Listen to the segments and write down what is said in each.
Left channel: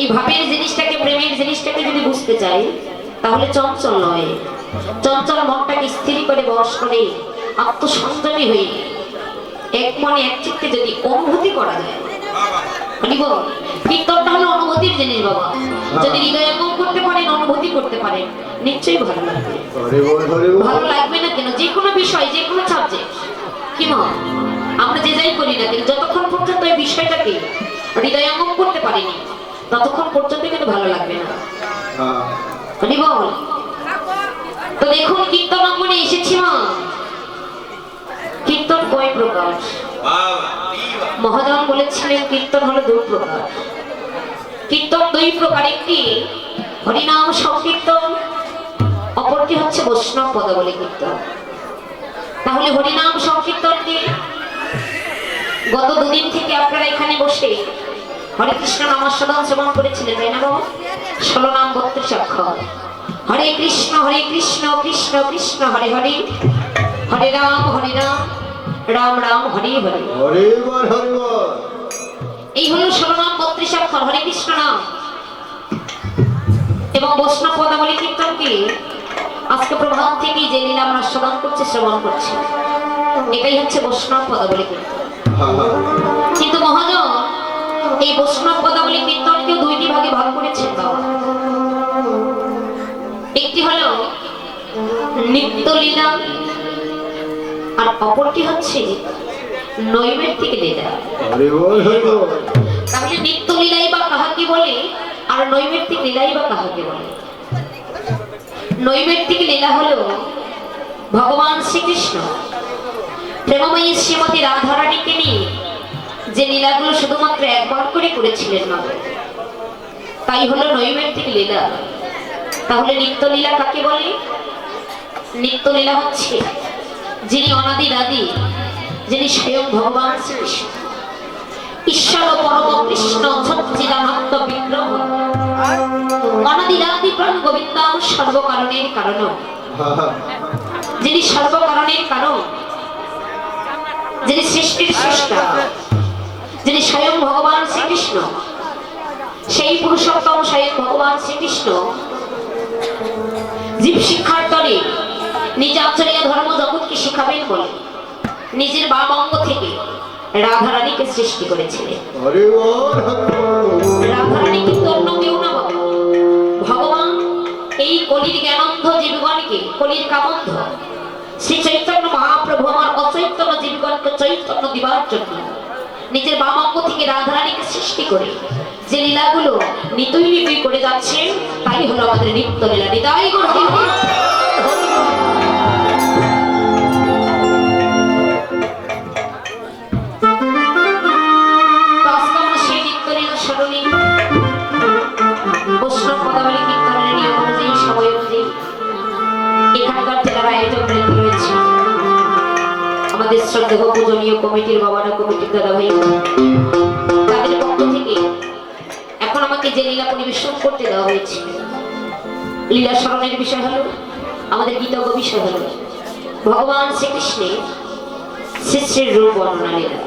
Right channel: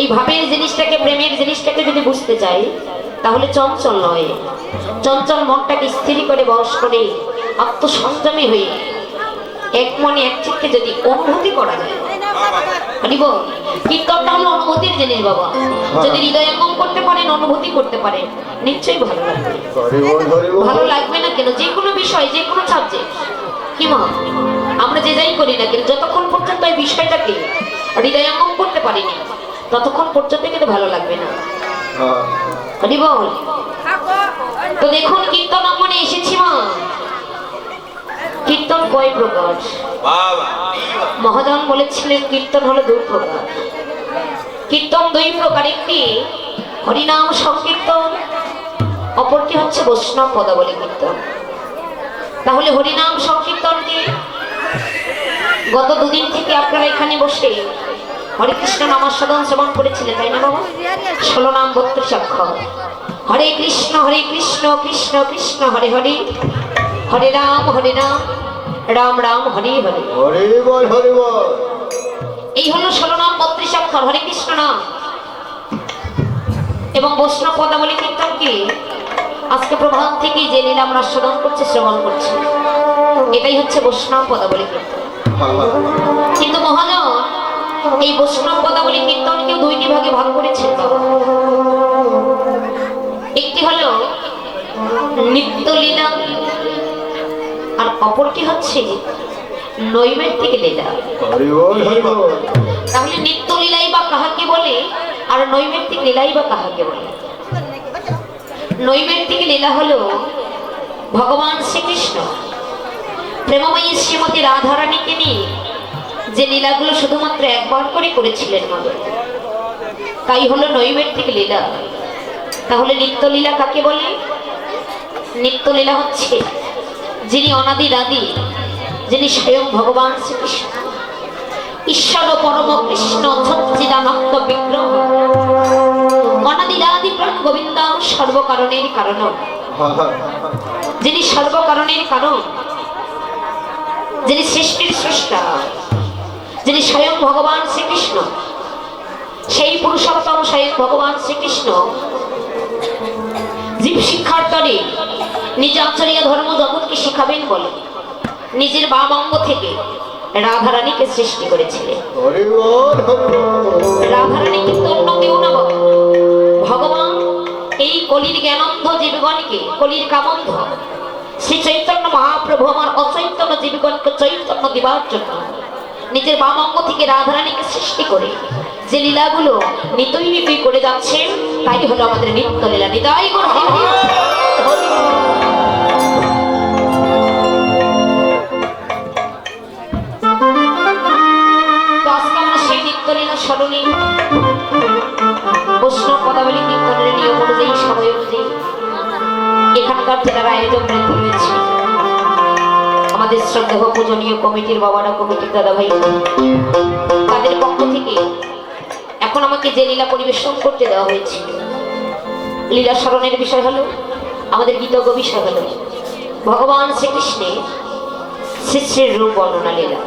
এই ভাবের জিনিসটাকে, প্রেমের জিনিসটাকে যদি বুঝতে চাই, তাহলে চঞ্চল নয়, চঞ্চল মনটাকে স্থির করে বশ করে আত্মসংযমী হয়ে এক মনে এক চিত্তে যদি অনুভূতি করা যায়, কীর্তনটা হলো অনুভূতির জিনিস বাবা। যদি হৃদয়ঙ্গম করতে পারেন, অনুভূতি করতে পারেন, নিশ্চয়ই ভালো লাগবে। ভালো লাগবে না কেন? যে কোনো বিষয়, যে কোনো সাবজেক্ট, কি মা আমরা যে যাই করি না কেন, যতক্ষণ পর্যন্ত এই বিষয়টাকে হৃদয়ঙ্গম করতে পারিনি, ততক্ষণ পর্যন্ত কিন্তু ভালো লাগবে না। তো দেখুন, কীর্তন অঙ্গনে এসেছি মা। কীর্তন কয় প্রকার? মহাজন বলেছিলেন কীর্তন হলো দুই প্রকার। কীর্তন দুই প্রকার, একটি হরিনাম সংকীর্তন, অপরটি হচ্ছে বৈষ্ণব পদাবলী কীর্তন। তাহলে হরিনাম সংকীর্তন দিয়ে গত দুদিন থেকে আপনারা এখানে বসে হরে কৃষ্ণ নামস্মরণ শ্রবণ করেছিলেন, তাই না বাবা? 16 নাম 32 অক্ষর। হরে কৃষ্ণ কৃষ্ণ কৃষ্ণ হরে হরে, হরে রাম রাম রাম হরে হরে, হরে বল হরে বল। এই হলো 16 নাম 32 অক্ষর হরে কৃষ্ণ নাম। এবং বৈষ্ণব পদাবলী কীর্তনকে আজকে প্রভাত থেকে যে লীলা আমরা শ্রবণ করছি, এটাই হচ্ছে বৈষ্ণব পদাবলী কীর্তন। কিন্তু মহাজন এই বৈষ্ণব পদাবলী কীর্তনকেও দুইটি ভাগে ভাগ করেছেন বাবা। একটি হলো নিত্যলীলা, আর অপরটি হচ্ছে নৈমিত্তিক লীলা। তাহলে নিত্যলীলাই বা কাহাকে বলে, আর নৈমিত্তিক লীলাই বা কাহাকে বলে? নৈমিত্তিক লীলা হলো ভগবান শ্রীকৃষ্ণ প্রেমময়ী শ্রীমতী রাধারানীকে নিয়ে যে লীলাগুলো শুধুমাত্র একবার করে করেছিলেন না, তাই হলো নৈমিত্তিক লীলা। তাহলে নিত্যলীলা কাকে বলে? নিত্যলীলা হচ্ছে যিনি অনাদির আদি, যিনি স্বয়ং ভগবান শ্রীকৃষ্ণ, ঈশ্বর পরম কৃষ্ণ সচ্চিদানন্দ বিগ্রহ, অনাদির আদি প্রাণ গোবিন্দ, সর্বকারণের কারণ, যিনি সর্বকারণের কারণ, যিনি সৃষ্টির স্রষ্টা, যিনি স্বয়ং ভগবান শ্রীকৃষ্ণ, সেই পুরুষোত্তম স্বয়ং ভগবান শ্রীকৃষ্ণ জীব শিক্ষার তরে নিজ আচার্য ধর্ম জগৎকে শিখাবেন বলে নিজের বাম অঙ্গ থেকে রাধারানীকে সৃষ্টি করেছিলেন। রাধারানী কিন্তু অন্য কেউ না বাবা, ভগবান এই কলির জ্ঞানন্ধ জীবগণকে, কলির কামন্ধ শ্রী চৈতন্য মহাপ্রভু আমার অচৈতন্য জীবগণকে চৈতন্য দিবার জন্য নিজের বাম অঙ্গ থেকে রাধারানীকে সৃষ্টি করে যে লীলাগুলো নিতই করে যাচ্ছেন, তাই হলো আমাদের নিত্য লীলা। নিতাই গুণ সেই নিত্য লীলা স্মরণে বৈষ্ণব পদাবলী কীর্তনের নিয়ম অনুযায়ী, সময় অনুযায়ী এখানকার জেলার আয়োজন রয়েছে। আমাদের শ্রদ্ধেয় পূজনীয় কমিটির বাবারা, কমিটির দাদা ভাই, তাদের পক্ষ থেকে এখন আমাকে যে লীলা পরিবেশন করতে দেওয়া হয়েছে, লীলা স্মরণের বিষয় হলো, আমাদের গীতজ্ঞ বিষয় হলো ভগবান শ্রীকৃষ্ণের শ্রী শ্রী রূপ বর্ণনা লীলা,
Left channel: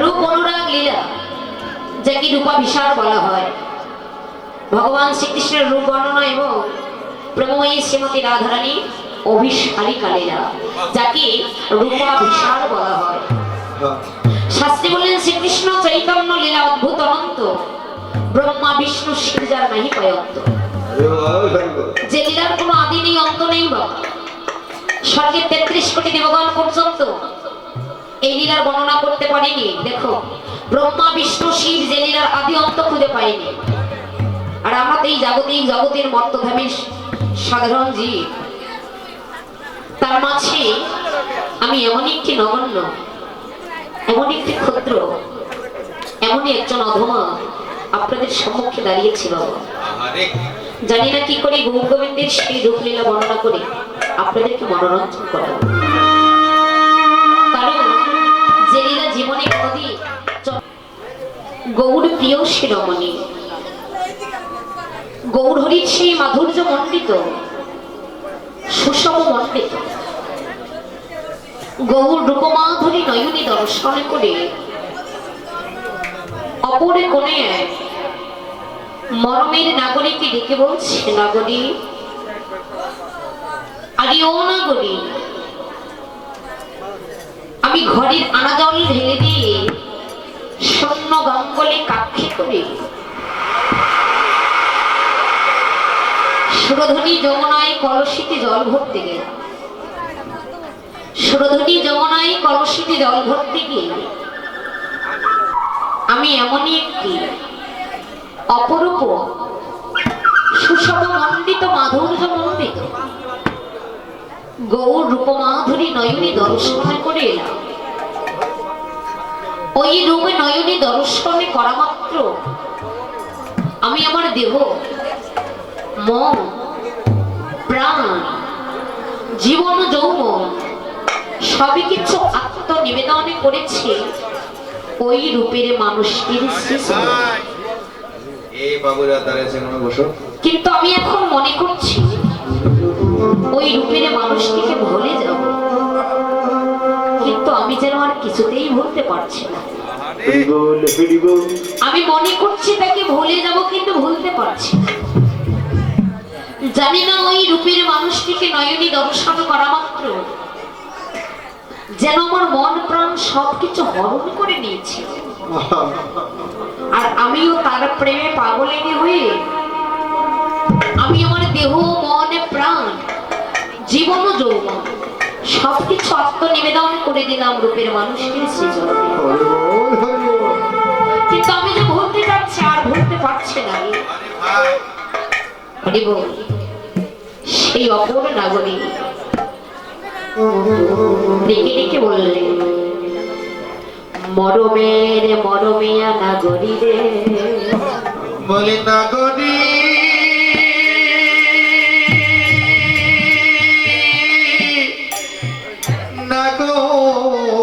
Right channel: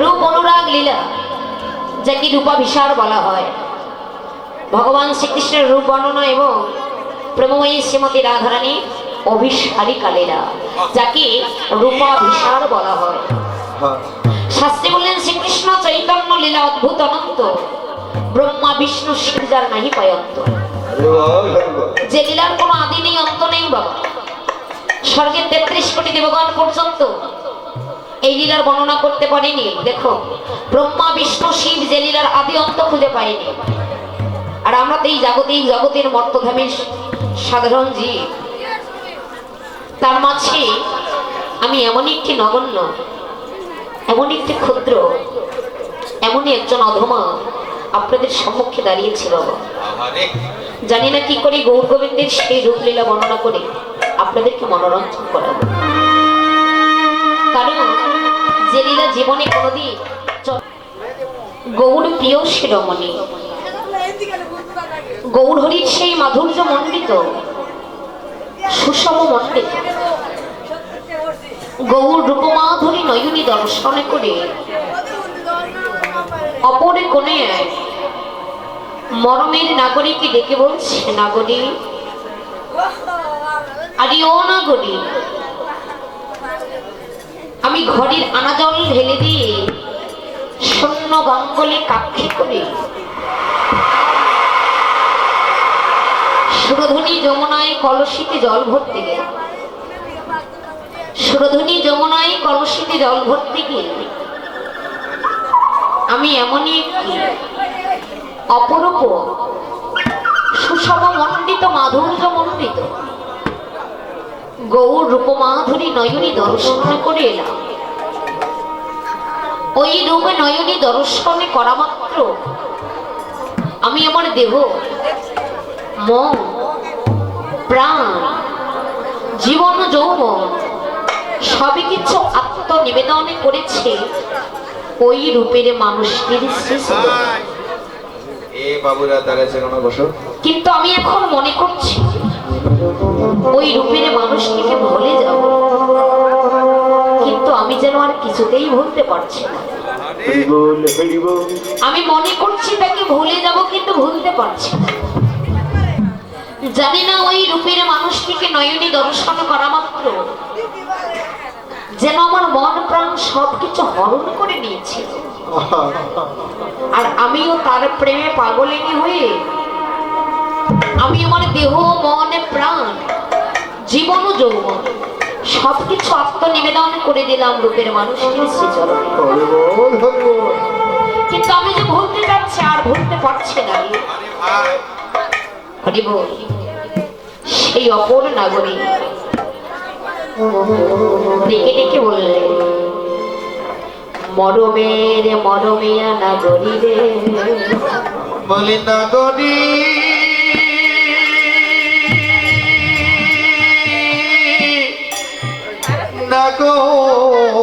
রূপ অনুরাগ লীলা, যাকে রূপাভিসার বলা হয়। ভগবান শ্রীকৃষ্ণের রূপ বর্ণনা এবং প্রেমময়ী শ্রীমতী রাধারানী অভিসারিকা লীলা, যাকে রূপাভিসার বলা হয়। শাস্ত্রী বললেন শ্রীকৃষ্ণ চৈতন্য লীলা অদ্ভুত অনন্ত, ব্রহ্মা বিষ্ণু শিব যার নাহি পয়ন্ত। যে লীলার কোনো আদি নেই, অন্ত নেই বাবা। স্বর্গের 33 কোটি দেবগণ পর্যন্ত এই লীলার বর্ণনা করতে পারেনি। দেখো, ব্রহ্মা বিষ্ণু শিব যে লীলার আদি অন্ত খুঁজে পায়নি, আর আমরা তো এই জগতের মর্তধামের সাধারণ জীব। তার মাঝে আমি এমনই একটি নগণ্য, এমনই একটি ক্ষুদ্র, এমনই একজন অধমা আপনাদের সম্মুখে দাঁড়িয়েছি বাবা। জানি না কি করে গৌর গোবিন্দের সেই রূপলীলা বর্ণনা করে আপনাদেরকে মনোরঞ্জন করাবো। কারণ যে লীলা জীবনে কোনোদিন গৌর প্রিয় শিরোমণি, গৌর হরির সেই মাধুর্য মণ্ডিত, সুষম মণ্ডিত গৌর রূপমাধুরী নয়নী দর্শন করে অপরে কোণে মরমের নাগরিককে ডেকে বলছে, নাগরিক, আরে ও নাগরিক, আমি ঘরের আনা জল ঢেলে দিয়ে শূন্য গঙ্গলে কাক্ষে করে সুরধনী যমুনায় কলসিতে জল ভরতে গেলাম। সুরধনী যমুনায় কলসিতে জল ভরতে গিয়ে আমি এমনই একটি অপরূপ সুষম মণ্ডিত মাধুর্য মণ্ডিত গৌর রূপমাধুরী নয়নী দর্শন করে এলাম। ওই রূপে নয়নী দর্শনে করা মাত্র আমি আমার দেহ, মন, প্রাণ, জীবন, যৌবন সবই কিছু আত্মনিবেদন করেছে ওই রূপের মানুষটির কিন্তু আমি এখন মনে করছি ওই রূপের মানুষটিকে ভুলে যাব, কিন্তু আমি যেন আর কিছুতেই ভুলতে পারছি না। আমি মনে করছি তাকে ভুলে যাব, কিন্তু ভুলতে পারছি না। জানি না ওই রূপের মানুষটিকে নয়নী দর্শন করা মাত্র যেন আমার মন প্রাণ সবকিছু হরণ করে নিয়েছে, আর আমিও তার প্রেমে পাগলিনী হয়ে আমি আমার দেহ, মন, প্রাণ, জীবন ও যৌবন সবকিছু আত্মনিবেদন করে দিলাম রূপের মানুষটির শ্রীচরণে। কিন্তু আমি যে ভুলতে যাচ্ছি আর ভুলতে পারছি না। হরি বল। সেই অপর নাগরিক ডেকে ডেকে বললেন, মরমের মরমিয়া নাগরী রে, বলি নাগরী নাগরী,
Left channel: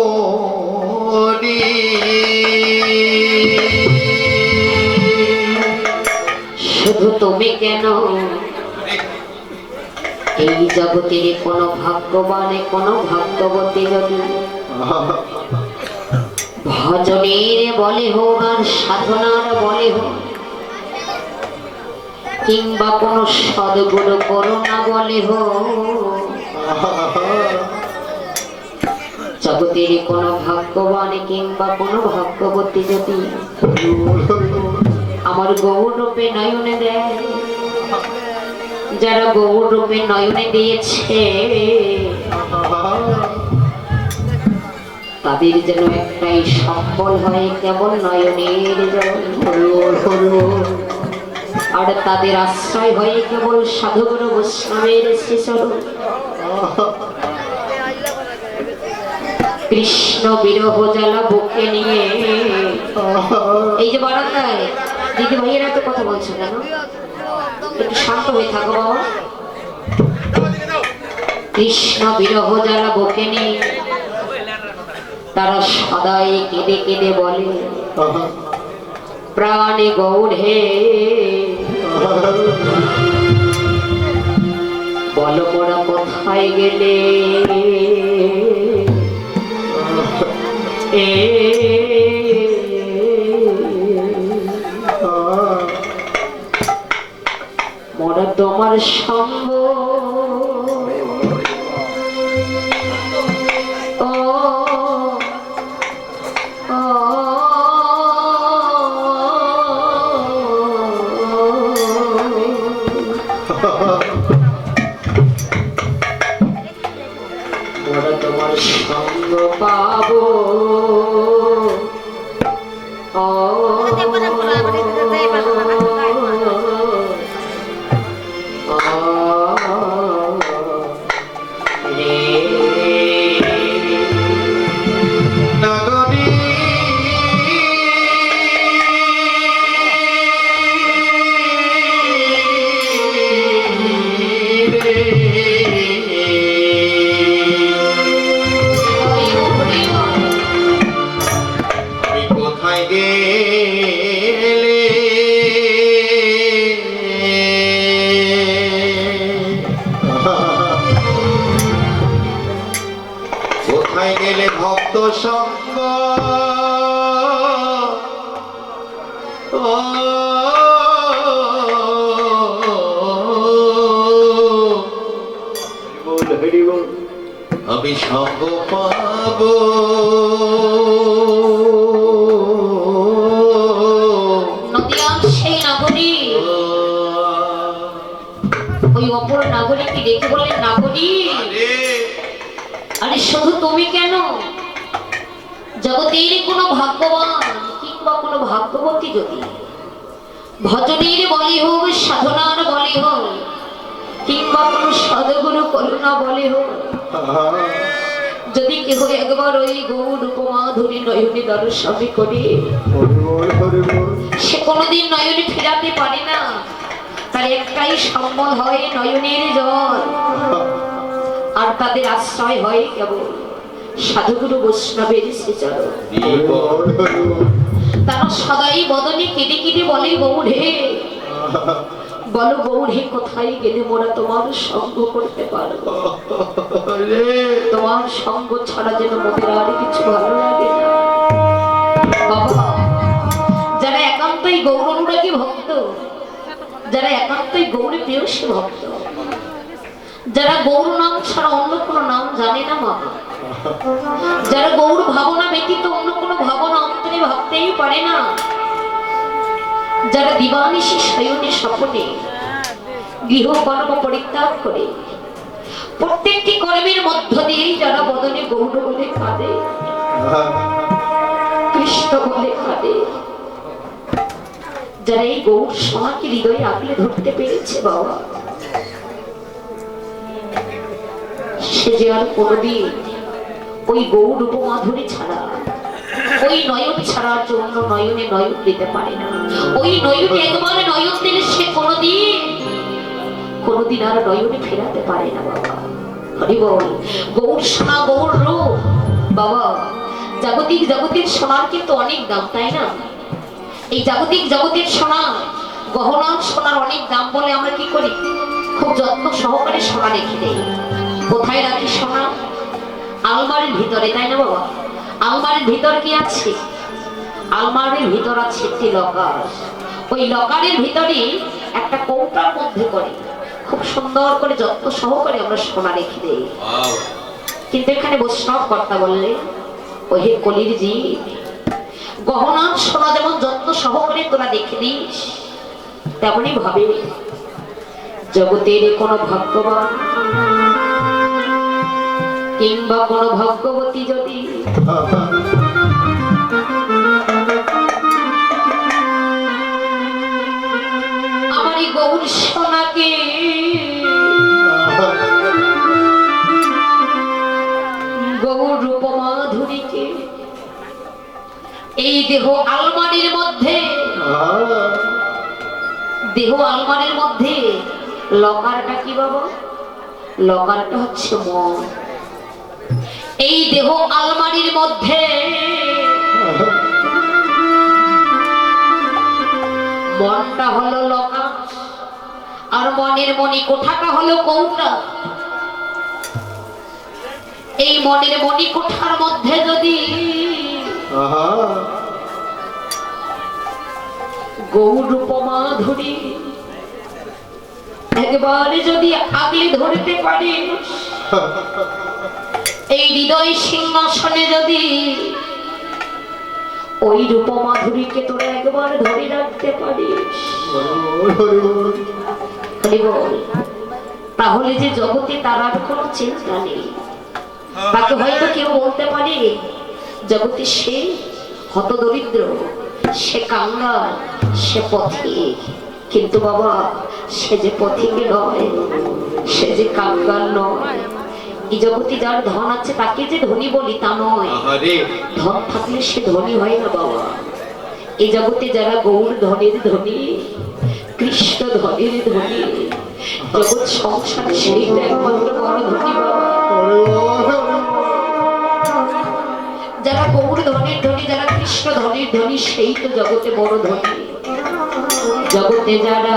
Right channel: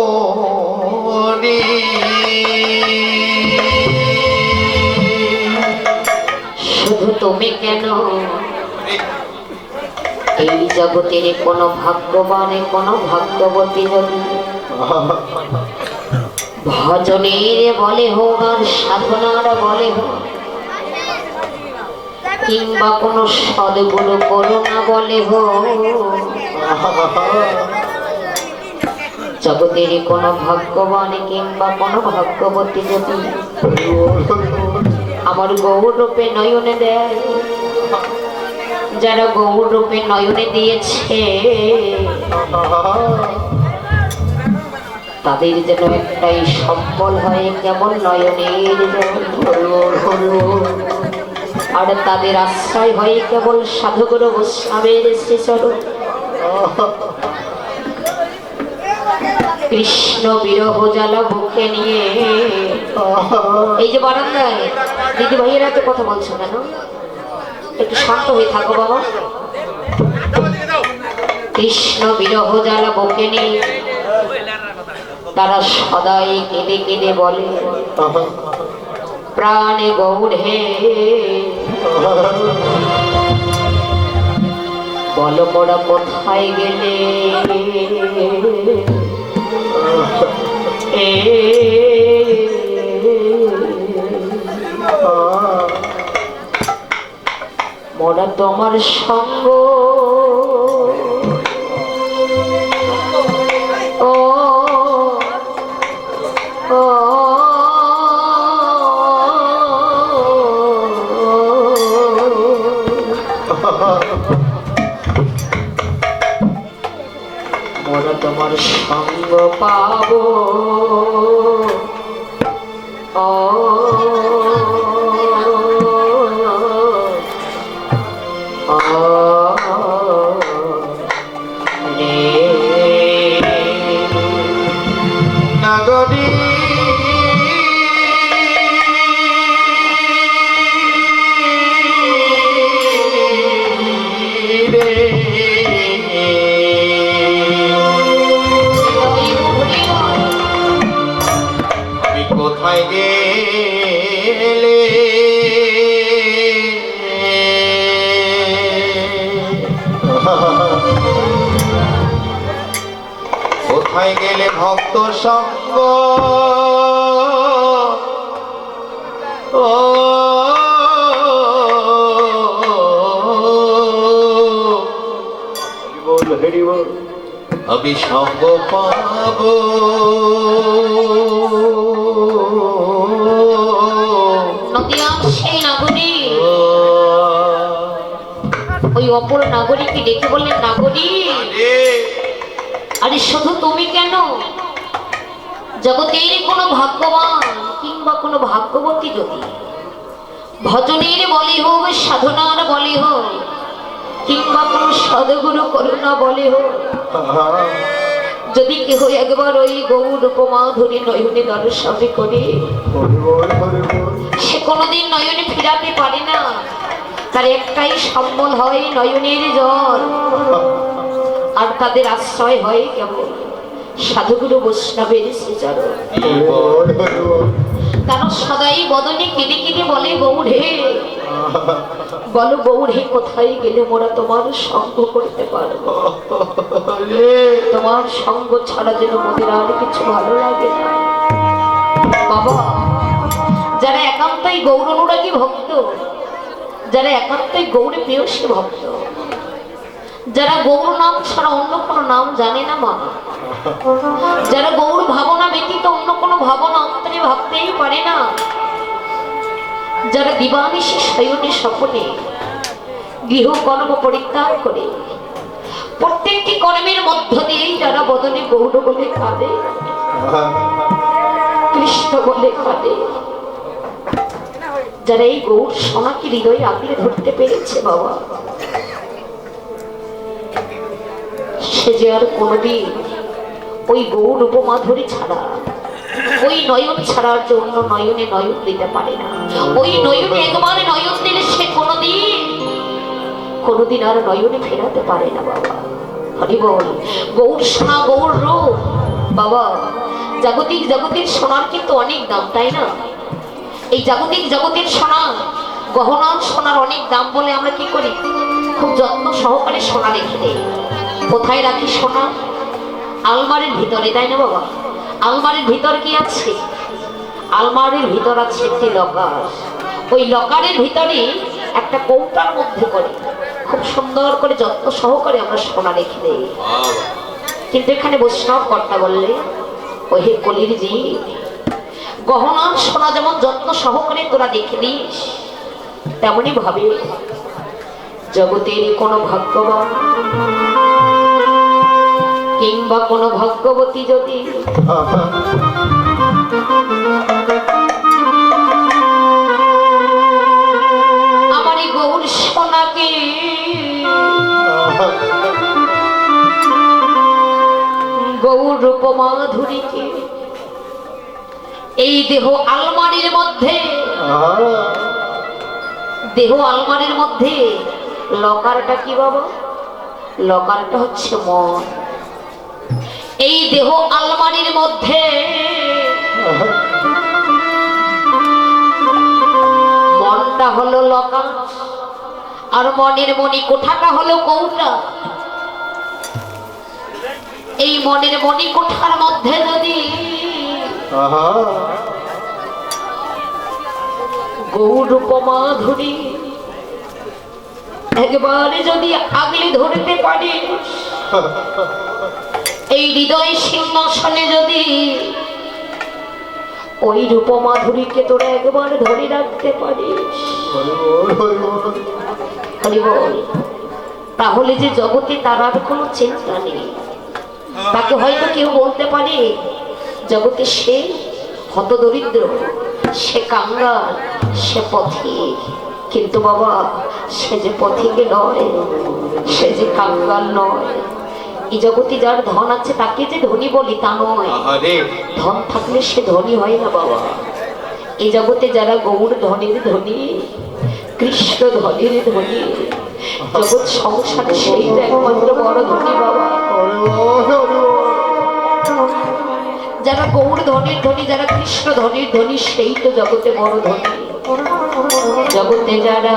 শুধু তুমি কেন এই জগতের কোনো ভাগ্যবানে কোনো ভাগ্যবতী যদি ভজনের বলে হোক আর সাধনার বলে হোক কিংবা কোনো সদ্গুরু করুণা বলে হোক, জগতের কোনো ভাগ্যবানে কিংবা কোনো ভাগ্যবতী যদি আমার গৌর রূপে নয়নে দেয়, যারা গৌর রূপে নয়নে দিয়েছে তাদের যেন একটাই সম্বল হয় কেবল নয়নের জল, আর তাদের আশ্রয় হয় কেবল সাধুগুরু বৈষ্ণবের শ্রীচরণ। কৃষ্ণ বিরহ জ্বালা বুকে নিয়ে এই যে বারান্দায় দিদি ভাইয়েরা তো কথা বলছো কেন? একটু শান্ত হয়ে থাকো বাবা। কৃষ্ণ বিরহ জ্বালা বুকে নিয়ে তারা সদাই কেঁদে কেঁদে বলে, প্রাণে গৌর হে বলো মোরা কোথায় গেলে, মোরা তোমার সঙ্গ ও মোরা তোমার সঙ্গ পাবো ও কোথায় গেলে ভক্ত সঙ্গ ও আমি সঙ্গ পাবো নদিয়ার সেই নাগরিক ওই অপর নাগরিককে ডেকে বললেন, নাগরিক আরে শুধু তুমি কেন, জগতের কোনো ভাগ্যবান কিংবা কোনো ভাগ্যবতী যদি ভজনের বলি হোক, সাধনার বলি হোক, কিংবা কোনো সদগুরু করুণা বলি হোক, যদি কেহ একবার ওই গৌর উপমা ধরি নয়নে দর্শন করে, সে কোনোদিন নয়নে ফিরাতে পারে না। তার একটাই সম্বল হয় নয়নের জল, আর তাদের আশ্রয় হয় কেবল সাধুগুরু বৈষ্ণবের শ্রীচরণ। তারা সদাই বদনে কেঁদে কেঁদে বলে, গৌড়ে বলো গৌড়ে, কোথায় গেলে মোরা তোমার সঙ্গ করতে পারবো? তোমার সঙ্গ ছাড়া যেন মোদের আর কিছু ভালো লাগে না। বাবা, যারা একান্তই গৌর অনুরাগী ভক্ত, যারা একান্তই গৌরী প্রেয়সী ভক্ত, যারা গৌর নাম ছাড়া অন্য কোনো নাম জানে না মা, যারা গৌর ভাবনা ব্যতীত অন্য কোনো ভাবনা অন্তরে ভাবতেই পারে না, যারা দিবানিশি শয়নে স্বপনে গৃহকর্ম পরিত্যাগ করে প্রত্যেকটি কর্মের মধ্য দিয়েই যারা বদনে গৌর বলে কাঁদে, কৃষ্ণ বলে কাঁদে, যারা এই গৌর সমাকে হৃদয়ে আঁকড়ে ধরতে পেরেছে বাবা, সে যে আর কোনদিন ওই গৌর উপমাধুরী ছাড়া, ওই নয়ন ছাড়ার জন্য নয়নে নয়ন দিতে পারে না। ওই নয়নে একবার নয়ন দিলে সে কোনদিন আর নয়নে ফেরাতে পারে না বাবা। হরি বল। গৌর সোনা, গৌর রূপ বাবা। জাগতিক সোনার কিন্তু অনেক দাম, তাই না? এই জাগতিক সোনা, গহনা সোনার অনেক দাম বলে আমরা কি করি, খুব যত্ন সহকারে সোনা রেখে দেই। কোথায় রাখি সোনা? আলমারির ভিতরে, তাই না বাবা? আলমারির ভিতর কি আছে? আলমারির ভিতর আছে একটি লকার। ওই লকারের ভিতরে একটা কৌটার মধ্যে করে খুব সুন্দর করে যত্ন সহকারে আমরা সোনা রেখে দেই। কিন্তু এখানে বৈষ্ণব কর্তা বললে, ওহে কলির জি, গহনার সোনা যেমন যত্ন সহকারে তোরা দেখে দিস, তেমনি ভাবে জগতের কোনো ভাগ্যবান কিংবা কোনো ভাগ্যবতী যদি আমার এই গৌর সোনাকে গৌর রূপমাধুরীকে এই দেহ আলমারির মধ্যে, দেহ আলমারির মধ্যে লকারটা কি বাবা? লকারটা হচ্ছে মন। এই দেহ আলমারির মধ্যে মনটা হলো লকার, আর মনের মণি কোঠাটা হলো কৌটা। এই মনের মণি কোঠার মধ্যে যদি গৌর রূপমাধুরী একবারে যদি আগলে ধরতে পারিস, এই হৃদয় সিংহাসনে যদি ওই রূপমাধুরীকে তোরা একবার ধরে রাখতে পারিস, তাহলে যে জগতে তার আর কোনো চিন্তা নেই। তাকে হয়তো কেউ বলতে পারে জগতে সে হতদরিদ্র, সে কাঙ্গাল, সে পথিক, কিন্তু বাবা সে যে পথিক নয়, সে যে কাঙ্গাল নয়। এই জগতে যার ধন আছে তাকে যে ধনী বলি তা নয়, ধন থাকলে সে ধনী হয় না বাবা। এই জগতে যারা গৌর ধনের ধনী, কৃষ্ণ ধনের ধনী, জগৎ সংসারে সেইটা একমাত্র বড় ধনী বাবা। যারা গৌর ধনের ধনী, যারা কৃষ্ণ ধনের ধনী, সেই তো জগতে বড় ধনী। জগতে যারা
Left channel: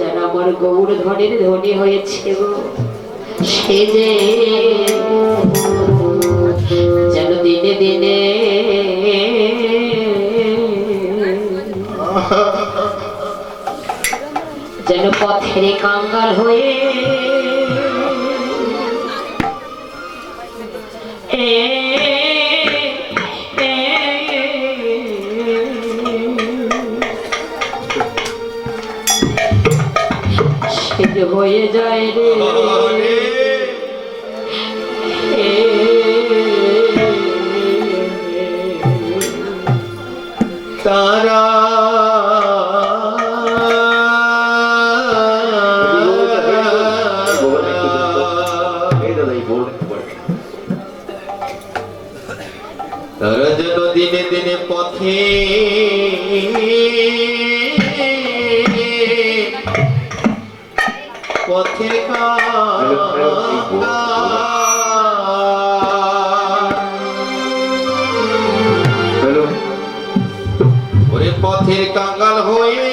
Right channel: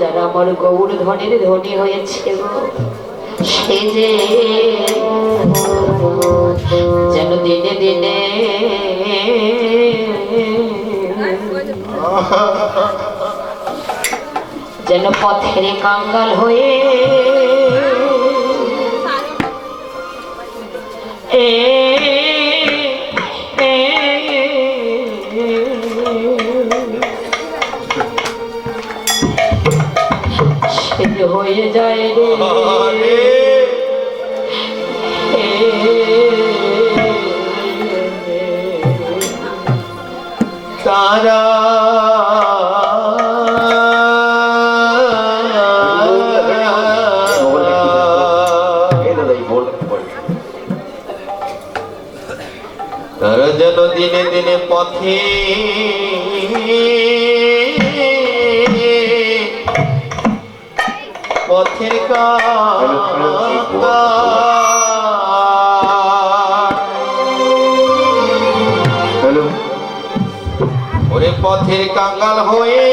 যারা আমার গৌর ধনের ধনী হয়েছে গো, সে যে যেন দিনে দিনে যেন পথের কাঙ্গাল হয়ে হয়ে যায় রে তারা তারা যেন দিনে দিনে পথে পথের ওরে পথের কাঙ্গাল হয়ে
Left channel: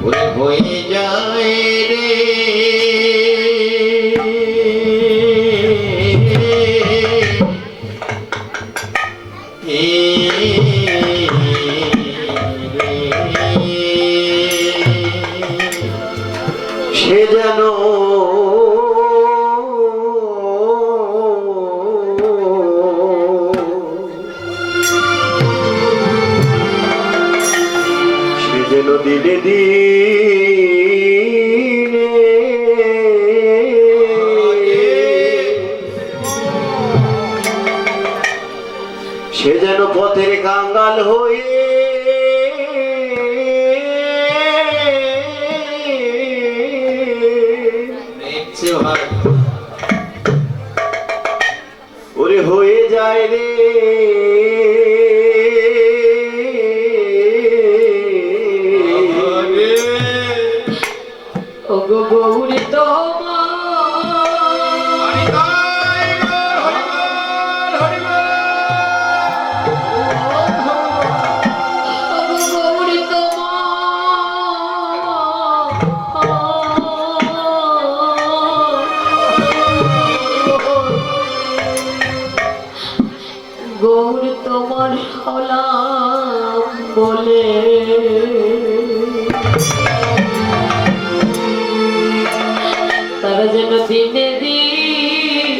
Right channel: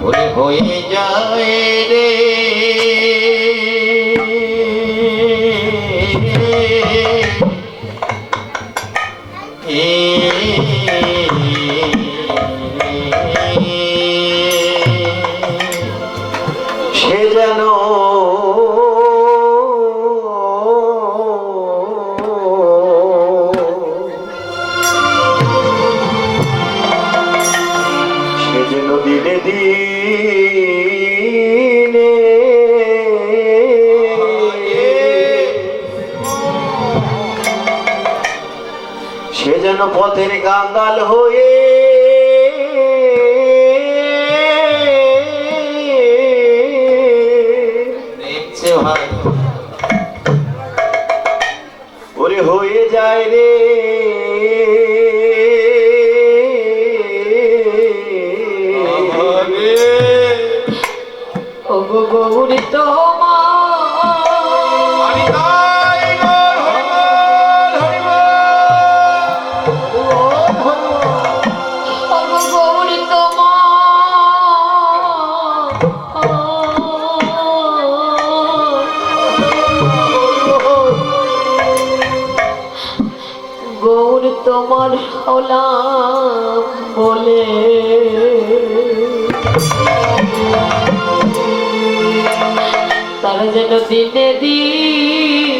ওরে হয়ে যায় রে সে যেন দিনে দিনে সে যেন পথের কাঙ্গাল হয়ে ওরে হয়ে যায় রে গৌরী গৌর তোমার হলাম বলে তারা যেন দিনে দিনে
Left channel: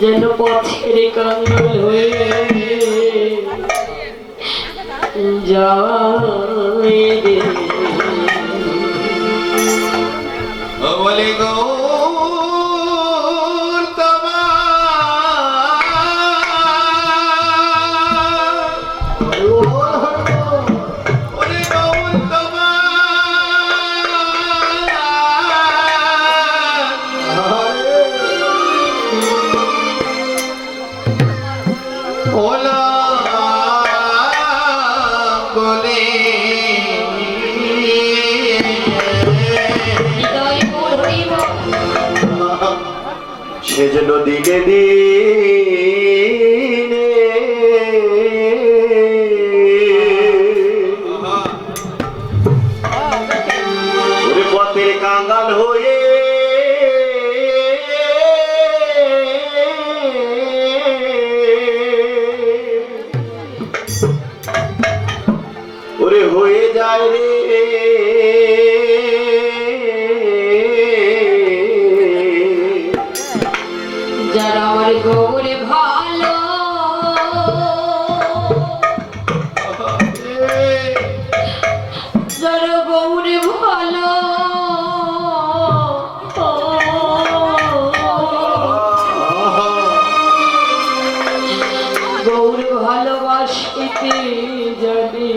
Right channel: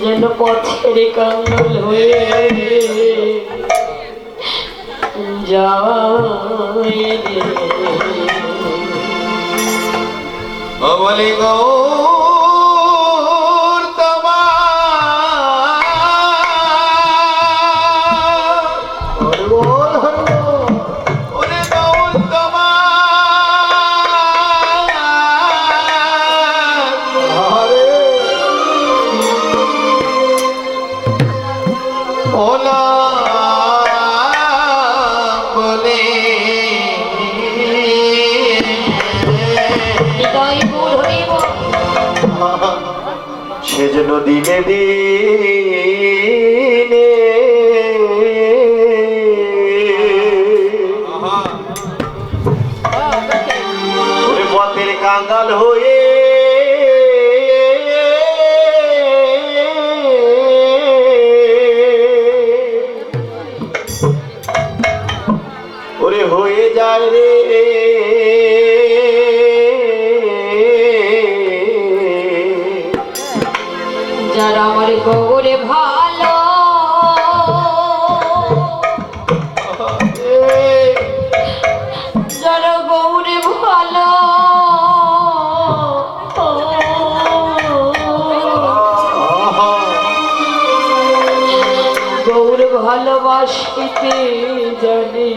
যেন পথের কাঙ্গাল হয়ে যায় রে বলে গৌর তোমার ওরে গৌর তোমার ওলা বলে সেজন্য দিনে দিনে পথের কাঙ্গাল হয়ে ওরে হয়ে যায় রে যারা আমার গৌরে ভালো যারা গৌরে ভালো গৌর ভালোবাসিতে জানে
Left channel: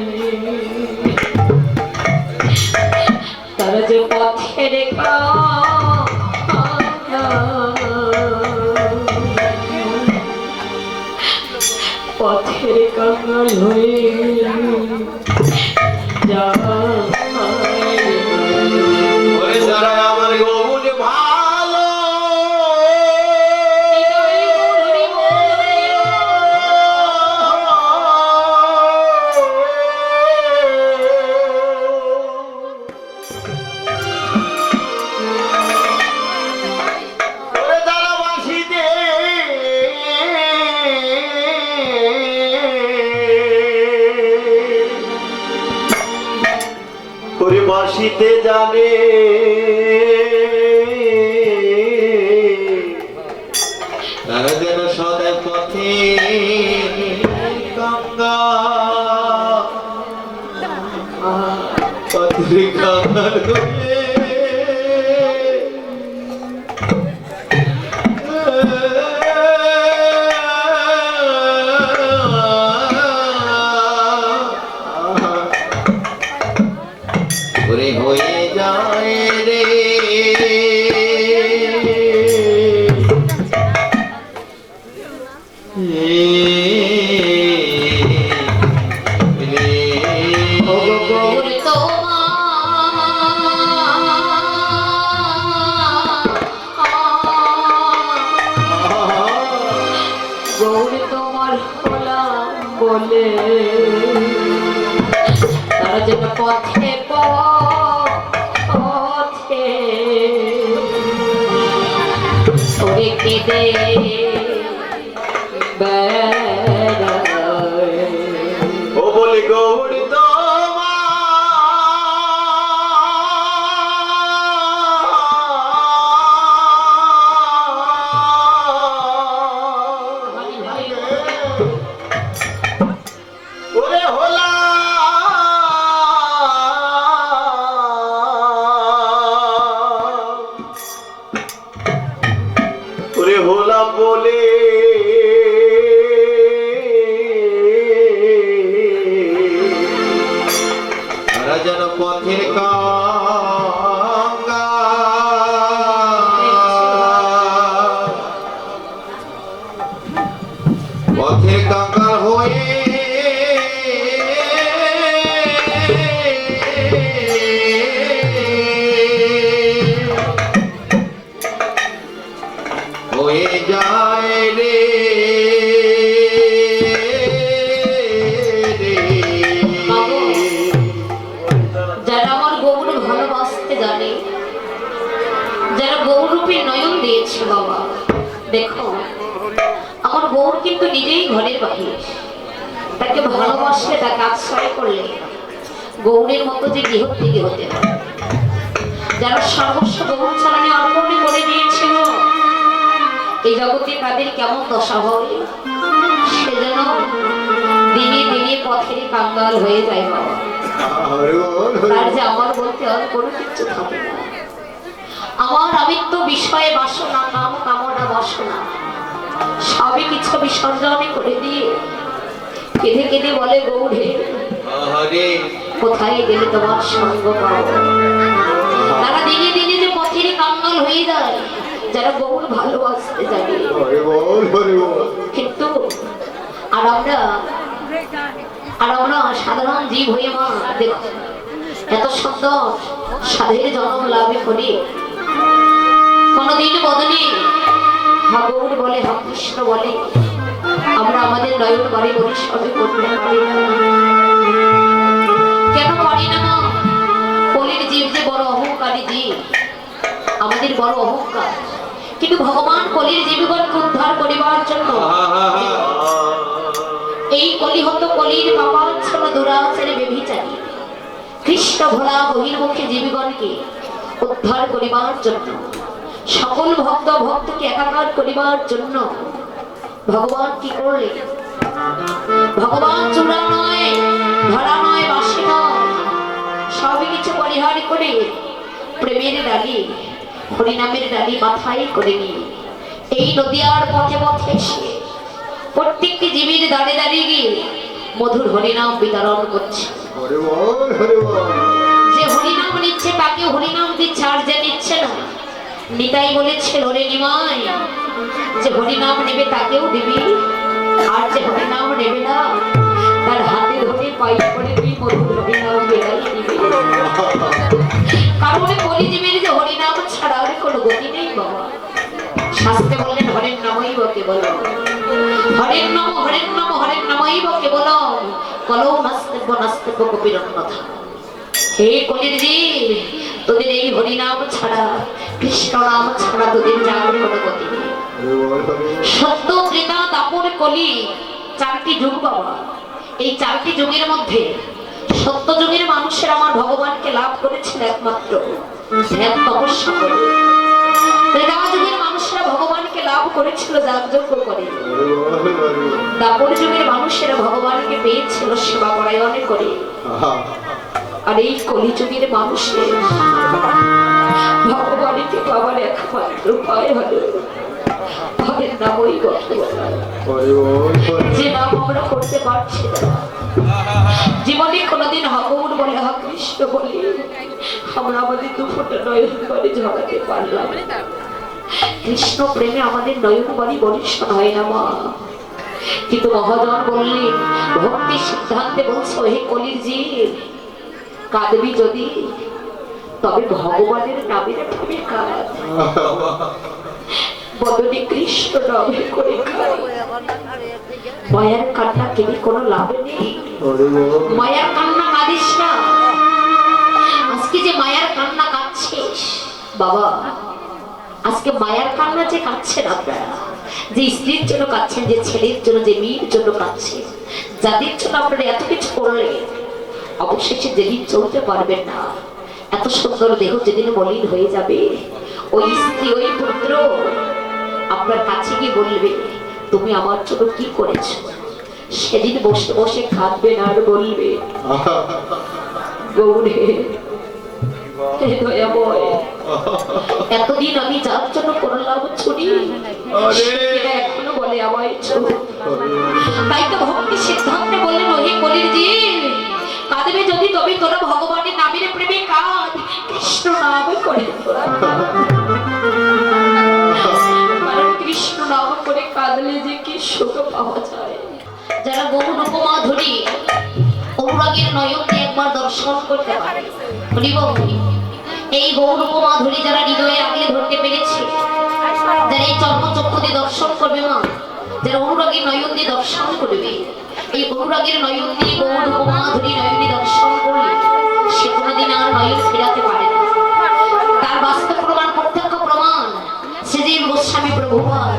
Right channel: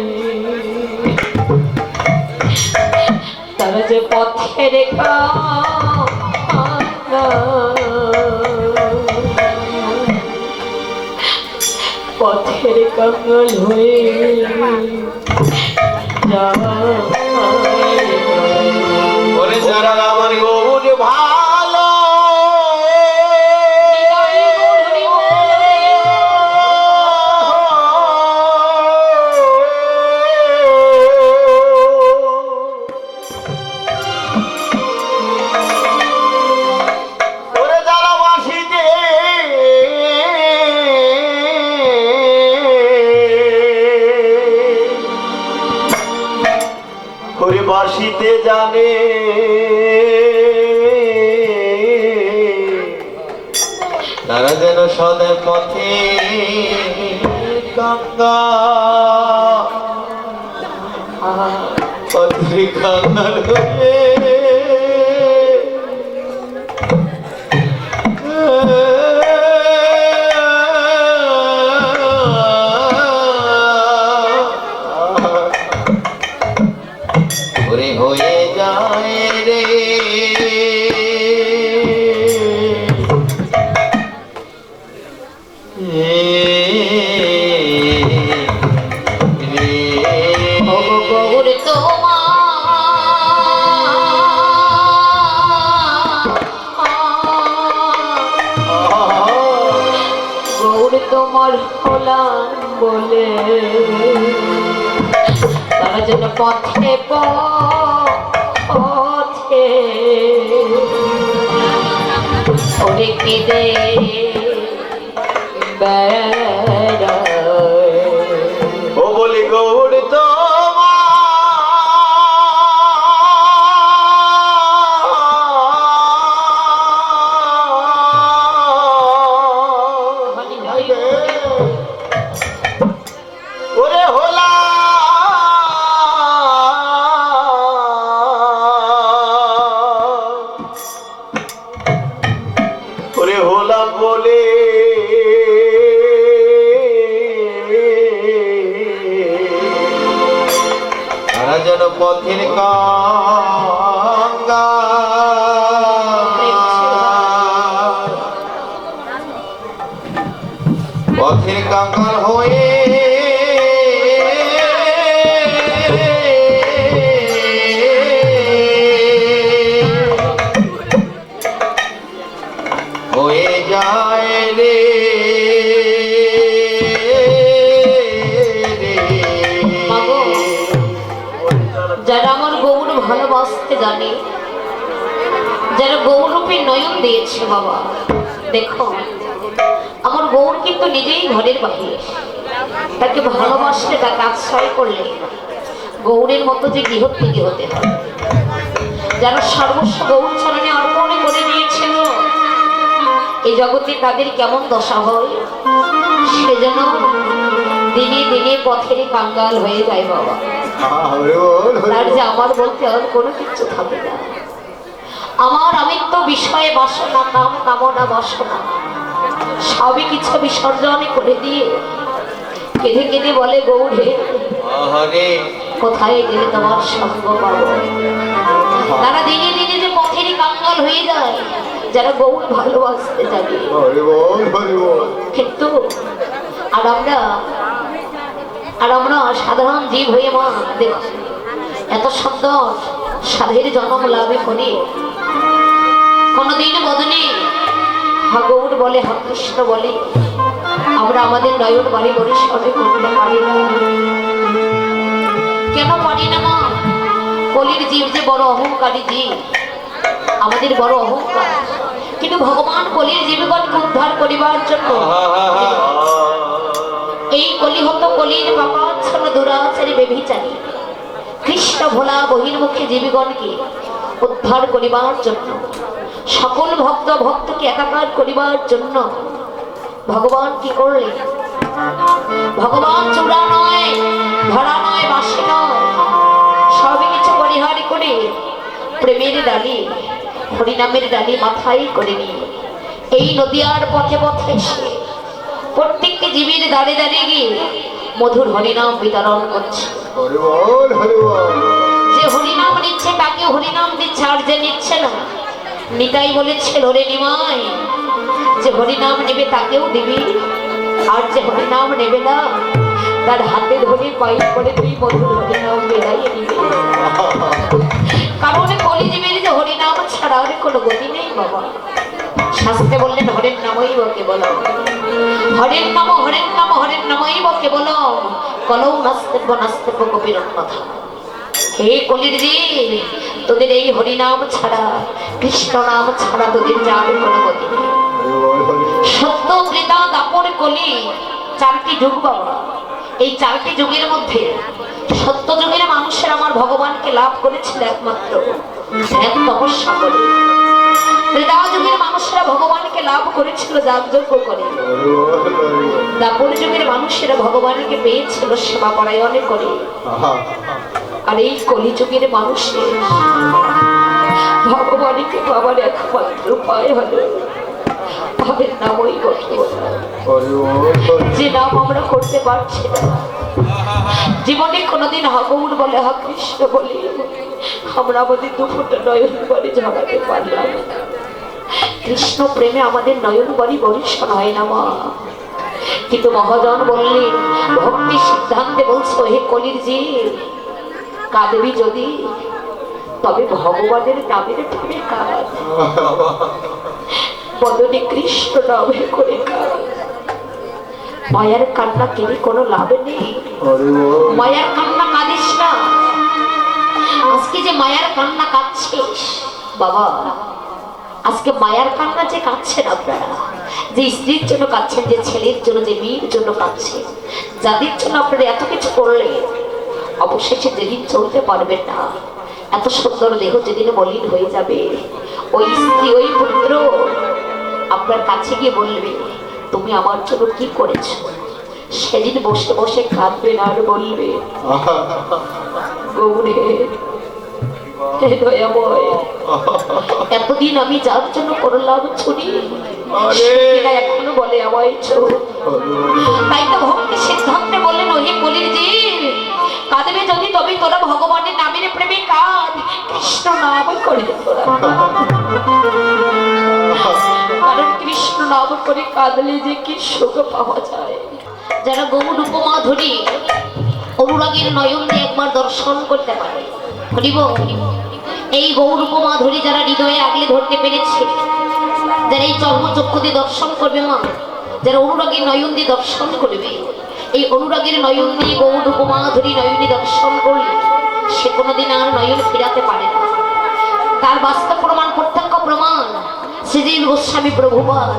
তারা যে পথের পথের কাঙ্গাল হয়ে যারা আমার গৌর ভালো আসিতে জানে তারা যেন সদা পথে গঙ্গা পথে গঙ্গার হয়ে ওরে হয়ে যায় রে গৌর তোমার হলাম বলে তারা যেন পথে পথে ওরে কেঁদে বেড়ায়। ও বলি গৌর ওরে হোলা ওরে হোলা বলে তারা যেন পথের গঙ্গা পথের গঙ্গা হয়ে হয়ে যায় রে যারা আমার গৌর ভালোবাসতে জানে, যারা গৌরূপে নয়ন দিয়েছে বাবা, দেখো আমার গৌর কিন্তু নিজেই ঘরের বাহির। তাকে ভালোবাসলে, তাকে আশ্রয় করলে গৌরের মতো যে গৃহত্যাগী হতে হয়। যারা সর্বস্ব গৌর চরণে অর্পণ করে দিয়েছিল, এই জগতে তাদের কেমন দশা হয়, সেজন্য দিনে দিনে পথেরই কাঙ্গাল হয়ে যায় বাবা। তার যে আমার বলতে আর কোনো কিছু থাকে না। আমার আমিত্ব বিষয়ে বাসনা, কাম কামনা বাসনা সবই কিছু বিসর্জন করে দিয়ে কেঁদে কেঁদে বলে গৌরে কোথায় গেলে তোমার সঙ্গ পাবো। তারা দিনে দিনে যে পথেরই কাঙ্গাল হয়ে যায় যারা গৌর ভালোবাসতে যাবে। কিন্তু আর আমরা সাধারণ জীব হয়ে মা দেখো এত সুন্দর সাধের জন্ম লাভে করি কোনদিন বদনে হা গৌর বলে, হা কৃষ্ণ বলে আমরা আমাদের নয়ন বাড়ি করি সবে করতে পারি না। কেন পারি না মা? কলির জীব যে বড় অহংকারী জীব, আমাদের বড় অহংকার। কিন্তু ভগবান কলির জীবগণকে উদ্ধার করিবার জন্য এই কলিহত কলির পাপাচ্ছন্ন দুরাচারী বেভিচারী কৃষ্ণ ভোলা বহির্মুখী জীবগণকে উদ্ধার করিবার জন্য, সকল ভক্ত ভক্তকে একাকার করিবার জন্য ভগবান কি করলেন? ভগবান চূড়া নয়, ধরা নয়, বাসি নয়, সবই কিছু পরিহার করে প্রেমের ডালি, হরিনামের ডালি মাথায় করে নিয়ে এই নদিয়ার পথে পথে এসে প্রত্যেকটি জীবের দাঁড়ে দাঁড়িয়ে গিয়ে মধুর হরিনাম বিতরণ করছে। যে হরিনাম নিচ্ছে তাকে হরিনাম দিচ্ছে, আর যে নিচ্ছে না নিতাই বলেছে ওরে নিমাই, যে হরিনাম নেবে তাকেও দিবি, আর যে হরিনাম নেবে না তার হাতে ধরে পায়ে করে তুই মধুর হরিনাম বেড়াইয়ে দিবি। কারণ কলিজীবের যে হরিনাম ছাড়া আর কোনো গতি নেই বাবা। শাস্ত্রে বললেন হরের নামই বকে বলো, হরের নাম হরের নাম হরের নামই বকে বলো, কলৌ নাস্তেব্য নাস্তেব্য কবির কথা। হে কলির জীব, তোদের এই হরিনাম ছাড়া, কৃষ্ণ নাম ছাড়া তোদের যার কোনো গতি নেই। সত্য ত্রেতা দাপর কলি চারটি যুগ বাবা। এই চারটি যুগের মধ্যে সত্য যুগের মানুষ মানুষের আমার ভগবানকে লাভ করেছিল একমাত্র এক তপস্যা করে। ত্রেতা যুগের মানুষেরা ভগবানকে লাভ করেছিল যাগযজ্ঞ করে। দাপর যুগের মানুষেরা ভগবানকে পেয়েছিল সেবা পরায়ণে করে। আর এই কলিযুগের মানুষের ভগবানকে পাওয়ার একমাত্র উপায় হলো তাদের নামই করতে বলা, যে নাম আমরা করতে পারছি না। জীবনে কোনোদিন হগৌর বলে হা কৃষ্ণ বলে আমরা আমাদের দুফোটা নয়ন বাড়ি ঝরাতে পারলাম। কৃষ্ণ প্রেমে আমাদের নয়ন বাড়ি বরিষ্ণ হয় না মা। কিন্তু মহাজন বললেন ভক্তি সিদ্ধান্তে বলছো হে কলির জীব, কাঁদবি যদি তবে ভগবানের নামের প্রেমে কাঁদ, বদনে কৃষ্ণ নামে করে কাঁদ। মায়ার কান্না কেনে কোনো লাভ নেই। মায়ার কান্না কাঁদিস না। আজকে যে মায়ার কান্না কাঁদছিস বাবা, আজকে মায়ার কান্না যে কাঁদছেন আপনারা, যে স্ত্রীর জন্য কাঁদছেন, যে ছেলের জন্য, যে মেয়ের জন্য কাঁদছেন, যাদের জন্য আপনারা এত কিছু করলেন, অবশেষে যেদিন চলতে পারবেন না, এত সুন্দর দেহ যেদিন মলিন হয়ে যাবে, ওই স্ত্রী ওই পুত্র আপনার কাছে গিয়ে বলবে তুমি আমার জন্য কি করেছ। সেদিন বসে বসে কাঁদবেন আর বলবে গৌরে এতদিন আমি যার জন্য করলাম ছুটি, এখনো বলে আমায় ছোট। তাই তো ভক্তি সিদ্ধান্তে বললেন ওহে কলির জীব, কাঁদবে যদি তবে তোরা ভগবানের নামের প্রেমে কাঁদ, কৃষ্ণ নাম করে তোরা। কারণ কৃষ্ণ নাম করে কাঁদলে যে কি সুখ পাওয়া যায়। যারা গৌর উপমা ধরি অনুরাগের নয়ন দিয়ে একবার দর্শন করতে পারে, এই গৌর উপমা ধরি যারা হৃদয়ে আগলে ধরতে পেরেছে, যারা এই চর্মচক্ষু দিয়ে দর্শন করবে মা, যারা অনুরাগের নয়ন দিয়ে দর্শন করবে, এই অনুরাগের নয়ন দিয়ে গৌর উপমা ধরি নয়নে দর্শন করলে সে কোনোদিন আর নয়ন ফেরাতে পারে না। তার বাস্তব প্রমাণ, প্রত্যক্ষ প্রমাণ শ্রীজীব গোস্বামী প্রভুপাদ,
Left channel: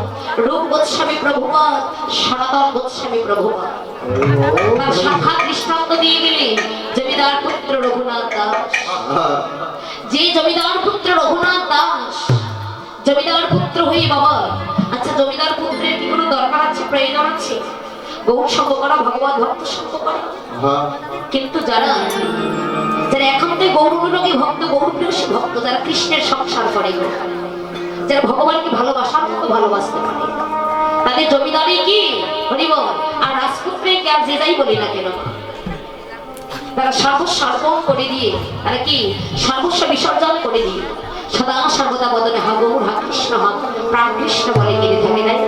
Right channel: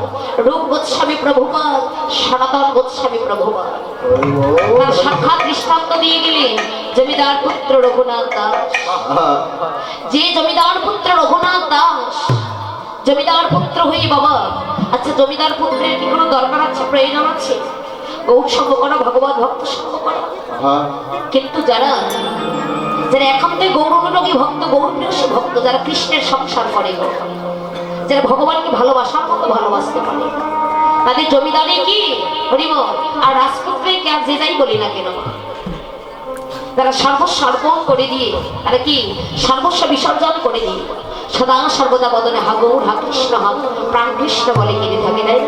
রূপ গোস্বামী প্রভুপাদ, সনাতন গোস্বামী প্রভুপাদ তার সাক্ষাৎ দৃষ্টান্ত দিয়ে গেলেন জমিদার পুত্র রঘুনাথ দাস। যে জমিদার পুত্র রঘুনাথ দাস জমিদার পুত্র হয়ে বাবা, আচ্ছা জমিদার পুত্রের কি কোনো দরকার আছে, প্রয়োজন আছে? গৌর সঙ্গ করা, ভগবত ভক্ত সঙ্গ করা। কিন্তু যারা যারা একান্তে গৌরনুরাগী ভক্ত, গৌরপ্রিয় ভক্ত, যারা কৃষ্ণের সংসার করে, যারা ভগবানকে ভালোবাসার মতো ভালোবাসতে পারে, তাদের জমিদারি কি হরিবল আর রাজপুত্রে কে আর যে যাই বলি না কেন, তারা সর্বস্ব অর্পণ করে দিয়ে আর কি সর্বস্ব বিসর্জন করে দিয়ে সদা সর্বদা বদনে হা গৌর হা কৃষ্ণ হা প্রাণ কৃষ্ণ বলে কেঁদে থাকে। তাই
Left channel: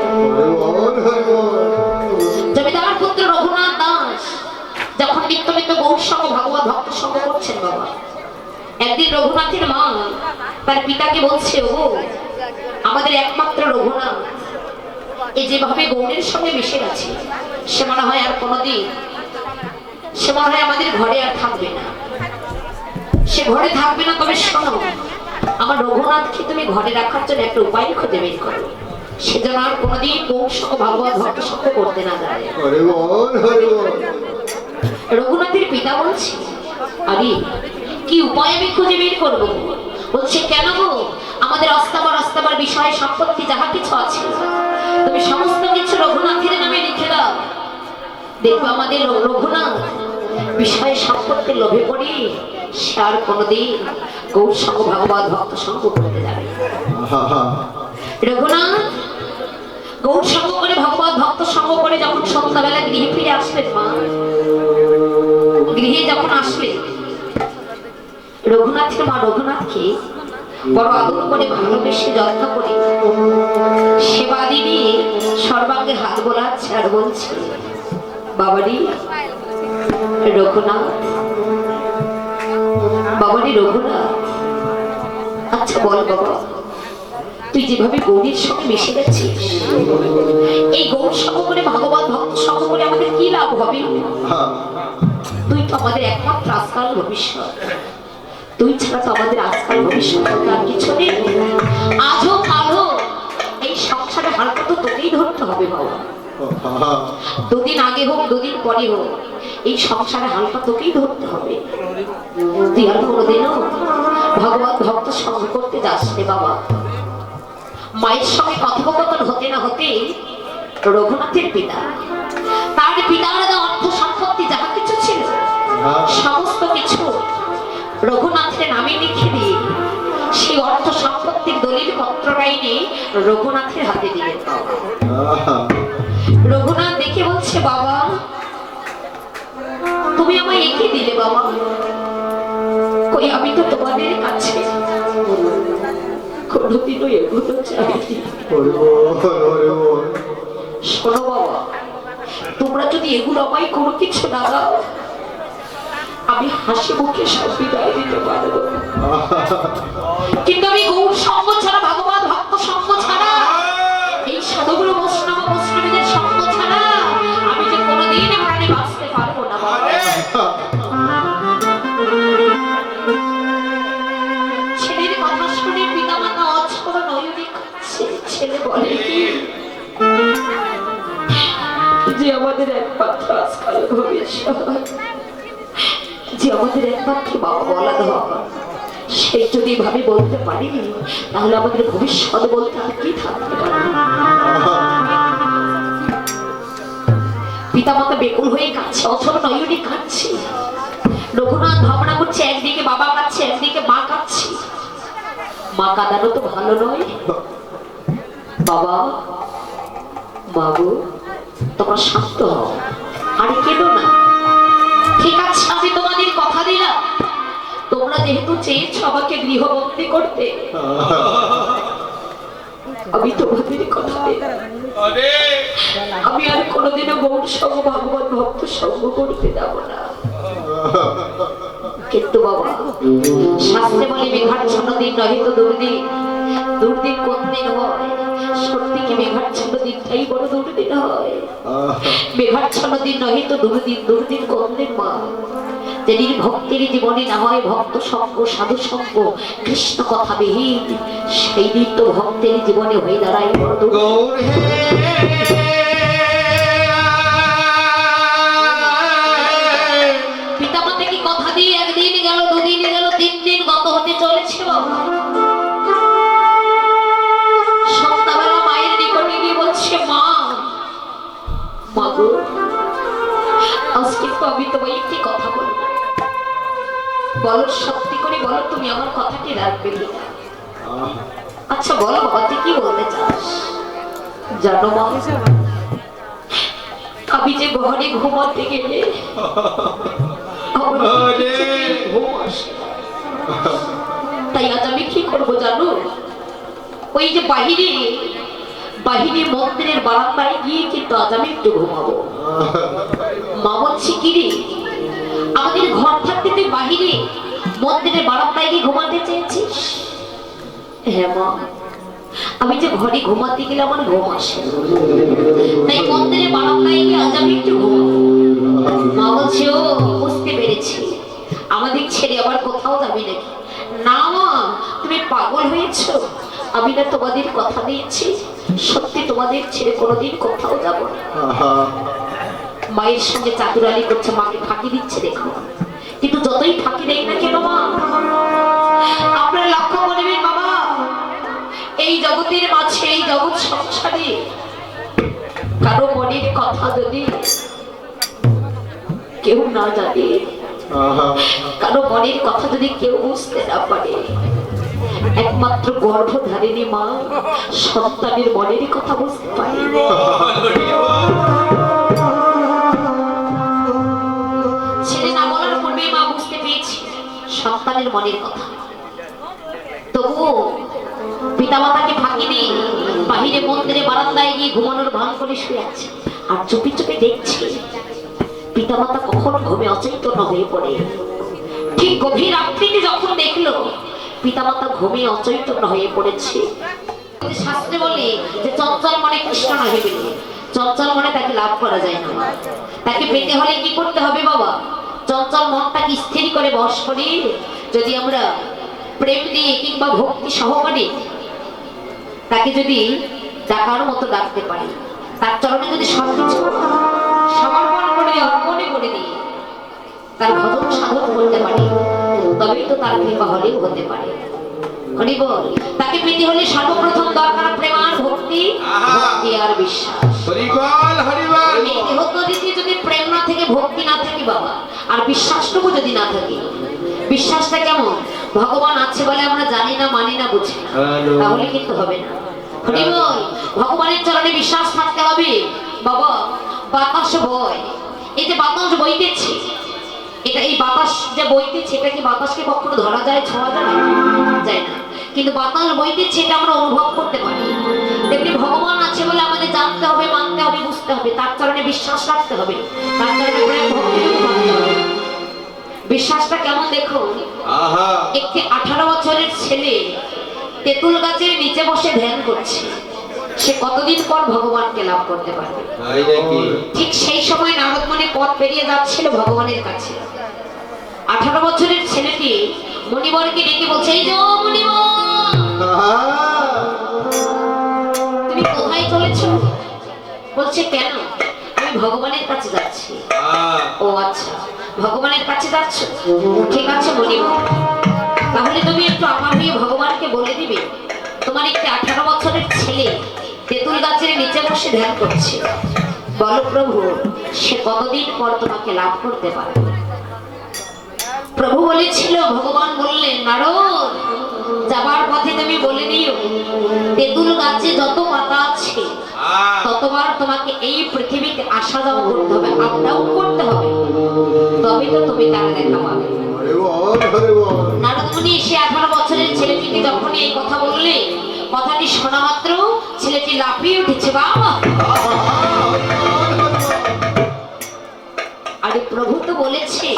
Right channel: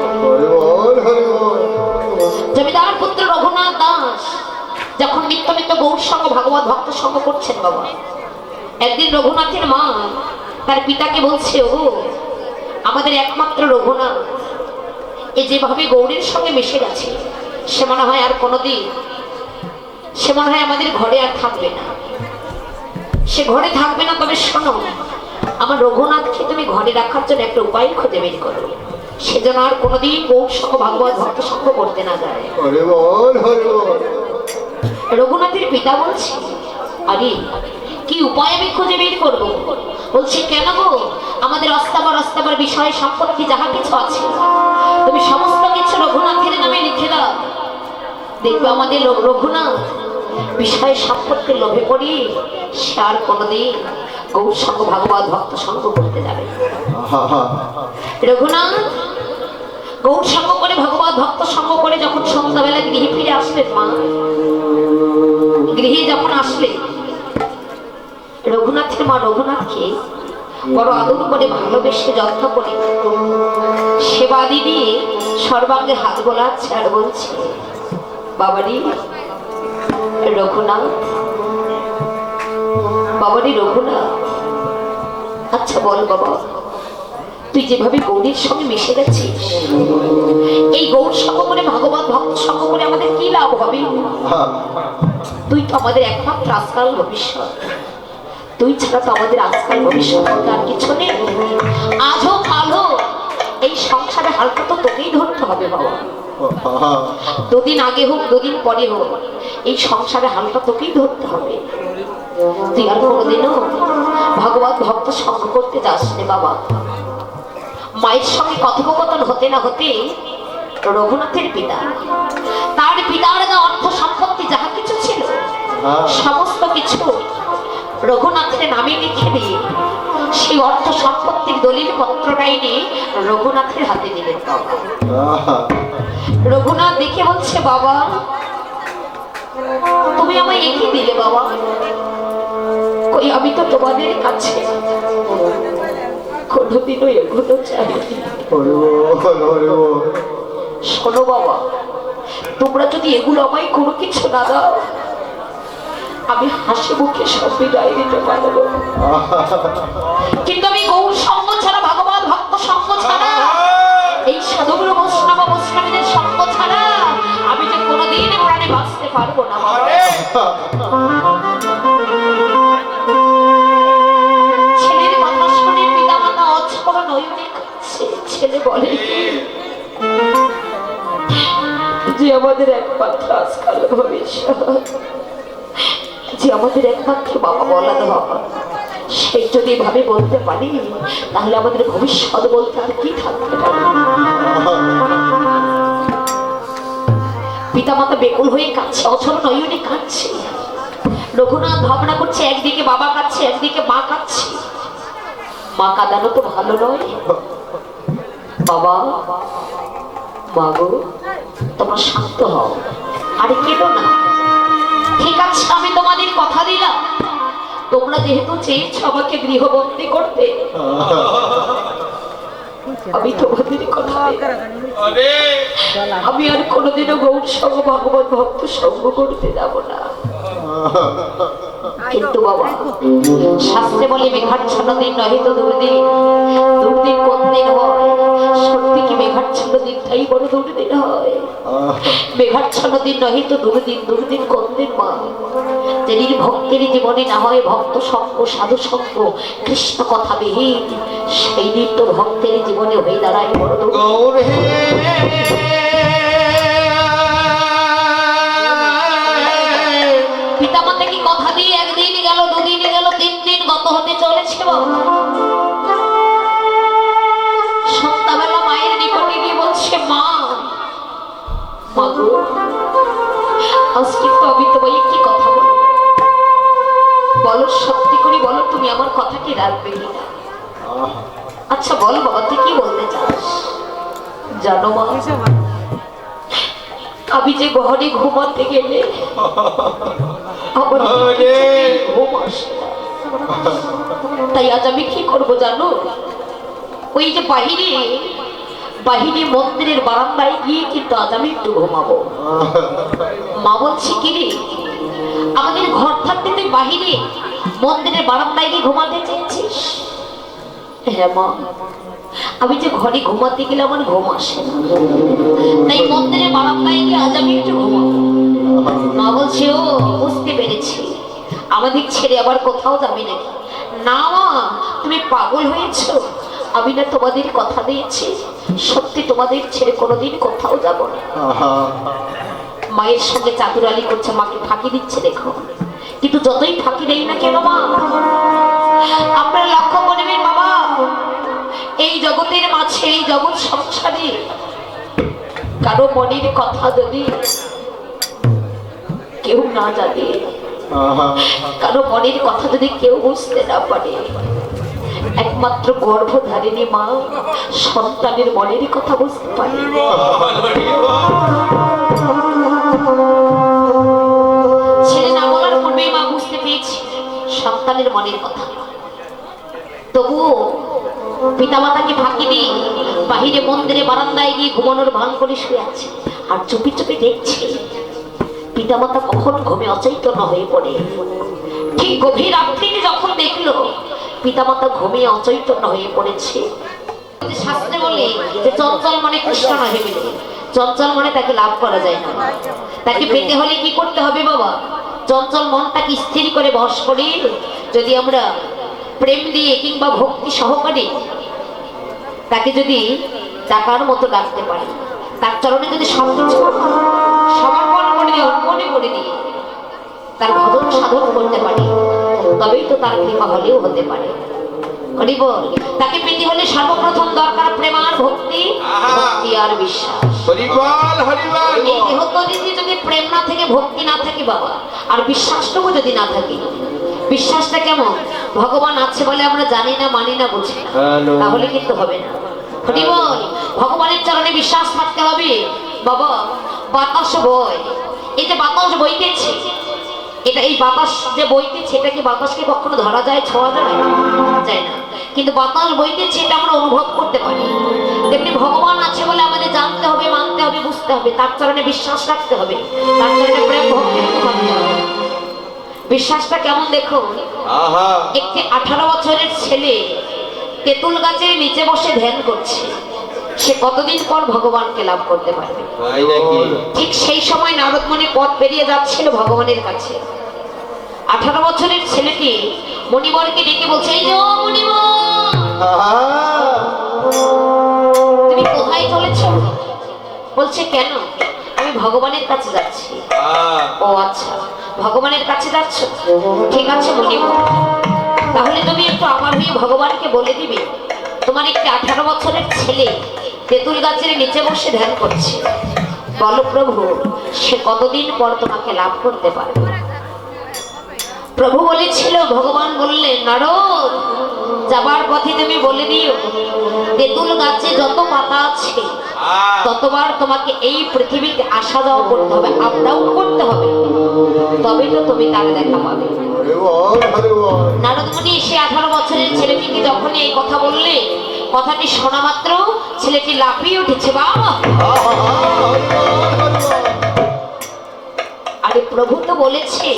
জমিদার পুত্র রঘুনাথ দাস যখন নিত্য নিত্য গৌর সঙ্গ ভাগবত ভক্ত সঙ্গ করছেন বাবা, একদিন রঘুনাথের মা তার পিতাকে বলছে ও আমাদের একমাত্র রঘুনাথ এ যেভাবে গৌরের সঙ্গে মিশে গেছে, সে মনে হয় আর কোনোদিন, সে মনে হয় আমাদের ঘরে আর থাকবে না, সে ঘরে থাকবে না। তবে শোনো, আমার রঘুনাথকে তুমি ঘরে রাখার জন্য একটা উপায় খুঁজে বের করো, সে যেন আর কোনোদিন গৌর সঙ্গ ভাগবত ভক্ত সঙ্গ করতে না যায়। রঘুনাথের পিতা বলছে আরে কি উপায় আমি খুঁজে বের করবো? বলছে কেন গো, আমাদের অস্তাবার বিষয় সম্পত্তি যাহা কিছু আছে তুমি সমস্ত কিছু রঘুনাথের নামে লিখে দাও, দেখবে আমাদের রঘুনাথ বিষয় সম্পত্তির লোভে পড়ি সে আর কোনোদিন গৌর সঙ্গ ভাগবত ভক্ত সঙ্গ করতে যাবে। রঘুনাথ গৌর সঙ্গ করে ভগবত ভক্ত সঙ্গ করে যখন সন্ধ্যাবেলা গৃহে ফিরে আসলেন মা, গৃহে যখন আসলেন রঘুনাথের মা রঘুনাথকে বড় আদর করে ভালোবেসে যত্ন করে সেবা দিয়ে সর্বাঙ্গে হাত বোলাচ্ছে আর বলছে বাবারি রঘুনাথ, বাবারি রঘুনাথ, আচ্ছা বল বাবা, তুই যেভাবে গৌরীর সঙ্গে মিশে গেছিস, এই গৌর সঙ্গ করে ভাগবত ভক্ত সঙ্গ করে আমাদের কি লাভ হবে? তুই তো আমাদের একমাত্র আজকাল ভবিষ্যৎ, তুই ছাড়া তো আমাদের আজকাল ভবিষ্যৎ আর কিছু নেই। আজও কালো এই সংসারে হালকা তো তোকেই ধরতে হবে বাবা। দুদিন আগে হোক দুদিন পরে হোক এই সংসারে হালকা তোকেই ধরতে হবে। তুই আর কোনোদিনও ভগবত ভক্ত সঙ্গ করতে যাস রে বাবা। মায়ের সঙ্গে কথোপকথন হতে না হতে রঘুনাথের পিতা, তার পিতার অর্থ সম্পত্তি যাহা কিছু ছিল সমস্ত কিছু রঘুনাথের নামে লিখে দিয়ে সেই অর্থ সম্পত্তির দলিল পত্রটাই নিয়ে রঘুনাথের হাতে দিলেন। রঘুনাথ দেখে বলছে, বাবা তুমি আমায় এঁকে দিলে বাবা, কই আমি তো তোমাদের কাছে কোনোদিনও এগুলো চাইনি। শোনো বাবা, তোমরা যদি এগুলো আমায় কোনো কিছু না দাও আমি হাসি মুখে সব বিদায় দিতে পারবো, কিন্তু আমি গৌর সঙ্গ ছাড়া, ভগবান ভক্ত সঙ্গ ছাড়া, এই সাধুগুলো বৈষ্ণব বৈষ্ণবীদের সঙ্গ ছাড়া আমি যে কোনোদিন প্রাণে বাঁচতে পারবো না। ছেলের কথা শুনে পিতা মাতা অঝোর নয়নে কাঁদছে। ছেলে বলে যে আমাদের একমাত্র আজকাল ভবিষ্যৎ, যে আমাদের একমাত্র বাবা বলা বাবা, সে যদি ভাবে বলতে পারি তাহলে আমাদের ভবিষ্যৎ বলতে আর কি থাকতে পারে। পিতামাতা বেকুল হয়ে কাঁদছে, অঝোর নয়নে কাঁদছে। রঘুনাথ ভাবনা করছে, একদিকে বাবা কাঁদছে একদিকে মা কাঁদছে। মা কাঁদানো তো ভালো নয়। বাবা বাবু তোমরা শান্ত হও, আরে কেঁদো না। ঠিক আছে আমি তোমাদের কথা দিলাম, তোমরা যেহেতু চেয়েছ আমাকে গৃহবন্দী করতে, আমি তোমাদের কথা দিলাম আমি আর কোনোদিনও গৌর সঙ্গ ভগবান ভক্ত সঙ্গ করতে যাব না। কিন্তু বাবা শাস্ত্রে বলে মেঘাচ্ছন্ন দিন নহে তো দুর্দিন, দুর্দিন কোন দিন হয়? সত্যি কি মেঘাচ্ছন্ন দিনটাই বড় দুর্দিন হয়? মেঘাচ্ছন্ন দিন নহে তো দুর্দিন, দুর্দিন কোন দিন মা? যেদিন ভক্তের জীবনে না হয় ভক্ত সঙ্গ সাধু সঙ্গ কৃষ্ণ কথা বিহীন, সেই দিন তো ভক্তের জীবনে হয়ে দাঁড়ায় বড় দুর্দিন। পিতামাতা কি কথা দিয়ে একদিন গেল, দুদিন গেল, 3 দিন গত হতে চলেছে বাবা। সন্ধ্যাবেলা মায়ের নিকটে গিয়ে বলছে, মা মাগো আজকে তো আমি তোমায় একটি কথা বলবো, বলো সত্যি করে বলো তুমি আমার কথা কি রাখবে কিনা? আচ্ছা বলো বাবা তুই কি বলতে চাস? জানো মা, আমি যে ঘরে ঘুমাতে গেলে তাই আজ আমি কি করবো জানো? ওই যে বাহিরে বাহিরে মন্দিরের বারান্দায় গিয়ে কিন্তু আজ আমি একটু ঘুমাবো। মা বলছি কি রে, আমাদের ঘর থাকতে তুই বাহিরে মন্দিরের বারান্দায় গিয়ে ঘুমাতে চেয়েছিস? হ্যাঁ মা, আমি যে ঘরে ঘুমাতে গেলে আমার ঘুম আসে না, তাই মন্দিরের বারান্দায় গিয়ে আজ আমি একটু ঘুমাবো। মা বলছে, ও বুঝতে পেরেছি, আমাদের ছেড়ে আবার কোথাও যাবে নাকি? না মা তুমি পাগল হয়েছো, আমি না তোমাদের কথা দিয়েছি সত্যি তোমাদের ছেড়ে কোনোদিন কোথাও যাব না। মায়ের সঙ্গে চাতুরালি করছে, মাকে ফাঁকি দিচ্ছে দেখো, কিন্তু যতই ফাঁকি দেয় না কেন মা, আপনার লক্ষ্য করবেন বাবা, এই জগতের মাঝে এই জগৎ সংসারে কারো মনের কথা যদি কেউ না জানে, কারো মনের কথা যদি কেউ বুঝতে না পারে, একমাত্র গর্ভধারিণী মা সন্তানের মনের কথা বুঝতে পারে। ছেলে না বলার পূর্বে মা বুঝতে পেরেছি সন্তানের মনের কথা। তবুও পিতামাতাকে ফাঁকি দিয়ে বাহিরে মন্দিরে বারান্দায় গিয়ে ঘুমানোর ভান করে শুয়ে আছে, আর চুপি চুপি দেখছি পিতামাতা কখন ঘুমে অচৈতন্য হয়ে পড়ে। ঠিক গভীর রাত্রিতে যখন দেখলো পিতামাতা ঘুমিয়ে অচৈতন্য হয়ে পড়েছে, শাস্ত্রে বলে যে চঞ্চল মনে কৃষ্ণ নহে পেলে, চঞ্চল মনে তাকে লাভ করা যায় না। তাকে পেতে হলে কি করতে হবে বাবা? চঞ্চল মনটাকে স্থির করে বশ করে যদি আমরা প্রেম দিয়ে কিংবা ভক্তি সহকারে তাকে যদি ডাকার মতো ডাকতে পারি, তার চরণে যদি সবকিছু সমর্পণ করে দিই, অর্পণে করে দিই, তার ভজন সাধন করতে পারি, তবেই তো তার কৃপা হলেও হতে পারে। হরি বল। তাকে পেতে হলে সর্বপ্রথম দরকার প্রেম আর ভক্তি, ভক্তি আর বিশ্বাস। হরি বল, হরি বল। এই দেহত্যাগে যদি প্রেম না থেকে, ভক্তি না থাকে বাবা, আর বিশ্বাসটুকু যদি না থাকে, বিশ্বাসটা কেমন? ভগবান আছে বলে আমরা জানি না, মানি না, বুঝি না, তাহলে কিন্তু হবে না। হরি বল। ভগবানের চরণে বিশ্বাস থাকতে হবে বাবা। বাতাস বয়, এই যে বাতাস বইতেছে, এটা এই বাতাস যে বইতেছে, এটা কি বাতাসকে কখনো ধরা যায়, ছোঁয়া যায়? যায় না। কিন্তু বাতাস বইতেছে, এটা আমরা অনুভব করতে পারি। তেমনি ভগবান আছে বলে আমাদের জানতে হবে, মানতে হবে, বুঝতে হবে, তার চরণে বিশ্বাস রাখতে হবে, তার চরণে প্রেম ভক্তি রাখতে হবে। বিশ্বাসটা কেমন দেখুন। একটি 18 বছরের ছেলে তেঁতুল গাছের নিচে বসে ধ্যান করছে, সে কতদিন পর ভগবানকে লাভ করতে পারবে? ঠিক সেই সময় নারদ মুনি পথ পেরিয়ে যাচ্ছিল ভগবানের কাছে। 18 বছরের ছেলেটি মণিবরকে ডেকে বলছে, এই যে ও মণিবর, তুমি কোথায় চলেছ? বলছে কেন? আমি ভগবানের কাছে যাচ্ছি। ও আচ্ছা, ভগবানের কাছে যাচ্ছ, ঠিক আছে মণিবর, তাহলে তুমি একটু আমার হয়ে ভগবানকে বলে দিবে তোমার একটি 18 বছরের ছেলে তেঁতুল গাছের নিচে বসে ধ্যান করছে, বলো প্রভু সে কতদিন পর তোমাকে লাভ করতে পারবে? প্রভু বলেছিল, ভগবান বললেন, নারদ যাবার পথে তুমি বলে দিও তেঁতুল গাছে যত পাতা আছে ততবার তোমাকে এই পৃথিবীতে আসা যাওয়া করতে হবে, আপ ডাউন করতে হবে, তবে তো তুমি তার দেখা পাবে। নারদ মুনি সে 18 বছরের ছেলেটিকে যখন এই কথা বললে, কথাটি শোনা মাত্র ছেলেটি লাফিয়ে উঠেছে, বাবা আরে প্রভু তো বলেছে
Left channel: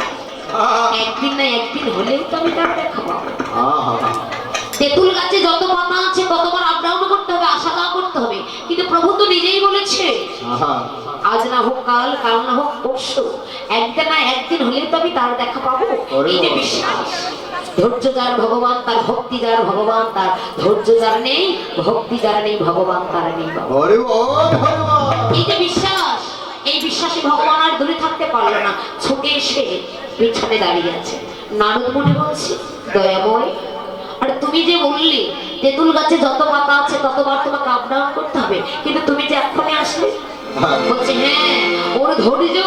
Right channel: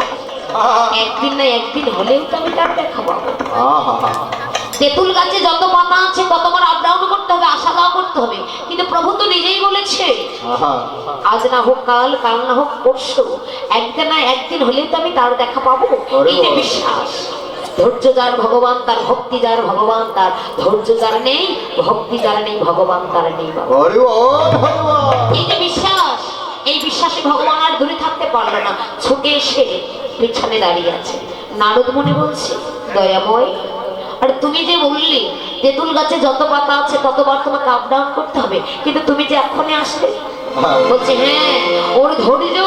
একদিন না একদিন হলেও তো আমি তার দেখা পাবো। তেঁতুল গাছে যত পাতা আছে ততবার আপ ডাউন করতে হবে, আসা যাওয়া করতে হবে, কিন্তু প্রভু তো নিজেই বলেছে আজ না হোক কাল, কাল না হোক পরশু, একদিন না একদিন হলেও তো আমি তার দেখা পাবো। এই যে বিশ্বাস, ধৈর্য যার ভগবান তার, ভক্তি যার ভগবান তার, ধৈর্য যার নেই, ভক্তি যার নেই, ভগবান তার নেই। এই যে বিশ্বাস, এই বিশ্বাসে ভগবান আর দূরে থাকতে পারলো না, ছুটে এসে পিছনে দাঁড়িয়ে আছে। নারদ মুনি বলছে, দয়াময়, আর তুমি যে বললি তেঁতুল গাছে যত পাতা আছে ততবার তোমাকে আপ ডাউন করতে হবে, কিন্তু তুমি যে এক্ষণে আসলে? বলছে হ্যাঁ, ওর ধৈর্য,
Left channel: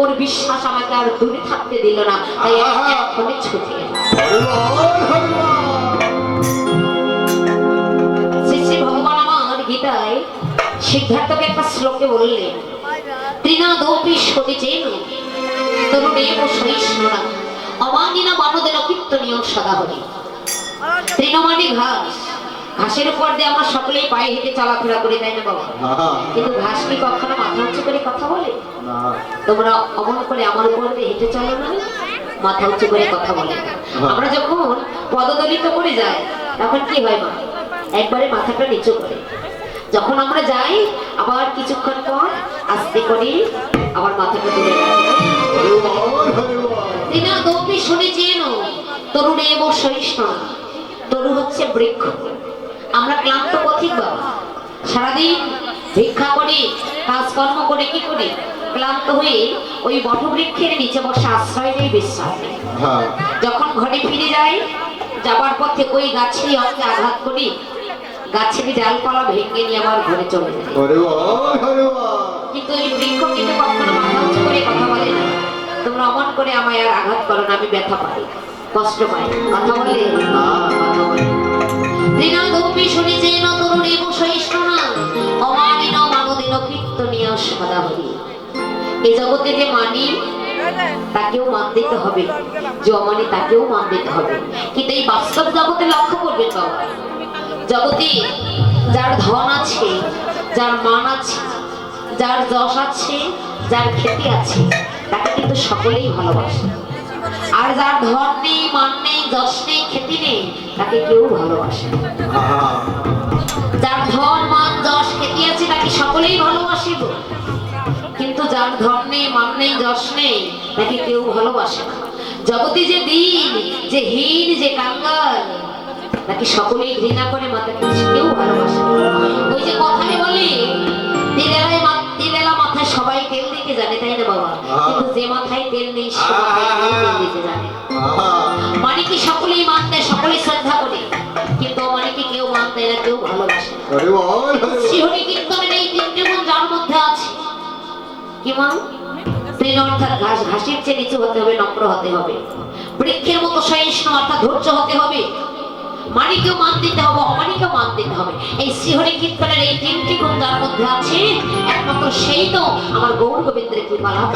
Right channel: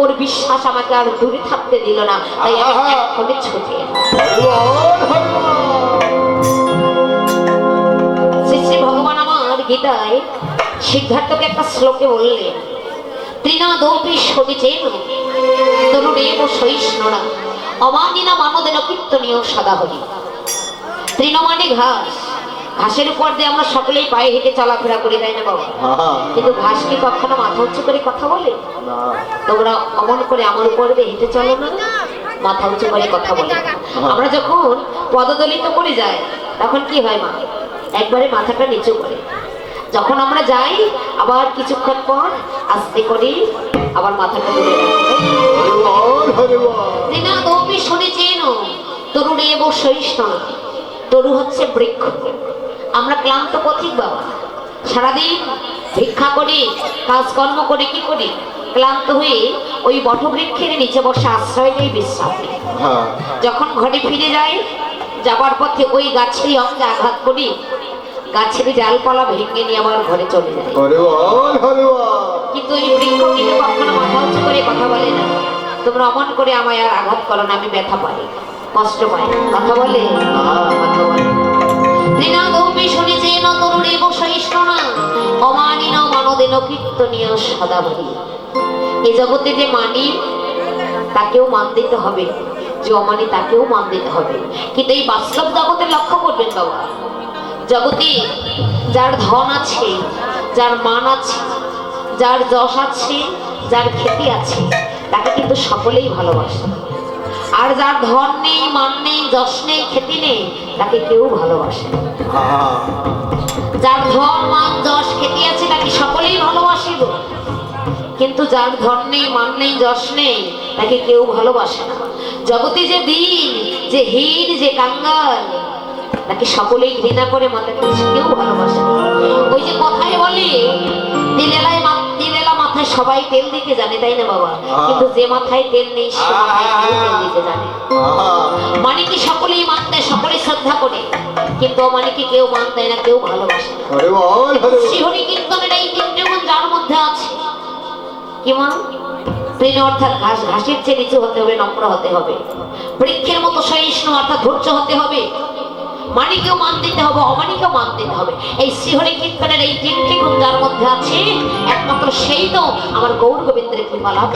ওর বিশ্বাস আমাকে আর দূরে থাকতে দিল না, তাই আমি এক্ষণে ছুটে এলাম। শ্রী ভগবান আমার গীতায় সিদ্ধার্থকে একটা শ্লোকে বললেন, ত্রিনাদপি সবিচেন তরুণেব সহিষ্ণুরা অমানিনা মানদেন কীর্তনীয় সদা হরি। তৃণ মানে ঘাস, ঘাসের উপর দিয়ে আমরা সকলেই পায়ে হেঁটে চলাফেরা করি, তাই না বাবা? কিন্তু ঘাস কি কখনো মাথা উঁচু করে কথা বলে? তোমরা অমন করে আমার উপর দিয়ে হেঁটে চলো না, মাথা উঁচু করে কথা বলে। আমরা যখন পদদলিত করে যাই তখন কি হয় মা? একবারে মাথাটা নিচু করে। যখন আমরা যাই আবার কিছুক্ষণ পর আস্তে করি আবার মাথাটা তুলে রাখি। শুনেছেন তরুণে এবং সহিষ্ণু, তরু হচ্ছে বৃক্ষ। আমরা ক্লান্ত পথিক বাবা, সারাদিন ভিক্ষা করি, কাজকর্ম করে, কি করি? ক্লান্ত হয়ে ওই বটবৃক্ষের নিচে বসে আশ্রয় নেই, বিশ্রাম নেই। যখন ঘরে ফিরে যাই, যাবার পথে ওই গাছের অঙ্গে আঘাত করি, গাছের ডালপালা ভেঙে নিয়ে আমার ঘরে চলে যায়। কিন্তু এই বৃক্ষ কিন্তু কখনো মাথা উঁচু করে কথা বলে না, তোমরা অমন করে আমায় আর আঘাত করো না, আমি ব্যথা পাই, কষ্ট পাই। কথা বলে না, কথা বলে। ত্রিনাদপি শুনেছেন তরুণেব সহিষ্ণুরা অমানিন মানদেন কীর্তনীয় সদা হরি। এই জগতে যে মানি তাকেও মান দিতে হবে, যে অমানি তাকেও মান দিতে হবে। কিন্তু এই বাস্তব জগতে লক্ষ্য করবেন বাবা, জগতে যার ধন আছে, যার মান আছে, যার যশ আছে, যার খ্যাতি আছে, তাকে কিন্তু সকলেই ভালোবাসে। আর যার ধন নেই, মান নেই, যশ নেই, খ্যাতি নেই, তাকে কেউ ভালোবাসে না। যার ধন, মান, যশ, খ্যাতি আছে তাকে সকলেই ভালোবাসে, কিন্তু যার ধন নেই, মান নেই, যশ নেই, তাকে কেউ ভালোবাসে না। জগতে যে দিন, যে হীন, যে কাঙ্গাল, তাকে সকলেই ঘৃণা করে, মাকে কেউ ভালোবাসে না। ওই যে কথায় বলে তিলেলা মাথায় সবাই তেল দিতে জানে, তাই না বাবা? কিন্তু যে মাথায় তেল নেই সে মাথায় তেল দিতে জানে। মানিকে সকলেই মানতে, সকলেই শ্রদ্ধা করে, কিন্তু মানিকে কেউ মানতে না, কেউ ভালোবাসে না। শ্রীহরি কীর্তনের এই তিনটে গুণ যার মধ্যে আছে, কি মা? তৃণ অর্থাৎ ঘাস, ঘাসের চেয়ে নিচু হতে হবে, নম্র হতে হবে। বৃক্ষের মতো সহিষ্ণু অর্থাৎ ধৈর্য হতে হবে। মানিকেও মান দিতে হবে, অমানিকেও মান দিতে হবে। এই শ্রীহরি কীর্তনের এই তিনটি গুণ যার মধ্যে আছে, একমাত্র সেই তো আমার গৌর গোবিন্দের কৃপা লাভ।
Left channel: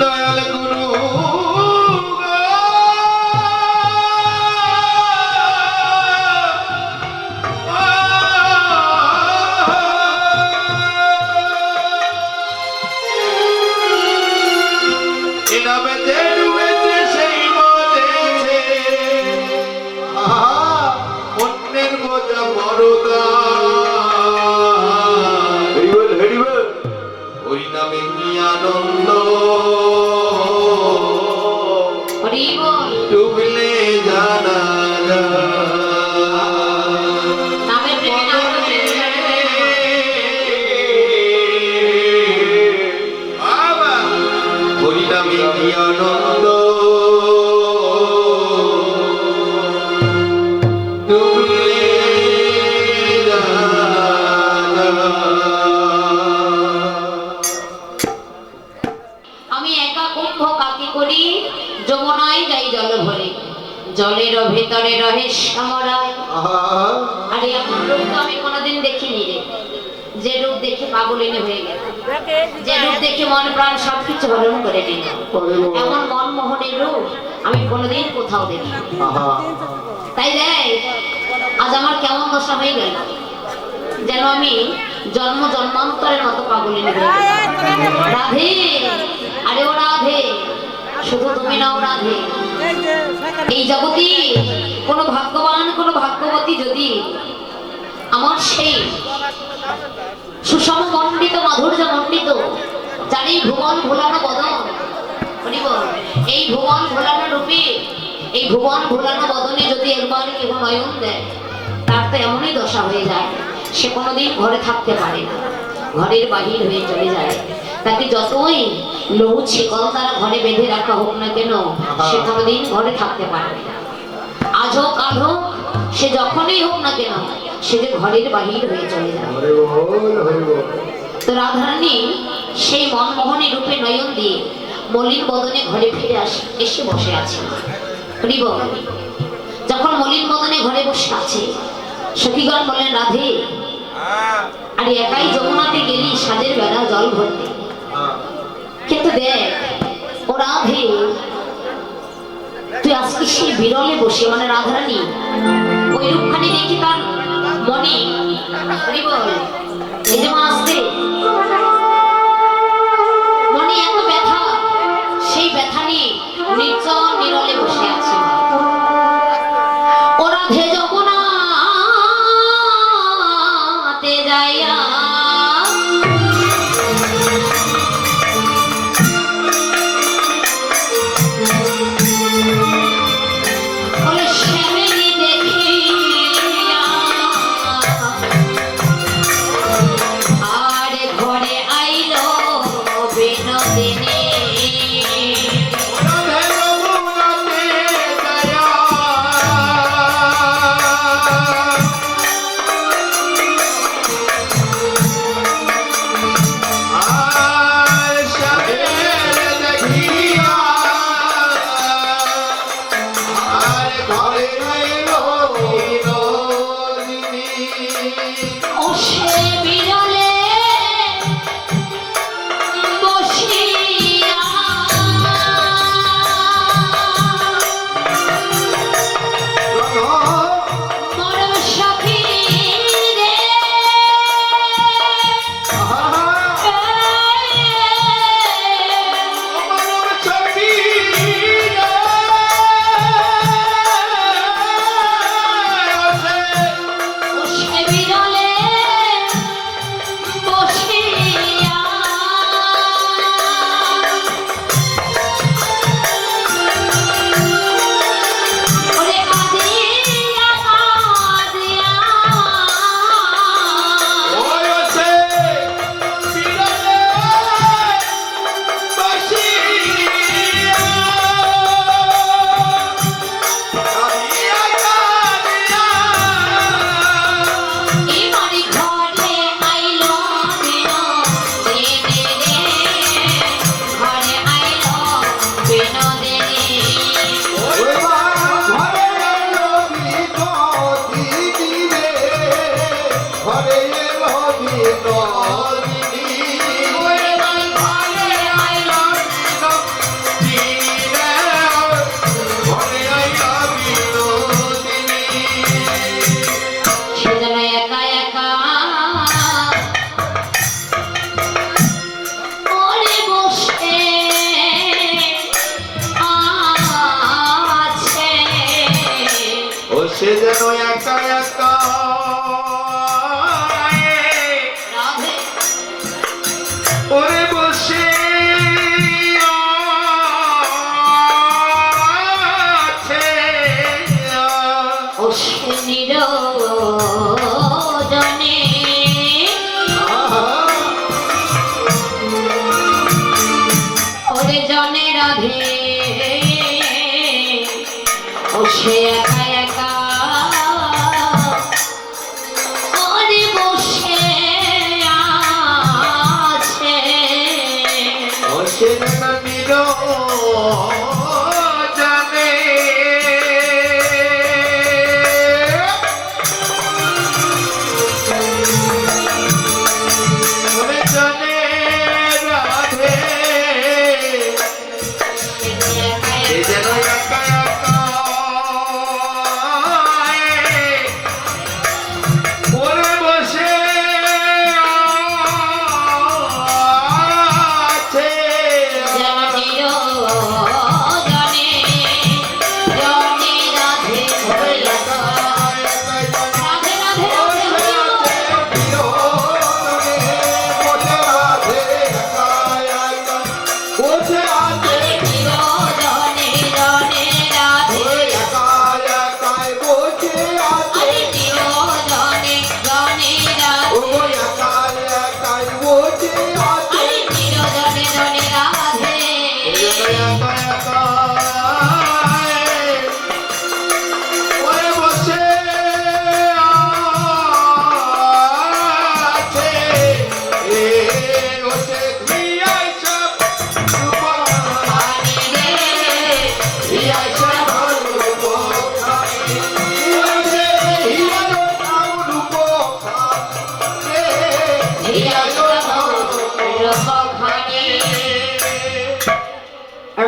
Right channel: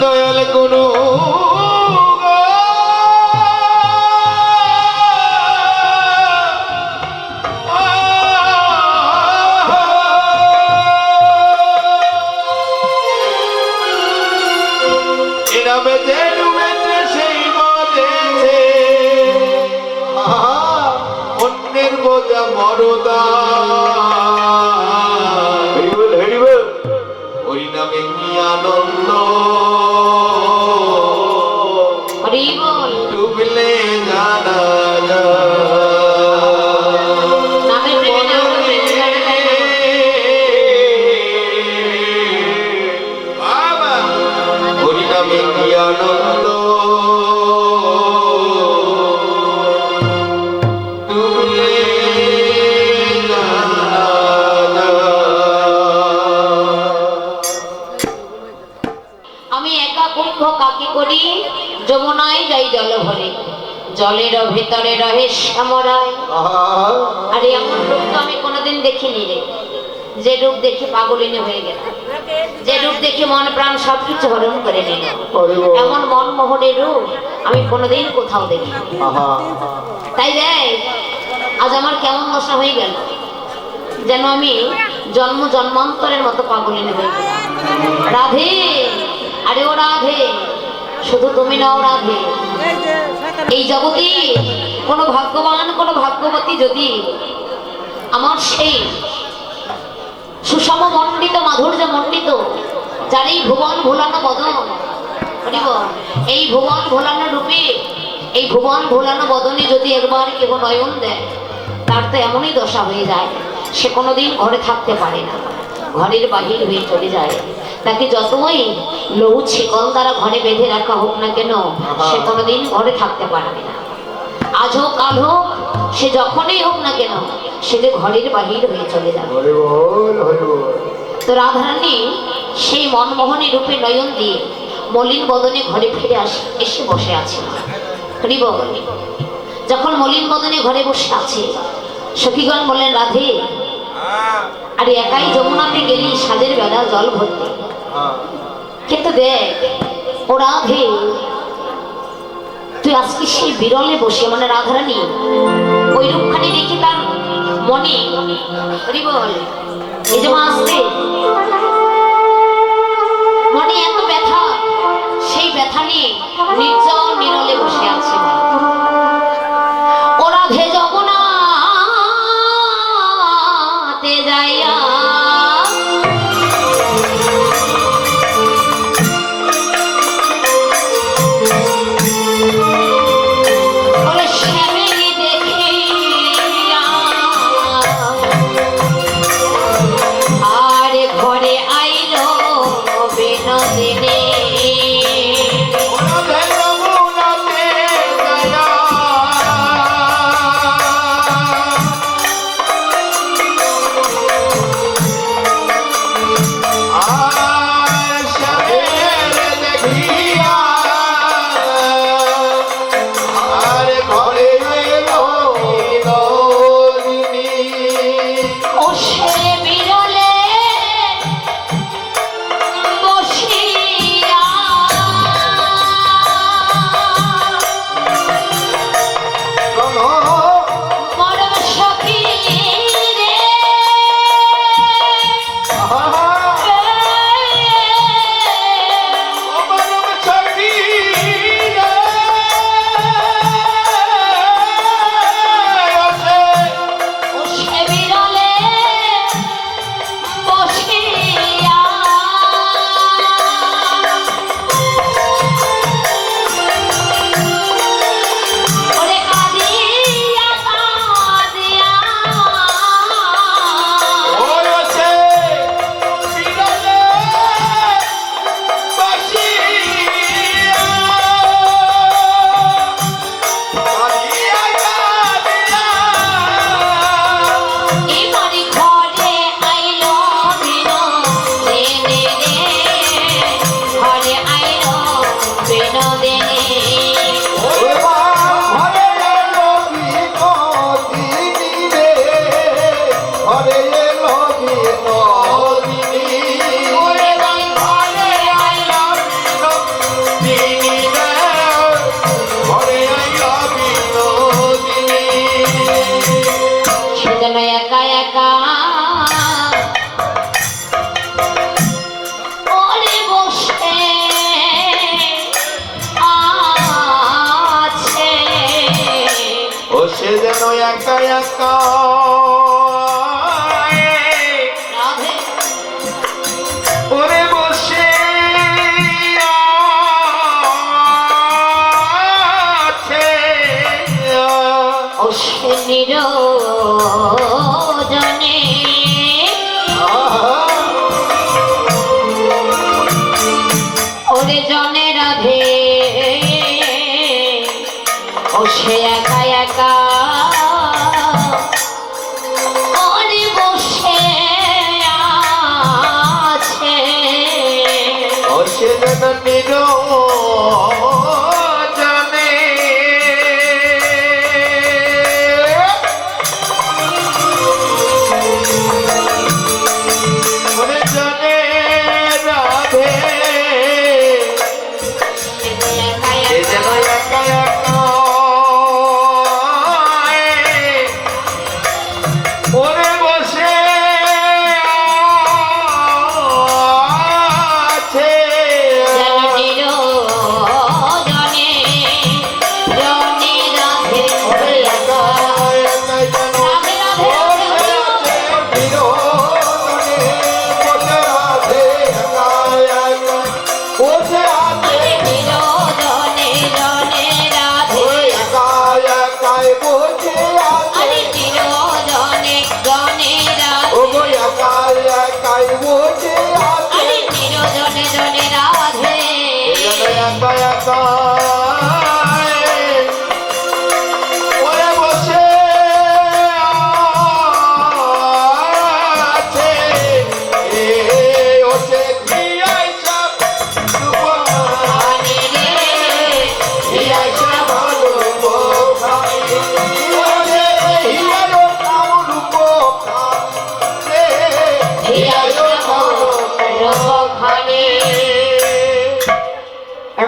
দয়াল গুরু অন্যের বোঝা মরদা, ওই নামে কি আনন্দ, হরি বল। ডুবলে জানা নামের প্রেমে নামের প্রেমে বাবা, ওই নামে কি আনন্দ, ডুবলে জানা। আমি একা কুম্ভ কাকে করি, যমুনায় যাই জল ভরে, জলের ভেতরে রহে শ্যামরায়। আরে এমন রূপ তো আমি কোনোদিন দেখিনি রে, যে রূপ দেখে পাগলিনী হয়ে গেল, যে রূপ দেখে মন প্রাণ সবকিছু হরণ করে নিল। এমন মনমোহনের রূপ আমি কোনোদিন কোথাও দেখি। তাই দেখ আজ আমার কেমন দশা হয়ে গেল, যেন আমি জন্ম জন্মান্তরের মতো পাগলিনী হয়ে গেলাম। রাধে, আরে ও রাধে, শুধু তুমি নাও রাধে। এই জগতে কোনো ভাগ্যবান, কোনো ভাগ্যবতী যদি আমার সেই সুষম মণ্ডিত, মাধুর্য মণ্ডিত, যার এই ভুবন ভোলানো বদন, এই ভুবন ভোলানো রূপে, এই ভুবন ভোলানো বদনে যদি একবার কেহ নয়ন দেয়, তার তো এমনই দশা হয়ে যায়, সে কোনোদিন ঘরে থাকতে পারে না, ঘরের বাহির হয়ে চলে যায়। তাকে যতই লৌ ছেকল দ্বারা ঘরে বেঁধে রাখা হোক না কেন, সে কোনোদিন ঘরে থাকতে পারবে না। আজ হোক কাল হোক, সে যখনই হোক না কেন, সে যে ঘরের বাহির হয়ে চলে যাবে। তো রাধারানী সেই মনমোহনী রূপে নয়ন দিয়ে মলিন বদনে ঘরে ফিরে এসে বসে আছে। যখন মলিন বদনে ঘরে বসে আছে, সখীগণ বলেন রাধে, আর একাই যমুনাতে গেলি সাজের বেলা জল ভরতে, কিন্তু দেখ ও রাধে, তুই আজকে সেই বিরলে বসে, মানে রাধারানী ওই রূপখানি দেখি তার মনে বল, এই যে মা আসতে মনে এত ব্যথা, সেই ব্যথা নিয়ে নির্জন নিরলে বসে আছে। ও রাধে যমুনাতে যাইয়া আরে সে যেন একা একা রাধে ওরে বসে আছে ও সে নিরজনে ওরে জনে রাধে ও সে একা একা ওরে বসে আছে ও সে যেন নিরজনে ওরে জনে রাধে সে যেন একা একা ওরে বসে আছে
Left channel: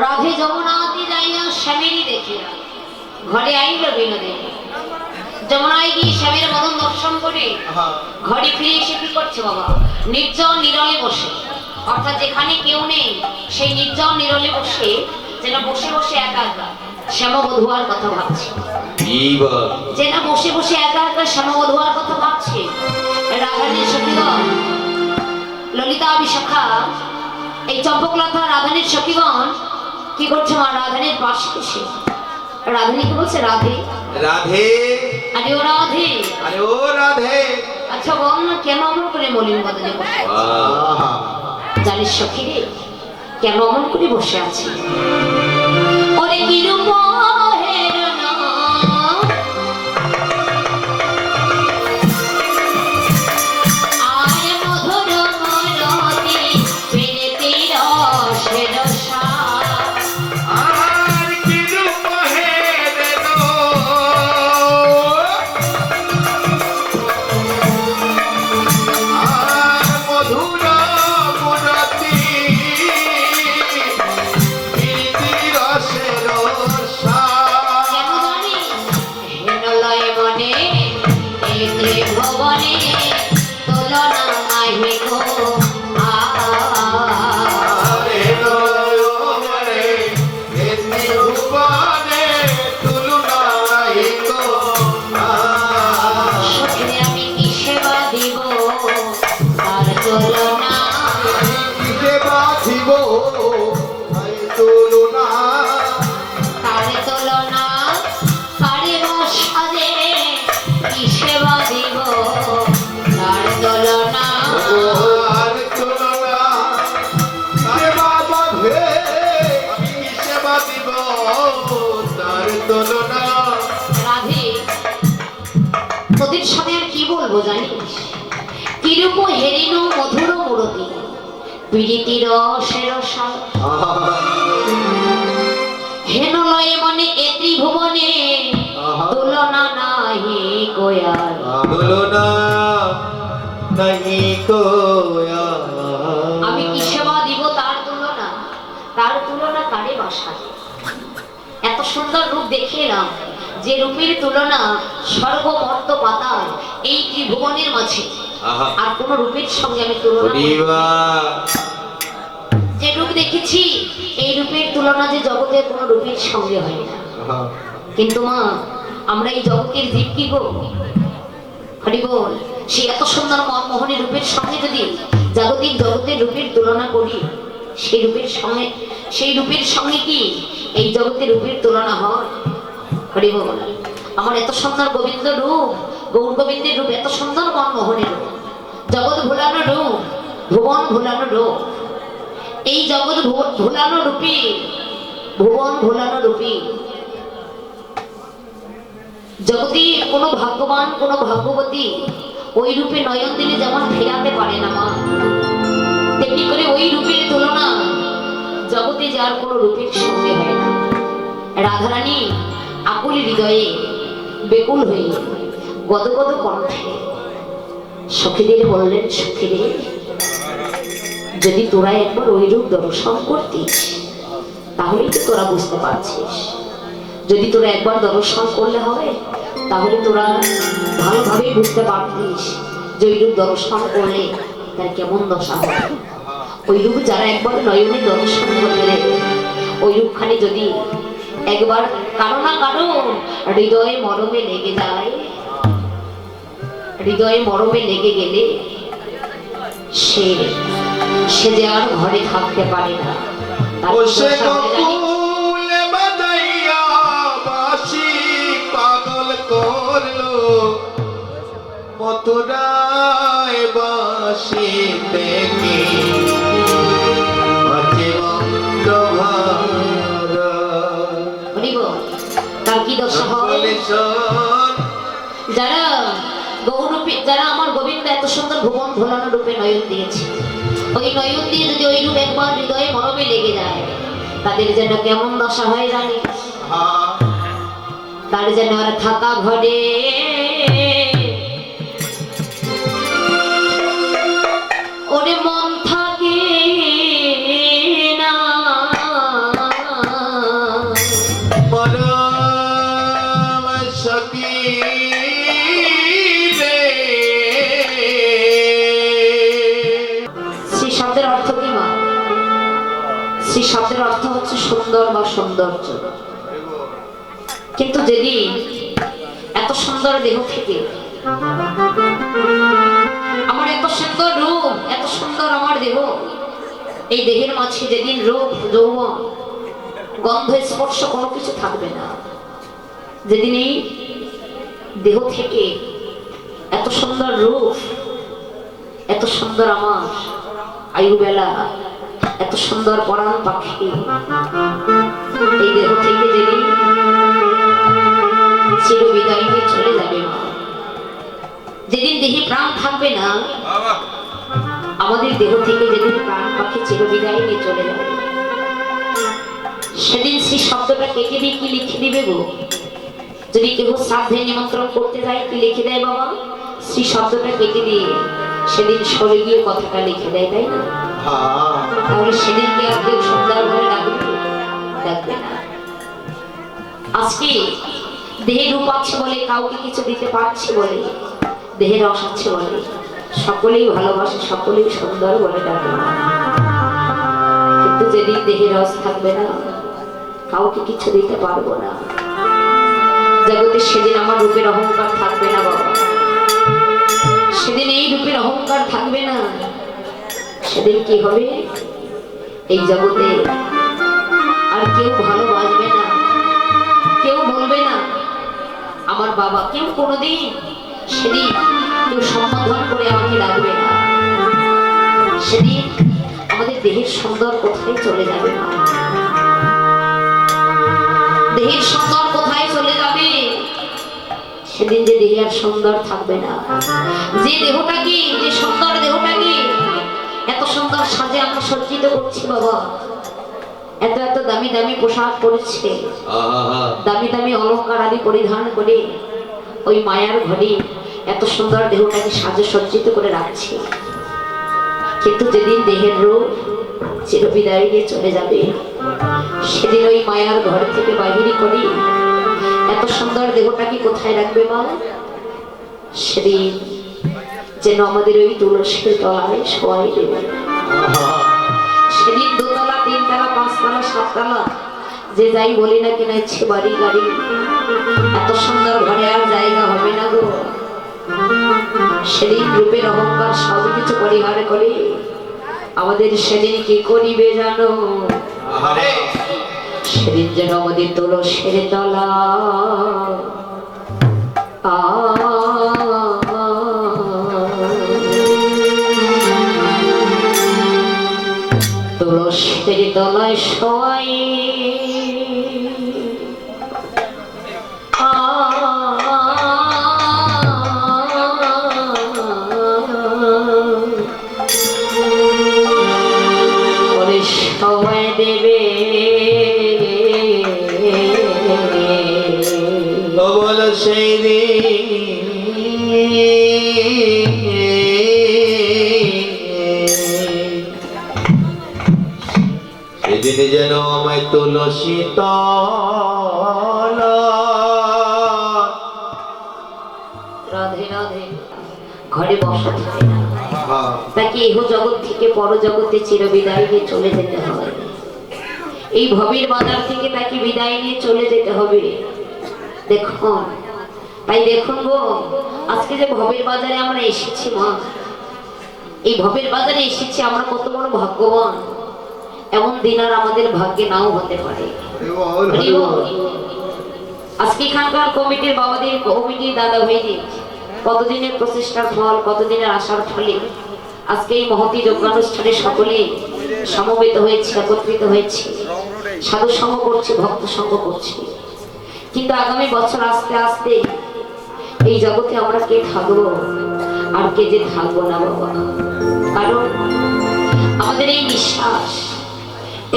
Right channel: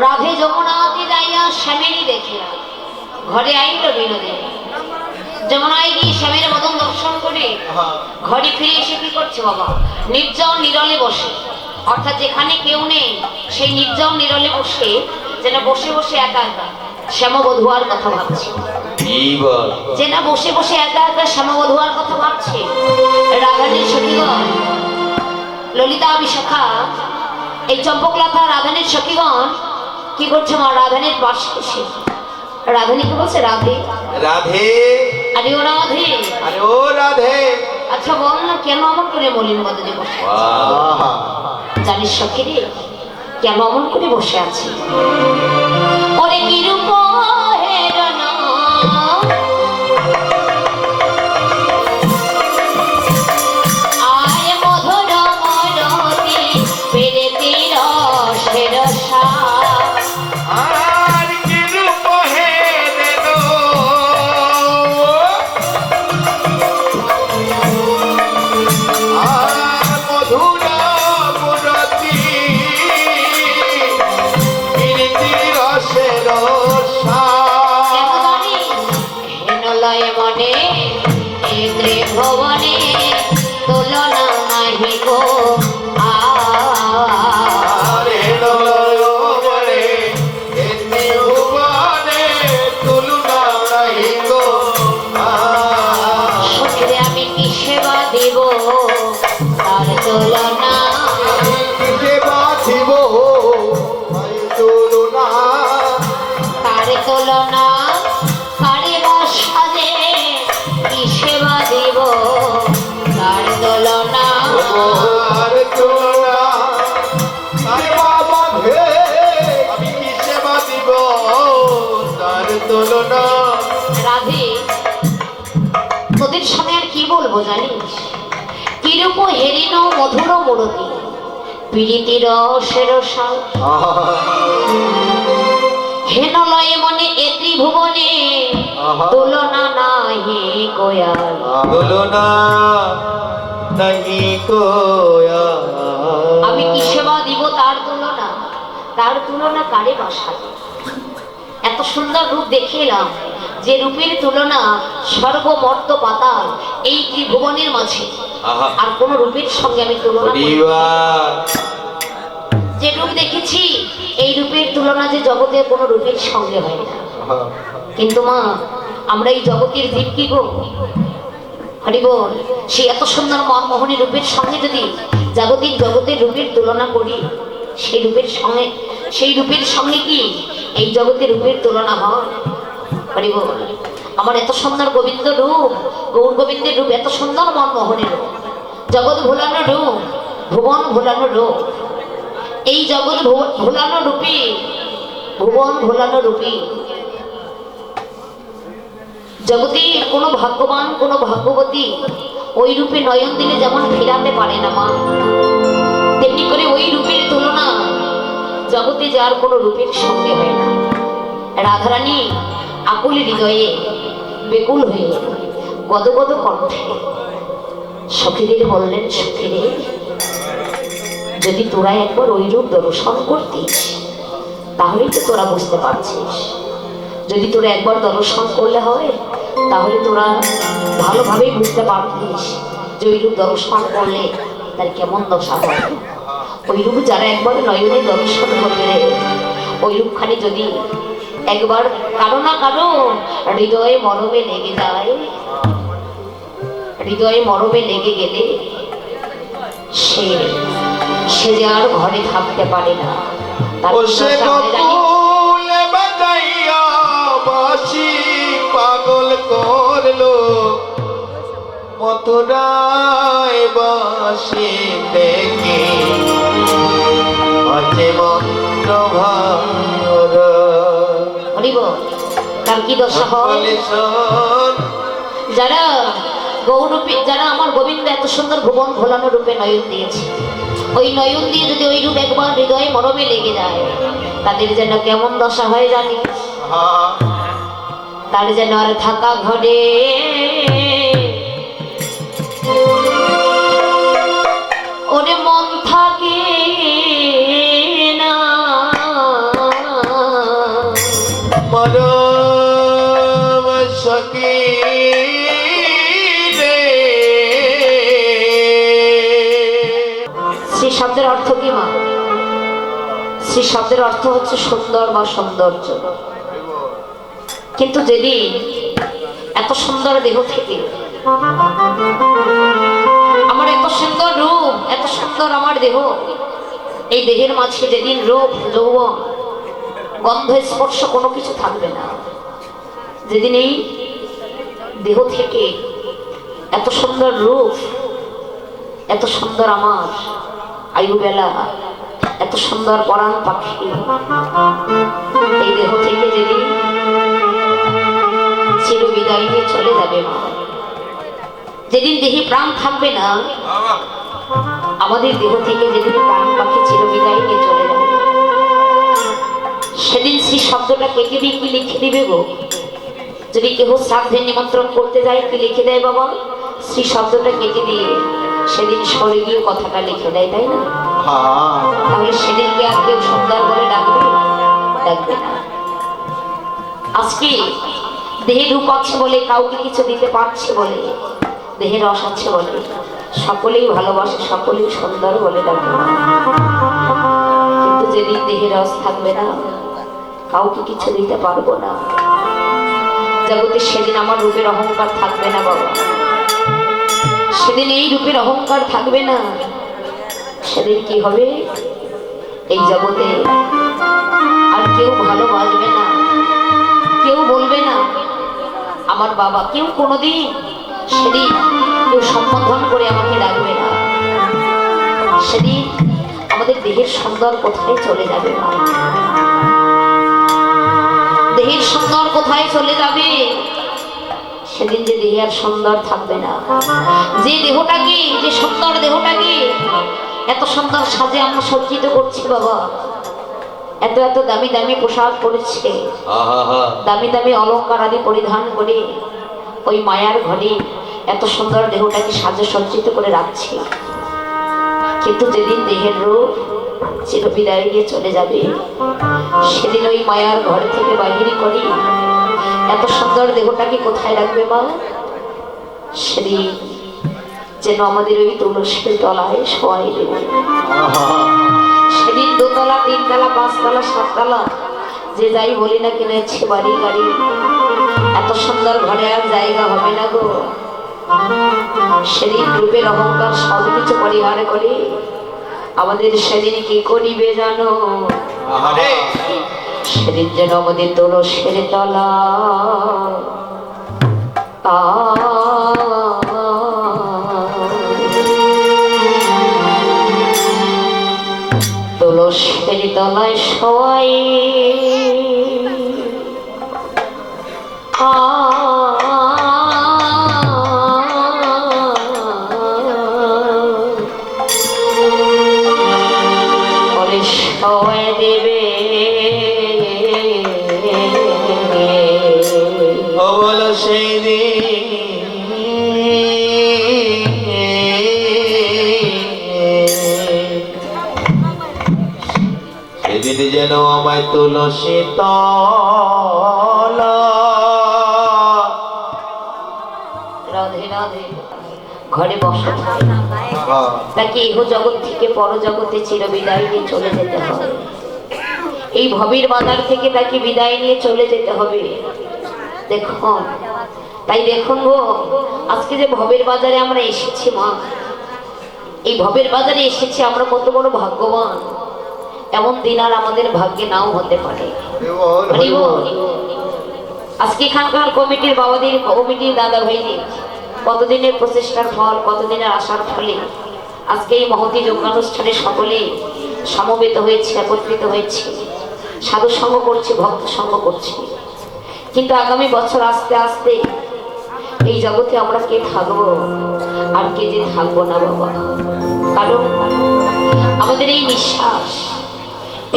রাধে যমুনাতে যাইয়া স্বামীরই দেখিয়া ঘরে আইল বিনোদিনী। যমুনায় গিয়ে স্বামীর মদন দর্শন করে ঘরে ফিরে এসে কি করছে বাবা? নির্জন নিরলে বসে, অর্থাৎ যেখানে কেউ নেই সেই নির্জন নিরলে বসে যেন বসে বসে একা একা শ্যামবধূয়ার কথা ভাবছে। যেন বসে বসে একা একা শ্যামবধূয়ার কথা ভাবছে। রাধানীর সখীগণ ললিতা বিশাখা এই চম্পকলতা রাধানীর সখীগণ কি করছে? মা রাধানীর পাশে এসে রাধানীকে বলছে, রাধে রাধে, আরে ও রাধে, আরে ও রাধে, আচ্ছা বল না কেন অমন করে মলিন বদনে বসে জানিস সখী রে, কেন অমন করে বসে আছি? ওরে কিরূপ হেরন আয় মধুর মরতি পেরেতি রসের সার। আর কি রূপ হে দেবো আর মধুর মুরতি প্রীতি রসের সার। কেন জানিস? হেনলয় মনে এ ত্রিভুবনে তুলনা নাহি গো আরে লয় মরে এতে ভুবনে তুলনা নাই গো সখীরে আমি কি সেবা দিব তার তুলনা? কিসে বাঁধিব ভাই তুলনা তার তুলনা কারে বসাদে কি সেবা দিব তার তুলনা? আর তুলনা আরে বাবা হে আমি কিসে বাঁধিব তার তুলনা রাধে তোদের সাথে আর কি বলবো জানিস? কিরূপ হেরিন মধুর মূরতি প্রীতি রসের সার। হেনলয়ে মনে এ ত্রিভুবনে তুলনা নাহি গোয়ার। তুলনা নাহি কোয়া আমি কি সেবা দিব তার তুলনা? তার তুলনা কারে বসাবে? এত সুন্দর রূপ দেখে এলাম, যে রূপের তুলনা স্বর্গ মর্ত পাতাল এই ত্রিভুবনের মাঝে আর কোন রূপের সঙ্গে আমি তুলনা করি না। যে রূপ দেখেছি এই রূপের তুলনা যে জগতে কোনো রূপের সঙ্গে হয় না। কিন্তু মা আমরা এই জগতের জীব কি গো? হরি বল। সে এত সুন্দর মনমোহনী রূপের সঙ্গে যদি জাগতিক জগতের রূপের তুলনা করি, সেই রূপের সঙ্গে কি এই জগতের রূপের তুলনা হয়? হরি বল। আমার এত সুন্দর গোবিন্দ রূপ, গৌর গোবিন্দের রূপ এত সুন্দর মনমোহনী রূপ, জগৎ ভোলানো রূপ, ভুবন ভোলানো রূপ। এই জগৎ ভোলানো রূপী, ভুবন ভোলানো রূপী জগতে কোনো ভাগ্যবান কোনো ভাগ্যবতী ওই রূপে নয়ন দিলে যেমন ফেরাতে পারে না মা, তেমনি করে ওই রূপের তুলনা জগতে যার কোনো রূপের সঙ্গে হয় না। রাধারানী আকুল হৃদয়ে বেকুল হয়ে গদগদ কণ্ঠে সখীদের বললেন, সখীরে যদি তোরা একবার ওই রূপ দর্শন করতিস তাহলেই তো তোরা বুঝতে পারছিস। যদি তোরা একবার দর্শন করলে হয় তাহলে তোরা ভালোভাবেই বুঝতে পারতিস যে ওই রূপ দর্শন করলে তার কেমন দশা হয়। ওই রূপ যারা একবার নয়নে দর্শন করবে, ওই রূপখানি যদি একবার কারো না কারো হৃদয়ে মরমে লেগে যায়, হৃদয়ে মরমে লেগে গেলে সে যে আর ঘরে থাকতে পারে না। পাগল করলো মথুরায় বাসি দেখে আছে মন্ত্রভারা। তার কি দশা হয়? যারা গৌরূপে, যারা আমার গোবিন্দ এত সুন্দর ভুবন ভোলানো রূপে নয়ন দিয়েছে, ওই নয়ন দিয়ে যদি ওই রূপ একবার হৃদয়ে মরমে লেগে যায়, তাদের যেন কেমন দশা হয় জানি? তার যেন আর থাকা ঘরে ওরে মন থাকে না, পরম সখী রে। শ্রী শব্দের অর্থ কি মা? শ্রী শব্দের অর্থ হচ্ছে সুন্দর বা সৌন্দর্য। কিন্তু যেদিন এত সুন্দর দেহ থেকে আমার এত সুন্দর রূপ, এত সুন্দর আমার দেহ, এই দেহের মাঝে যেদিন রূপ যৌবন গন্ধ স্পর্শ কোনো কিছু থাকবে না, যেদিন এই দেহ থেকে এত সুন্দর রূপ, এত সুন্দর আমার আয়ুবেলা, এত সুন্দর পরাণ পাখি এই দেহ থেকে যেদিন চির বিদায় নিয়ে চলে যাবে মা, যেদিন দেহে প্রাণ থাকবে না, আমাদের দেহ থেকে যেদিন প্রাণ পাখি চির বিদায় নিয়ে চলে যাবে, সেদিন সেই শব্দটা কেটে দিয়ে কি লিখে দিবে গো? যদি কেহ শ্রাদ্ধের নিমন্ত্রণ করতে যায় কি লিখে দেয় বাবা? শ্রী শব্দটা কেটে দিয়ে সেদিন স্বর্গীয় কথাটা লিখে দেয়, তাই না? তাহলে সেদিনকে আর কেউ সুন্দর বলে ডাকবে? ডাকবে না। আজকে দেহের রূপ আছে বলে, কাউকে কিছু দিতে পারছে বলে, দেহের রস আছে বলে সকলেই ভালোবাসে, সকলেই সুন্দর বলে ডাকে। কিন্তু যেদিন দেহের রস থাকবে না, কাউকে কিছু দিতে পারবো না। জগতে সেদিন আমার রূপের অহংকার থাকবে না বাবা, সেদিন এই রূপের অহংকার থাকবে না। সেদিন কি হবে? এই জগতে আর কেউ ভালোবাসবে না, কেউ বলবে না আমার বাবা, কেউ কোনোদিন সেদিন কেউ সম্বোধন করে আমাকে ডাকবে না। সেদিন আমাদের দেহের সুন্দর কোথায় চলে যাবে মা? দেহের সুন্দর কোথায় চলে যাবে? সেদিন যে দেহ আর সুন্দর থাকবে না। যে দেহটাকে, যে সুন্দর দেহটাকে এত সুন্দর সাজে আমরা সজ্জিত করছি বাবা, এত এত দামি দামি পোশাক পরেছে, দামি দামি অলংকার আদি পরিধান করে ওই মায়ার ঘরে এত সুন্দর দেহটাকে সাজে সজ্জিত করে রাখছে। কিন্তু যেদিন দেহের রূপ চিরবিদায় নিয়ে চলে যাবে, সেদিন ওই মায়ার ঘর থেকে বাহির করে এত সুন্দর দেহটাকে কোথায় রাখবে মা? সেদিন যেন আমাদের ওই তুলসীর তলায় শোয়াই দেবে। সেদিন দোতলা, তিনতলা, পাঁচতলা, সাততলা যে যাই বলি না কিনা ইচ্ছে বাড়ি গাড়ি, এত সুন্দর ঘরে আর জায়গা হবে না গো। সেদিন রূপের অহংকার সব কিছু পরিহার করে আমাদের সেদিন কি করিবে জানো? আরে সেদিন যেন আমাদের তুলসের তলা তুলসের তলায় শোয়াই পরে শোয়াই দেবে ও বলো সেই সেদিন যেন আমায় তুলসী তলা। রাধে রাধে। ঘরে বসা থাকে না, হ্যাঁ, তাকে এহ জগৎ থেকে পর জগতে চিরবিদায় নিয়ে চলে যেতে হবে। এই ভবের বাজার থেকে তাকে বিদায় নিয়ে চলে যেতে হবে। দেখুন, তাই দেখুন গো, আজকে যে ভবের বাজারে আমরা এসেছি মা, এই ভবের বাজারে এসেছি আমরা কত বড় ভাগ্যবান। এমন দিন আর আমাদের ভাগ্যে নাও হতে পারে। আজকে এখানকার কমিটির বাবাদের, কমিটির দাদা ভাইদের কতদিনের প্রচেষ্টার ফল, কতদিনের আশার ফলে আজকে এই মহতী যজ্ঞানুষ্ঠানে সকলে সমবেত হয়েছে, একত্রিত হয়েছে, সাধু সঙ্গ করছে, ভক্ত সঙ্গ করছে। কিন্তু আগামী বছর আস্তে আস্তে এই জগতে আমরা কে থাকবো আর কে যে থাকবো না বাবা। কারণ আমাদের এই নিঃশ্বাস,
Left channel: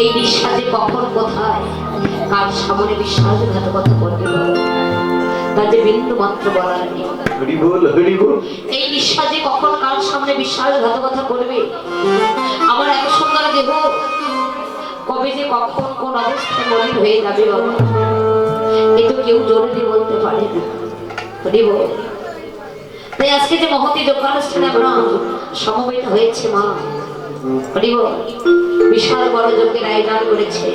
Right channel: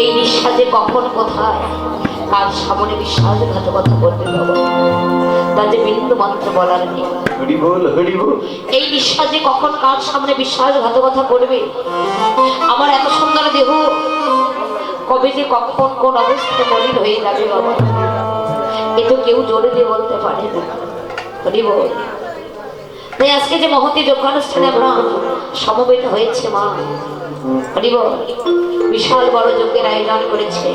এই নিঃশ্বাসে কখন কোথায় কার সামনে বিশ্বাসঘাতকতা করবে বাবা, তা যে বিন্দু মাত্র বলার নেই। হরি বল, হরি বল। এই নিঃশ্বাসে কখন কার সামনে বিশ্বাসঘাতকতা করবে, আমার এত সুন্দর দেহ কবে যে কখন কোন অবস্থায় মলিন হয়ে যাবে বাবা, এ তো কেউ জোরে দিয়ে বলতে পারে না। হরি বল। তাই আজকে যে মহতী যজ্ঞানুষ্ঠানে আমরা সমবেত হয়েছে মা, হরি বল, বিশাল বড় যজ্ঞের আয়োজন করেছে।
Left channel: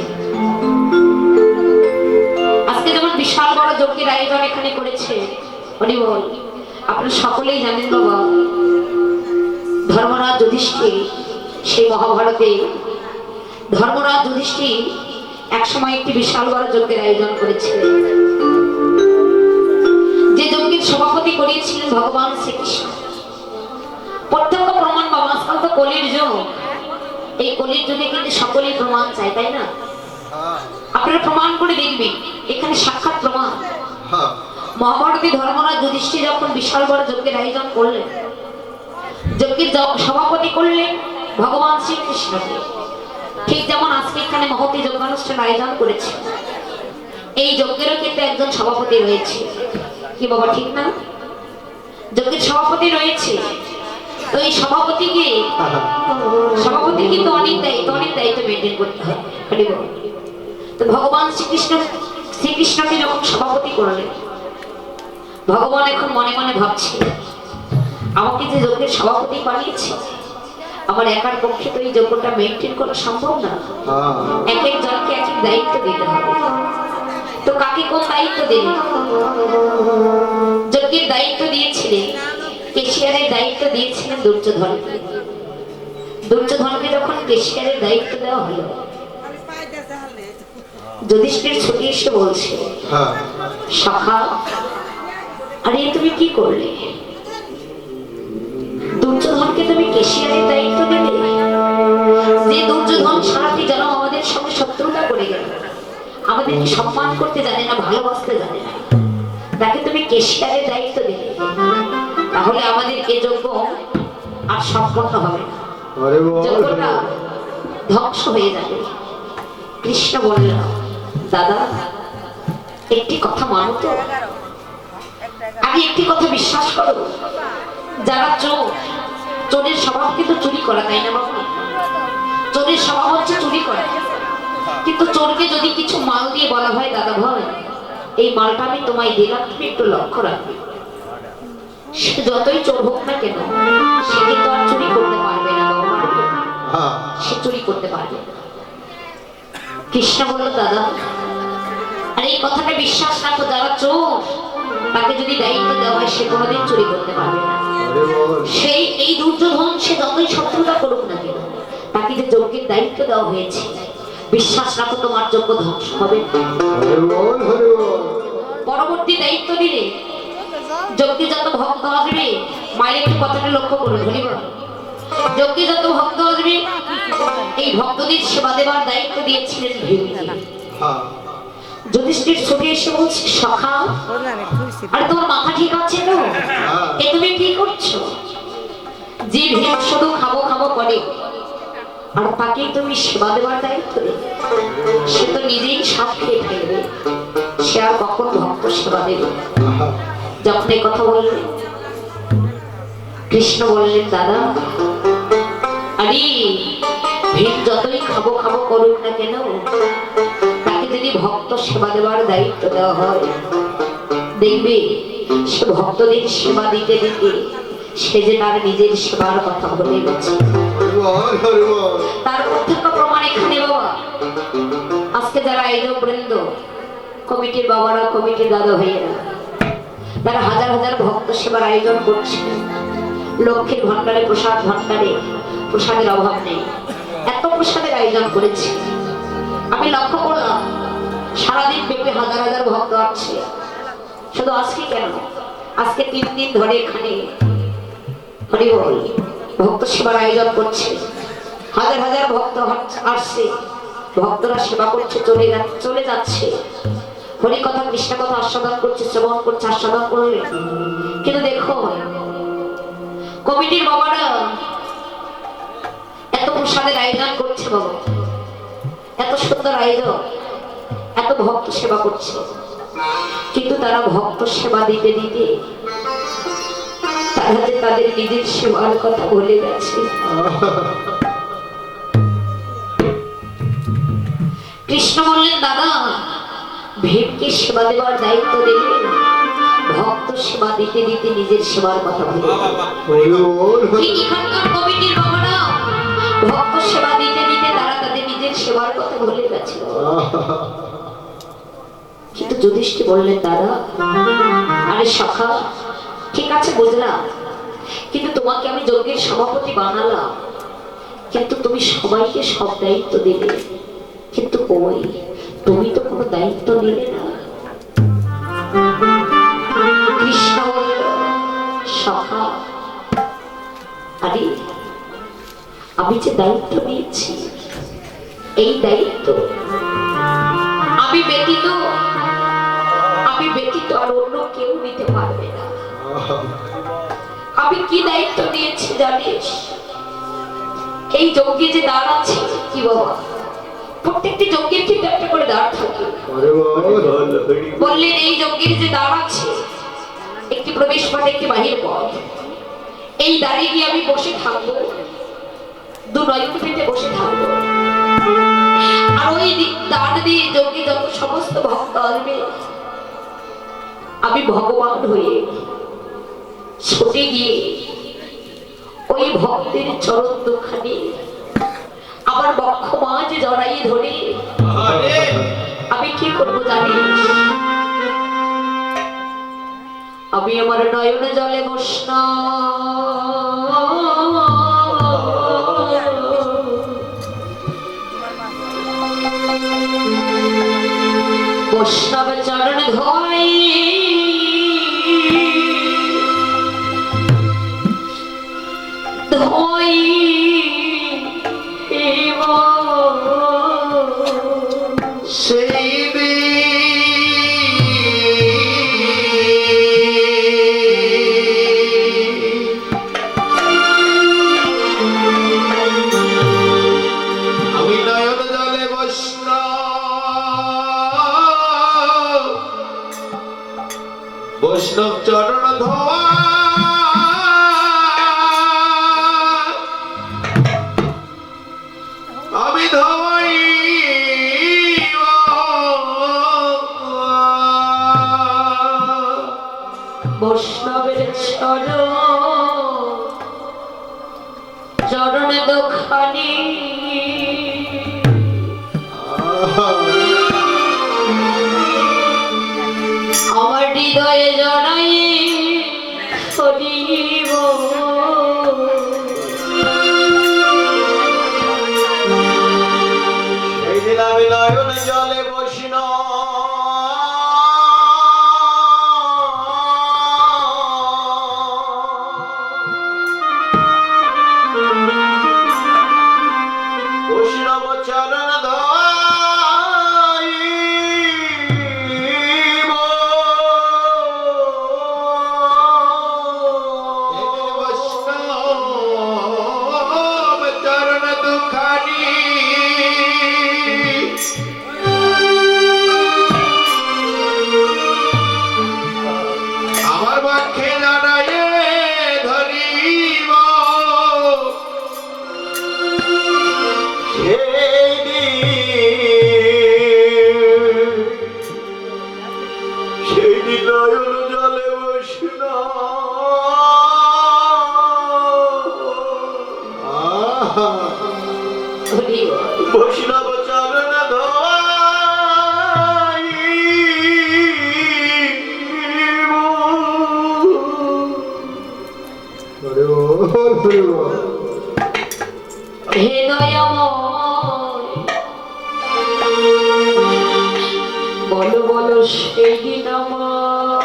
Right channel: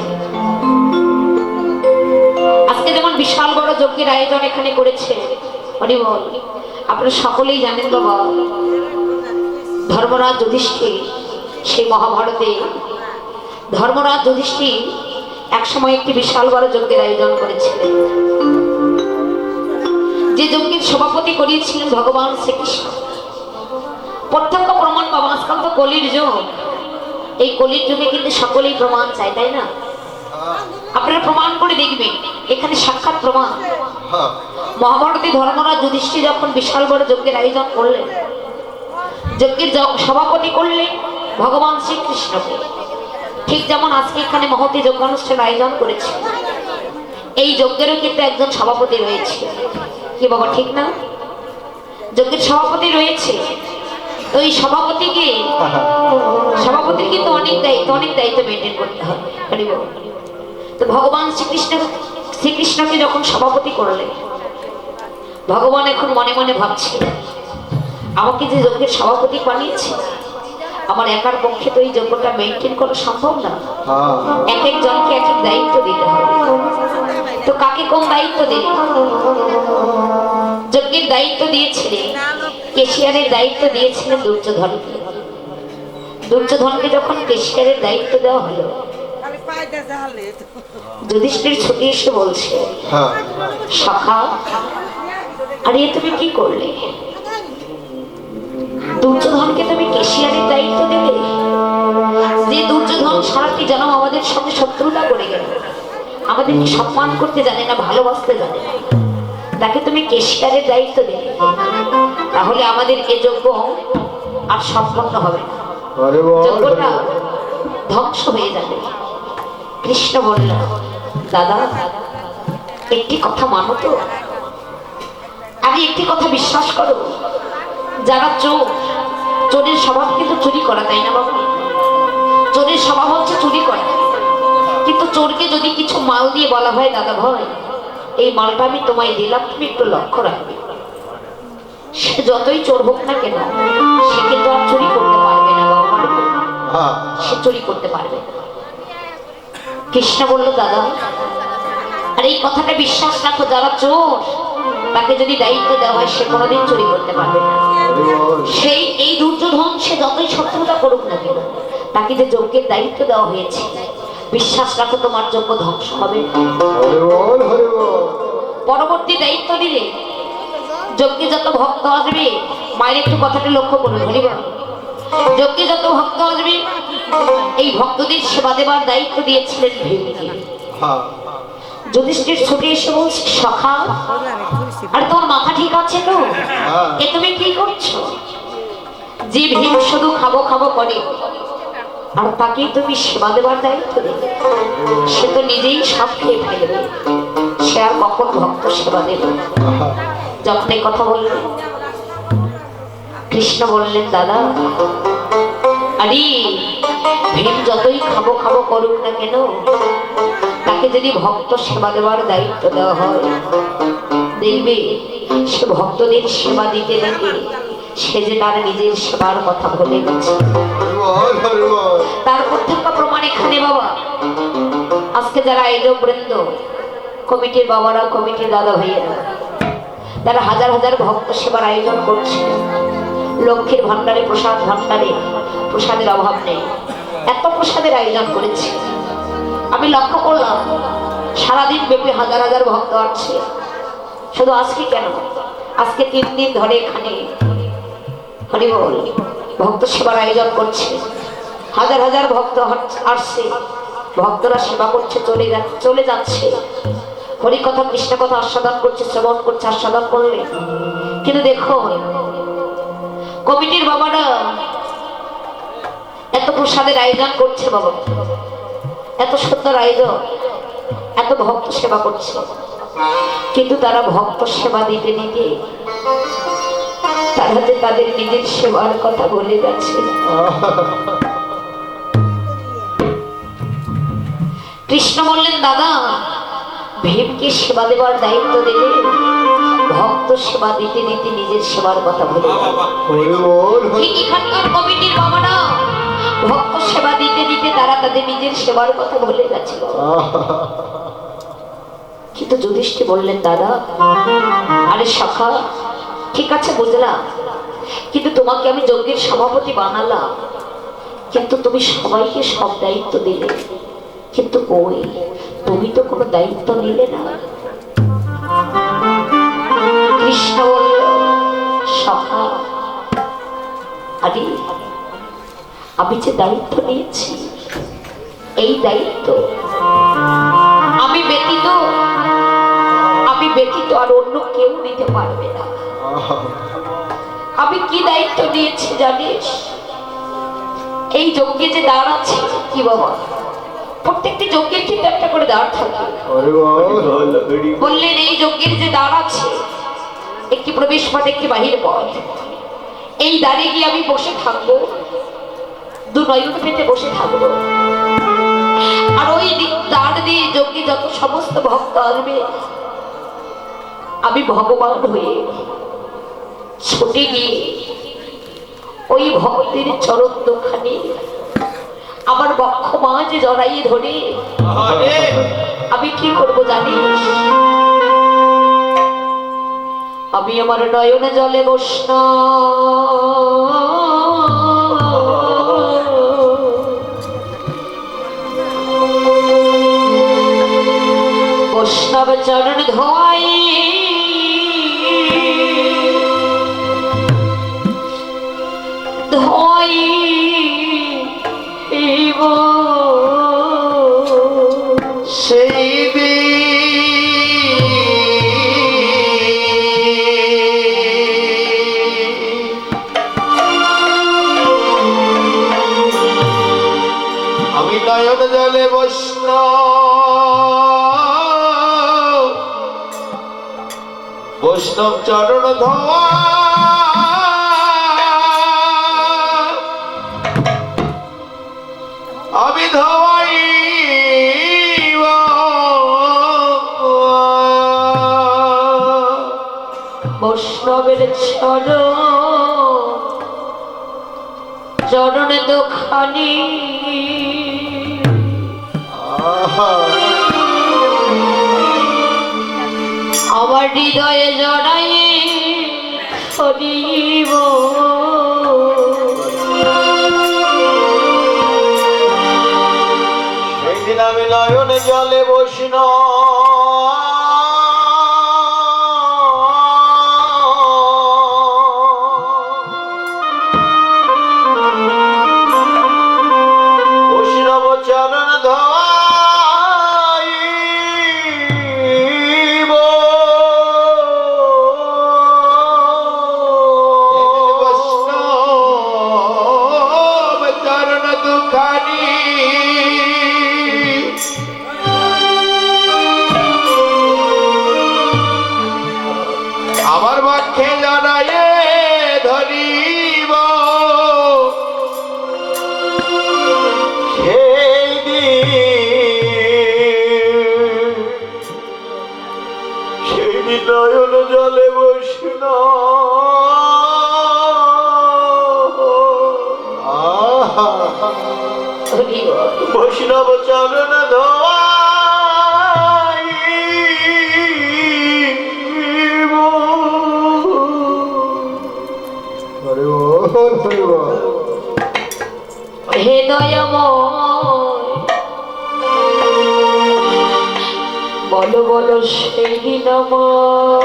আজকে যেমন বিশাল বড় যজ্ঞের আয়োজন এখানে করেছে, হরি বল, আপনারা সকলেই জানেন বাবা, ধর্মরাজ যুধিষ্ঠির সেই মহাভারতে ধর্মরাজ যুধিষ্ঠির একসময় একটি বিশাল বড় যজ্ঞের আয়োজন করেছিলেন। যে যজ্ঞের সভাপতি করিয়েছিলেন ভগবান শ্রীকৃষ্ণ। প্রত্যক্ষ প্রমাণ বাবা, আজকাল তো কলির যুগ, এই কলির যুগে কিন্তু সকলেই প্রমাণ চাই, তাই না? আপনারা প্রমাণ করে দেখবেন, এখানে সাক্ষাৎ প্রমাণ। মহাভারতী ধর্মরাজ যুধিষ্ঠির যখন বিশাল বড় যজ্ঞের আয়োজন করলেন, যজ্ঞের সভাপতি করলেন ভগবান শ্রীকৃষ্ণকে। ঠিক যেমন আজকে এখানে মহতী যজ্ঞানুষ্ঠান আয়োজন করেছে, এই যজ্ঞেরও কিন্তু একজন সভাপতি রয়েছে। কি বাবা, ঠিক না? যজ্ঞের সভাপতি রয়েছে, তো এই সভাপতির কিন্তু অনেক দায়িত্ব মেনটেন করতে হবে। তো ভগবান শ্রীকৃষ্ণকে যখন সভাপতি করলেন, ভগবান এখন মনে মনে ভাবছে, আমাকে যে যজ্ঞের সভাপতি বানিয়েছে, আমার একার পক্ষে তো এই যজ্ঞটা মেনটেন করা সম্ভব না। এক এক জনকে এক এক দায়িত্ব দিতে হবে। তো কাকে কোন দায়িত্ব দিলে? যজ্ঞের দায়িত্ব দিয়েছিলেন, কেশিয়ারের দায়িত্ব দিয়েছিলেন দুর্যোধনকে। দুর্যোধনকে যখন কেশিয়ারের দায়িত্ব দেওয়া হলো, যুধিষ্ঠির ছুটি এসে বলছে, সখা, আরে তুমি কি করলে? দুর্যোধনকে তুমি কেশিয়ারের দায়িত্ব দিলে? যে দুর্যোধন সারাটি জন্ম আমাদের সঙ্গে শত্রুতা করে গেল, আমাদেরকে সম্মান করতে জানে না, ভালোবাসতে জানে না, তাকে তুমি কেশিয়ারের দায়িত্ব দিলে, তাহলে আমাদের এ যজ্ঞ আর সম্পন্ন হবে না, যজ্ঞটা ধ্বংস হয়ে যাবে। কৃষ্ণ বলল, দাদা একটি কথা মানো তো, আগে একটি কথা বিশ্বাস করো, যারা চোরের স্বভাব কিন্তু চুরি করা, তাই না বাবা? চোরের স্বভাব হচ্ছে চুরি করা। কিন্তু চোরকে যদি কিছু মাল দিয়ে বলা হয়, দাদা ভাই এই মালটা আমি তোমায় দিলাম, তুমি একটু লক্ষ্য রাখবে, সে যতই চোর হোক না কেন, সে কিন্তু আর চুরি করতে পারবে না বাবা, সে চুরি করতে পারবে না। কৃষ্ণ বলল, দাদা আর এই কথাটা বিশ্বাস রাখো, যারা চোর তাকে যদি দায়িত্ব দেওয়া হয় সে কোনোদিন চুরি করতে পারবে না। সেই এই দুর্যোধন সে যতই শত্রুতা করুক না কেন, তাকে যে যজ্ঞের দায়িত্ব দেওয়া হয়েছে, বিশ্বাস রাখো তোমার যজ্ঞ ধ্বংস হবে না। পরবর্তী দায়িত্ব দিলে যজ্ঞে যত ভক্ত আসবে, মায়ের একটু কথাটা লক্ষ্য করুন, হরিবল, যজ্ঞে যত ভক্ত আসবে এই ভক্তদের সেবা দেবার দায়িত্ব দিয়েছিলেন ভীমকে। যুধিষ্ঠির ছুটে এসে বলছে, সখা আর তোমার মাথা ঠিক আছে তো? এ তুমি কি করছো? যে ভীম শুধু খাবো খাবো করে আর তাকে তুমি সেবা দেবার দায়িত্ব দেবে, সে তো নিজেই সব খেয়ে ফেলবে, সে আর কখন ভক্ত সেবা দেবে? যখন এই কথা বললেন কৃষ্ণ বললেন, দাদা আরে ভীম যতই খাবো খাবো করুক না কেন, তাকে যদি ভক্ত সেবা দেওয়ার দায়িত্ব দেওয়া হয়, দেখবে সে ভক্তদের সেবা দিতে দিতে সে যে তার নিজের সেবার কথা বলে গেছে। তার প্রত্যক্ষ প্রমাণ এখানে বাবা, আজকে যারা আয়োজক বৃন্দ, কমিটির বাবারা, কমিটির দাদা ভাইয়েরা, তারা হাজার হাজার ভক্ত সেবার আয়োজন করছে। লক্ষ্মীর ভান্ডারে, প্রসাদ ভান্ডারে প্রসাদের অভাব নেই, এত প্রসাদের আয়োজন করেছে। আমি লক্ষ্য করলাম সারাদিন ব্যাপী হাজার হাজার ভক্ত আসছে। শুধু আজকে কেন, আজকে 3 দিন ধরে এখানে হরিবল ভক্ত সেবার আয়োজন করছে। হাজার হাজার ভক্ত আসছে, ভক্তরা সেবা করছে, চলে যাচ্ছে, হরি কথা কৃষ্ণ কথা আস্বাদন করছে, শ্রবণ করছে, আস্বাদন করলে। কিন্তু দেখো কমিটির বাবারা এত প্রসাদের আয়োজন করছে বাবা, এত সুন্দর আয়োজন, এত ভক্ত সেবা করছে, কিন্তু তারা ভক্ত সেবা দিতে দিতে তারা যে তাদের নিজের সেবার কথা বলে গেছে। কৃষ্ণ বললেন, দাদা ভীমকে সেবা দেওয়ার দায়িত্ব দিলে ভক্ত সেবা দিতে দিতে নিজের সেবার কথা ভুলে ঠিক এখানকার কমিটির বাবারা ভক্ত সেবা দিতে দিতে তারা তাদের নিজের সেবার কথা ভুলে গেছিল। কিন্তু যুধিষ্ঠির বললেন, দাদা আরে সখা, ঠিক আছে বুঝলাম, কিন্তু তোমাকে আমি যজ্ঞের সভাপতি বানালাম, কিন্তু তুমি সবাইকে সব দায়িত্ব দিলে, কিন্তু কই তুমি তো কোনো দায়িত্ব নিলে না। কৃষ্ণ বলল, সখা আরে আমি যে দায়িত্ব নিয়েছি, এই দায়িত্ব আমি ব্যতীত আর অন্য কেউ নিতে পারবে না। আমি কি দায়িত্ব নিয়েছি জানিস? এই যজ্ঞে যে দ্বার আছে, কি বাবা, প্রত্যেকটি যজ্ঞের কিন্তু একটা করে দ্বার থাকে। বললেন এই যজ্ঞের যে দ্বার আছে, একটি প্রবেশ পথ, একটি বাহির পথ, এই দ্বারে গিয়ে আমি বসে থাকবো, 2 নয়ন পেতে বসে থাকবো, আর ওই দ্বার দিয়ে যজ্ঞে যত সমস্ত ভক্ত আসবে, আমি ভগবান হয়ে ছুটে গিয়ে ওই ভক্তের চরণ দুখানি আমার বক্ষ মাঝে জড়াইয়ে ধরে আমি কি করবো জানিস? আমি আমার নয়নে জলে বৈষ্ণব চরণ ধোয়াই, সেই আমি নয়ন জলে বৈষ্ণব চরণ ধোয়া, আমি ধোয়াই বৈষ্ণবের চরণে দোখানি, আমার হৃদয়ে জড়াই হরিব সেই দিন আমি নয়নে জলে বসিন বৈষ্ণব চরণ ধরিব বৈষ্ণব চরণ দুখানি আমার পক্ষে জড়ায়ে ধরিব সেই দিন নয়ন জলে বসিন হরিব বৈষ্ণব চরণ হৃদয়ময় বলো বলো সেই দিন আমার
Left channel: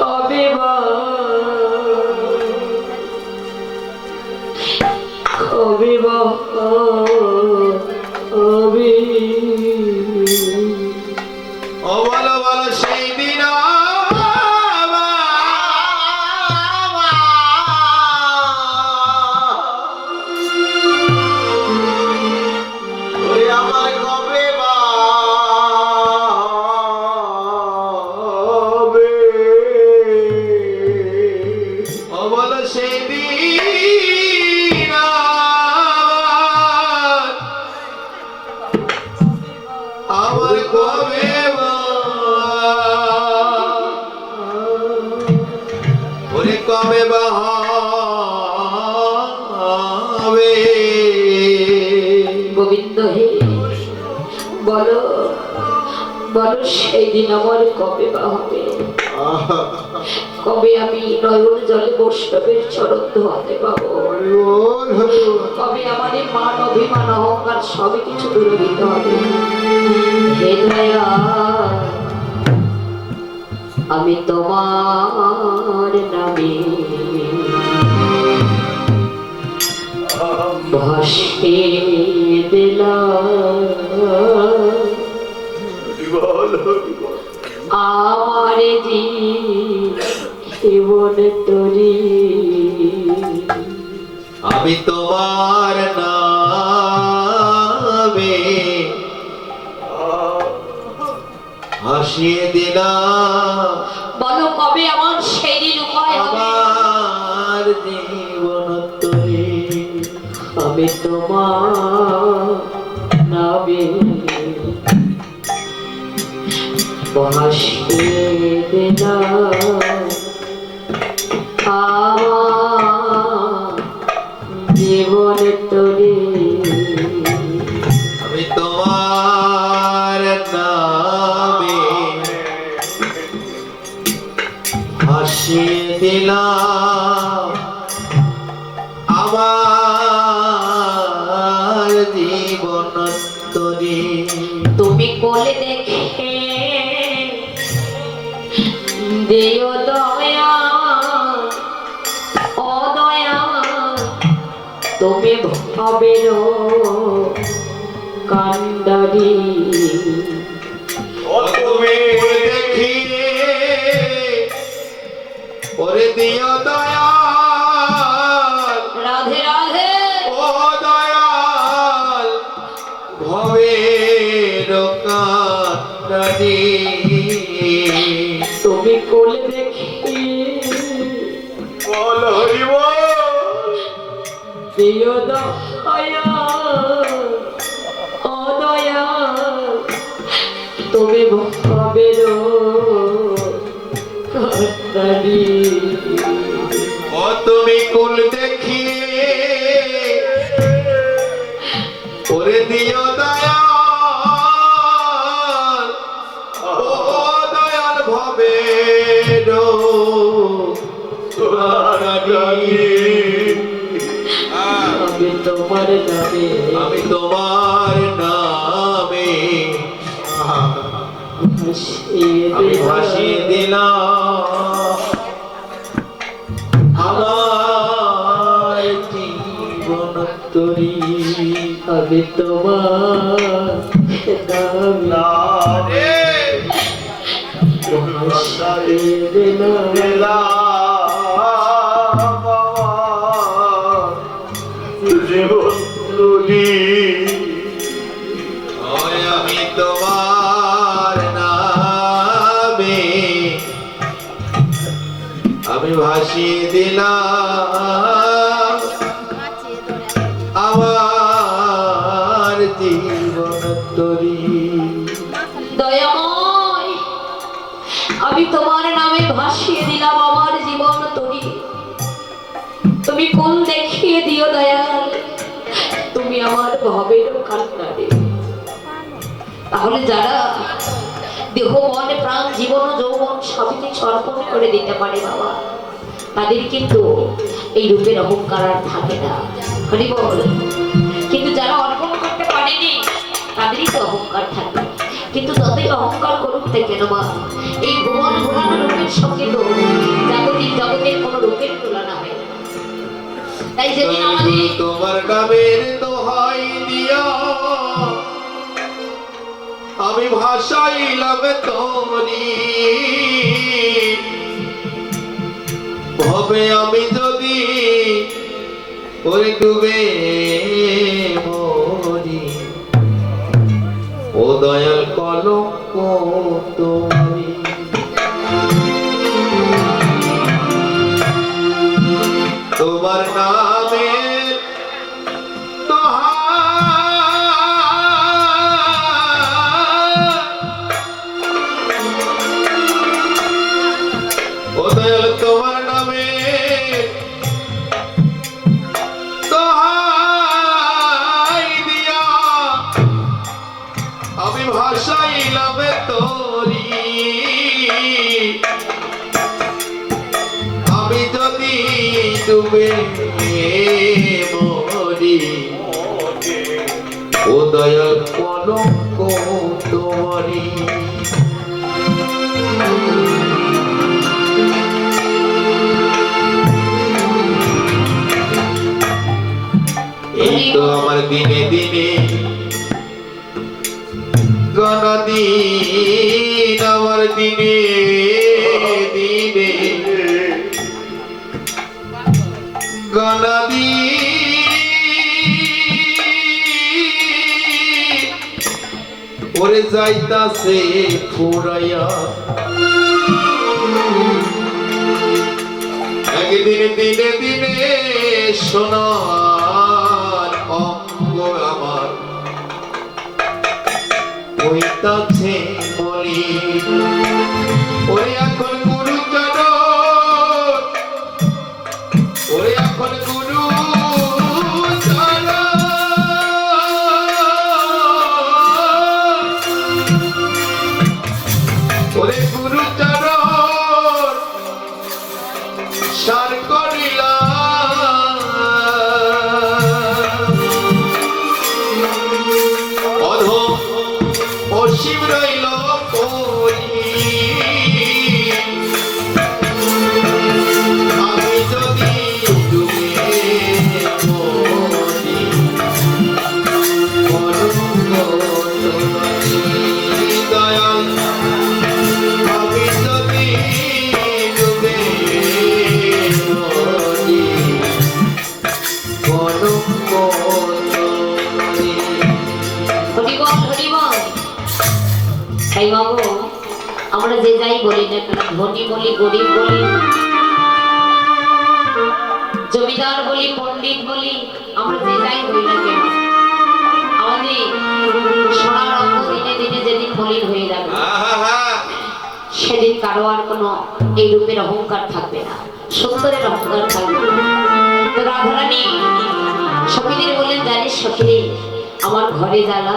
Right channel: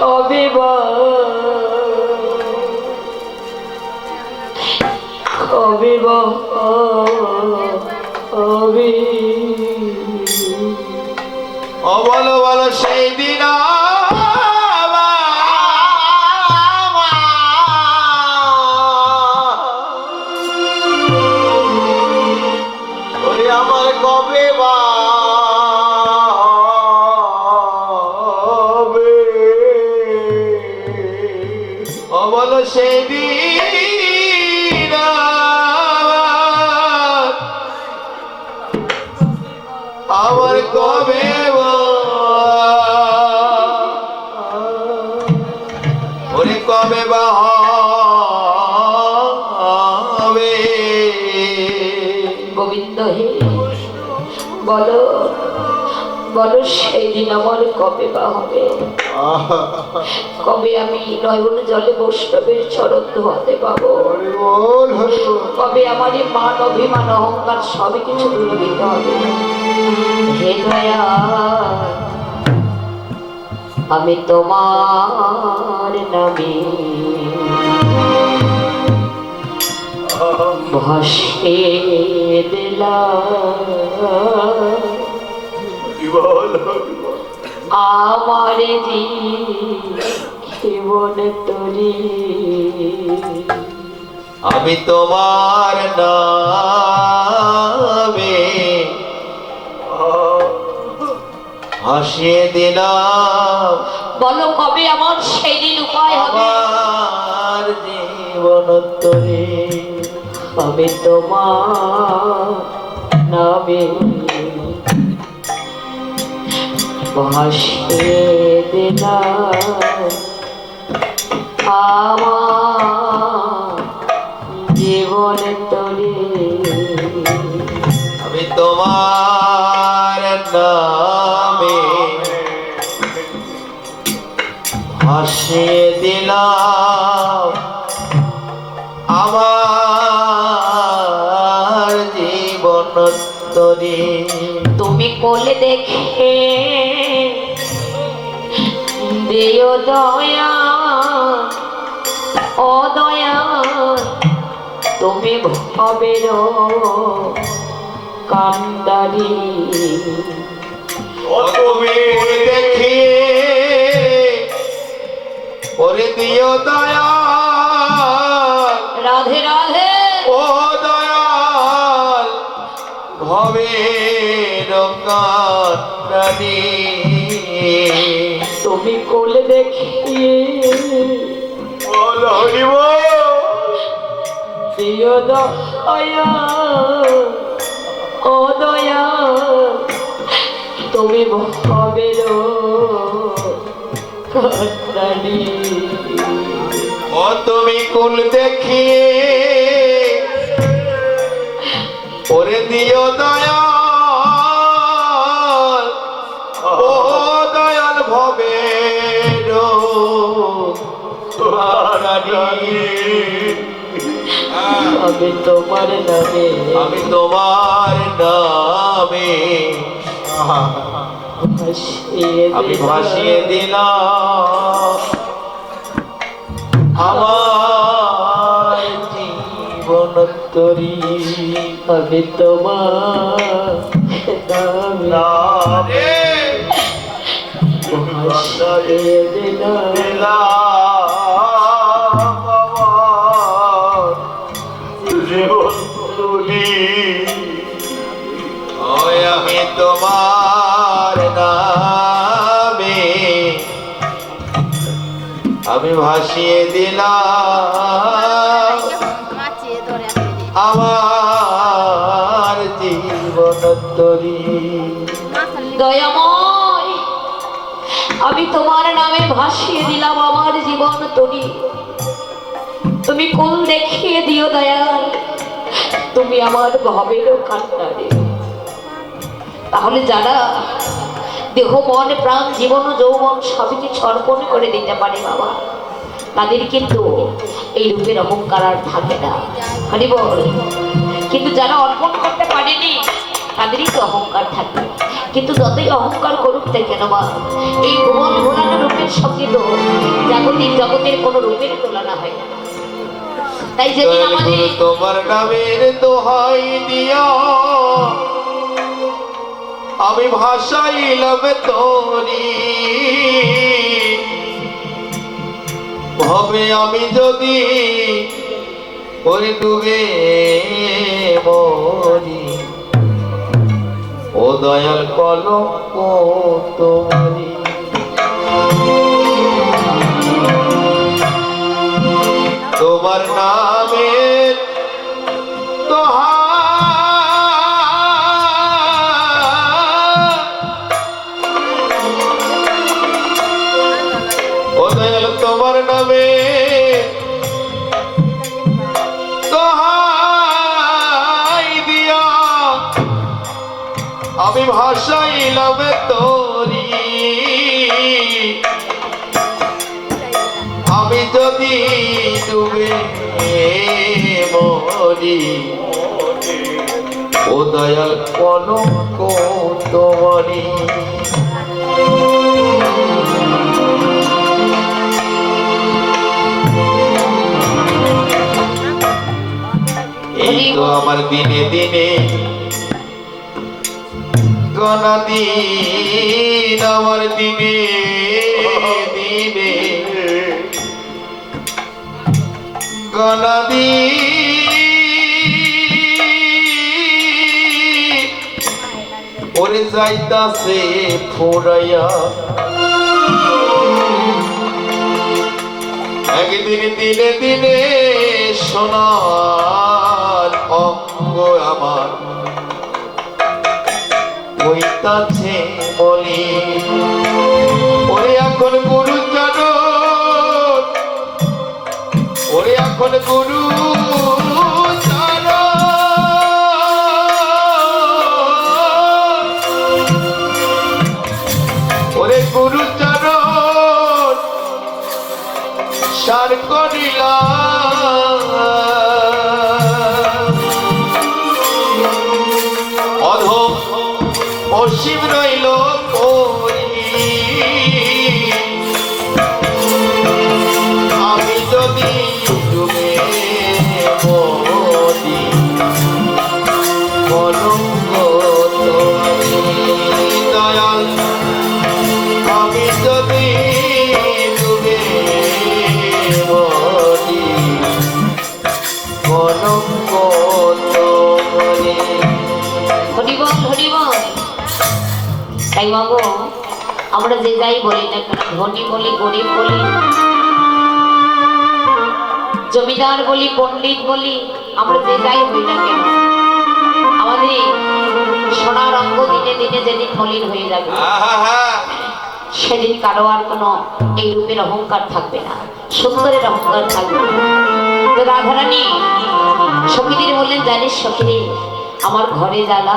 কবে বা কবে বা কবে ও বলো বলো সেই দিন আমার কবে বা হবে? ও বলো সেই দিন আমার কবে ওরে কবে বা হবে গোবিন্দ হে বলো বলো সেই দিন আমার কবে বা হবে কবে আমি নয়ন জলে বৈষ্ণবের চরণ ধোয়াতে পাবো কবে আমার এই মান অভিমান অহংকার সবই কিছু দূরে দিতে হবে হে দয়া আমি তোমার নামে ভাসে দিলাম আমার জীবন তরি আমি তোমার নামে হাসিয়ে দিলাম বলো কবে আমার সেই দিন উপায় হবে আমার জীবন তরে আমি তোমার নামে ভাসে দিলাম আমার জীবন তরি আমি তোমার নামে হাসিয়ে দিলাম আমার জীবন তরে তুমি কোলে দেখে দিও দয়া ও দয়া তুমি ভবের কান্ডারি তুমি দেখিয়ে ওরে দিও দয়া রাধে রাধে ও দয়াল ভবের কান্ডারি তুমি কোলে দেখে বলো হরিব দিও দয়া ও দয়া তুমি ভবের কান্ডারি ও তুমি কুল দেখিয়ে ওরে দিও দয়াল ও দয়াল ভবে আমি তোমার নামে আমি তোমার নামে আমি ভাসিয়ে দিলাম আমার জীবন তরি আমি তোমার নামে ভাসিয়ে দিলাম ওই আমি তোমার নামে আমি ভাসিয়ে দিলাম আমার জীবন তরি দয়াময়, আমি তোমার নামে ভাসিয়ে দিলাম আমার জীবন তরি। তুমি কোন দেখিয়ে দিও দয়াল, তুমি আমার ভবের কান্নারে। তাহলে যারা দেহ মন প্রাণ জীবন ও যৌবন সবকে সমর্পণ করে দিতে পারে বাবা, তাদের কিন্তু এই রূপের অহংকার আর থাকে না। হরি বল। কিন্তু যারা অর্পণ করতে পারেনি তাদেরই তো অহংকার থাকে। কিন্তু যতই অহংকার করুক না কেন মা, এই ভুবন ভোলানো রূপের সঙ্গে তো জগতের কোনো রূপের তুলনা হয় না। তাই যেদিন আমাদের তোমার নামের দোহাই দিয়া আমি ভাসাইলাম তোরি ভবে আমি যদি ওরে ডুবে মরি ও দয়াল কলঙ্ক তোমারি তোমার নামের ও দয়াল তোমার নামে দোহাই দিয়া আমি ভাসাইলাম তোরি আমি যদি ডুবে মরি ও দয়াল কলঙ্ক তোমারি এই তো আমার দিনে দিনে গণদিন আমার দিনে দিনে গণদিন ওরে যাইতাছে ফুরাইয়া একদিন দিনে দিনে সোনার অঙ্গ আমার হইতাছে বলি ওরে এখন গুরু চরণ ওরে এখন গুরু চরণ ওরে গুরু চরণ সার করিলাম অধম অসীম রইল পরি আমি যদি ডুবে মরি কলঙ্ক তোমারি দয়াল আমি যদি ডুবে মরি কলঙ্ক তোমারি হরিবল হরিবল। তাই বাবু, আমরা যে যাই বলি না কেন, ধনী বলি গরিব বলি জমিদার বলি পণ্ডিত বলি, আমরা যে যাই বলি না কেন, আমাদের সোনার অঙ্গ দিনে দিনে যেদিন মলিন হয়ে যাবে সেদিন কারো আর কোনো এই রূপের অহংকার থাকবে না, সুন্দরের অহংকার থাকবে না। তো রাধারানী সখীদের বললেন, জানিস সখীরে, আমার ঘরে জ্বালা,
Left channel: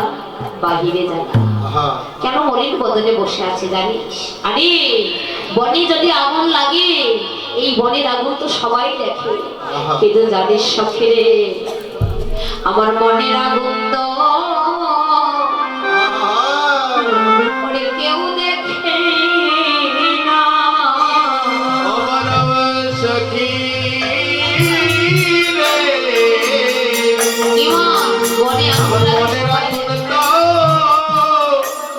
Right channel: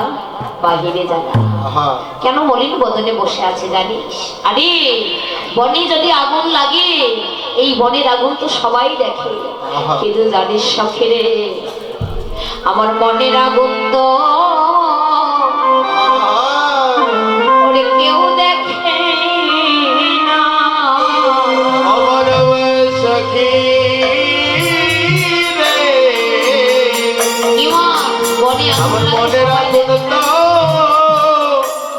বাহিরে জ্বালা। আহা কেন মলিন বদনে বসে আছে জানিস? আরে বনে যদি আগুন লাগে, এই বনের আগুন তো সবাই দেখে, কিন্তু জানিস সখীরে, আমার মনের আগুন তো ওরে কেউ দেখে না। আমার সখী রে কি মা, বনে আগুন আমার লাগে মনের সবাই আগুন দেখে। তো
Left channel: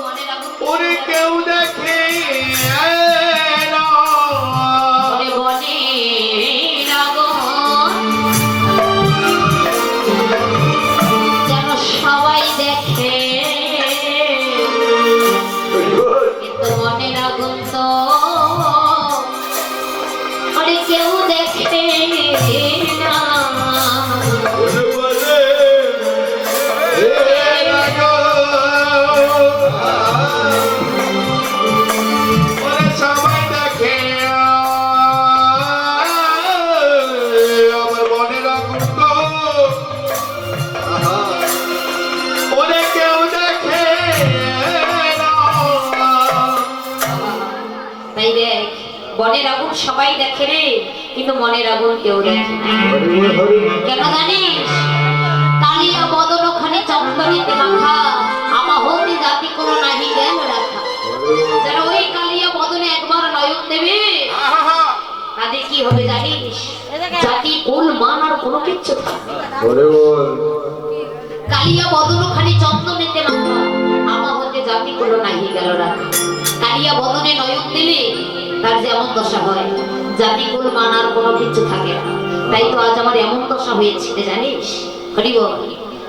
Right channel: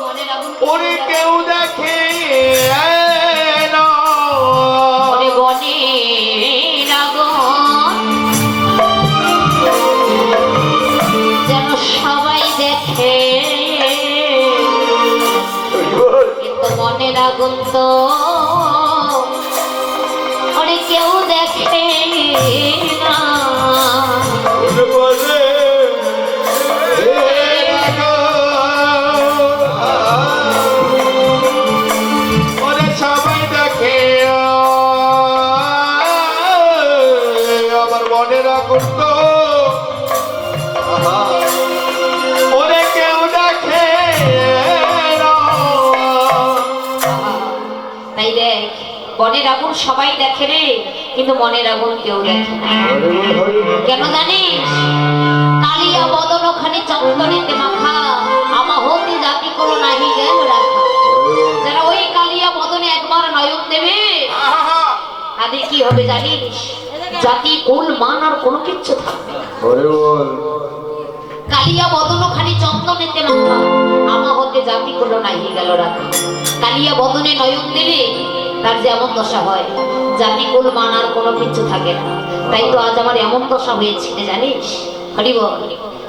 মনের আগুন ওরে কেউ দেখে না। ওরে বনের আগুন যেন সবাই দেখে, কিন্তু মনের আগুন তো আরে কেউ দেখে না। ওরে বলে ওরে সবাই দেখে আমার মনের আগুন তো ওরে কেউ দেখে না। তাই দেখ, বনের আগুন সবাই দেখে রে, কিন্তু মনের আগুন কেউ দেখে না। কেন জানিস? কালিয়া বদন ওখানে চন্দনেতে মাখা, আমা হতে জাতি কোনো নাহি জ্ঞান রাখা। যারা ওই কালিয়া বদনে একবার নয়ন দেবে, তাদের কি হবে জানিস? জাতি কুল মান আর কোনো কিচ্ছু থাকবে না। কালিয়া বদন ওখানে চন্দনেতে মাখা, আমা হতে জাতি কোনো নাহি গেল রাখা। কালিয়া বদনে নয়ন দিলে তার যেমন দশা হয়, জাতি কুল মান আর কোনো কিছু থাকে না। তাই তো আজ আমার এমন দশা হয়েছিল জানিস? হরি বল।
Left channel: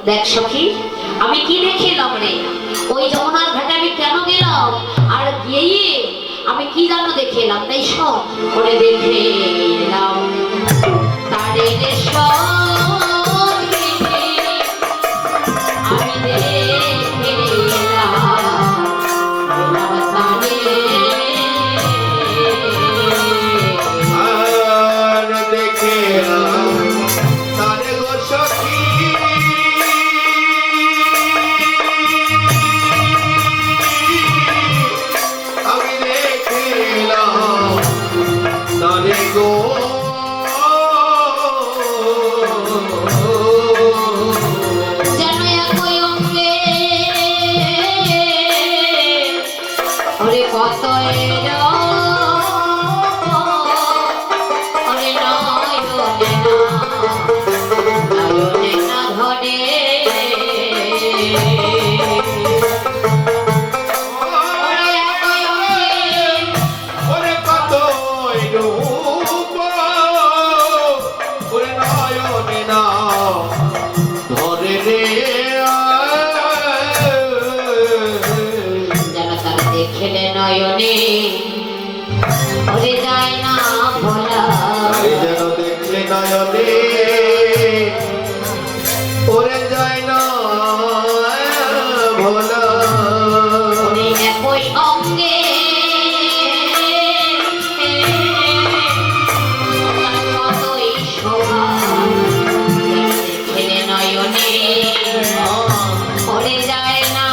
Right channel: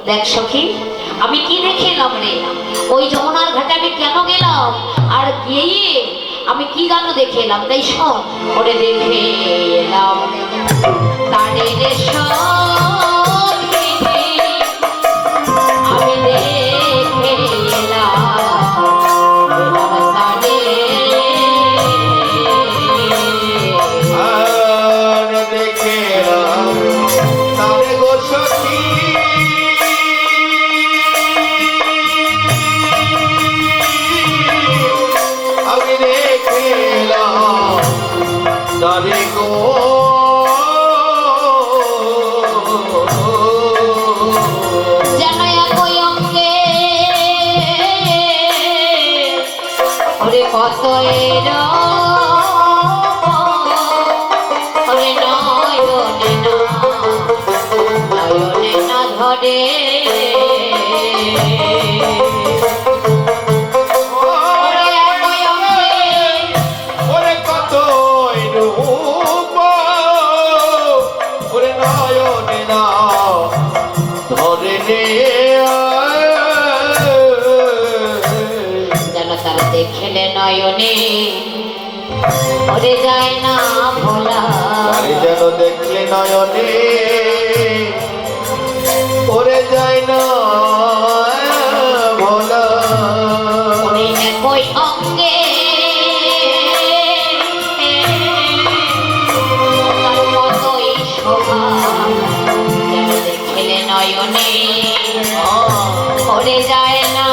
দেখ সখী, আমি কি দেখে এলাম রে? ওই যমুনার ঘাটে আমি কেন গেলাম, আর গিয়ে আমি কি জানো দেখে এলাম? তাই সব করে দেখে এলাম তারে রে সখী, আমি দেখে এলাম তারে। আর দেখে তারে গো সখী আমি দেখলাম তারে গো যেন একই অঙ্গে ওরে কত এরা, ওরে নয়নে না ধরে। ওরে একই অঙ্গে ওরে কত রূপ ওরে নয়নে না ধরে রে যেন তারা দেখলে নয়নে ওরে যায় না ভোলা। আরে যেন দেখলে নয়নে ওরে যায় না ভোলা। ওরে একই অঙ্গে তার কতই শোভা, যেন দেখলে নয়নে ওরে যায় না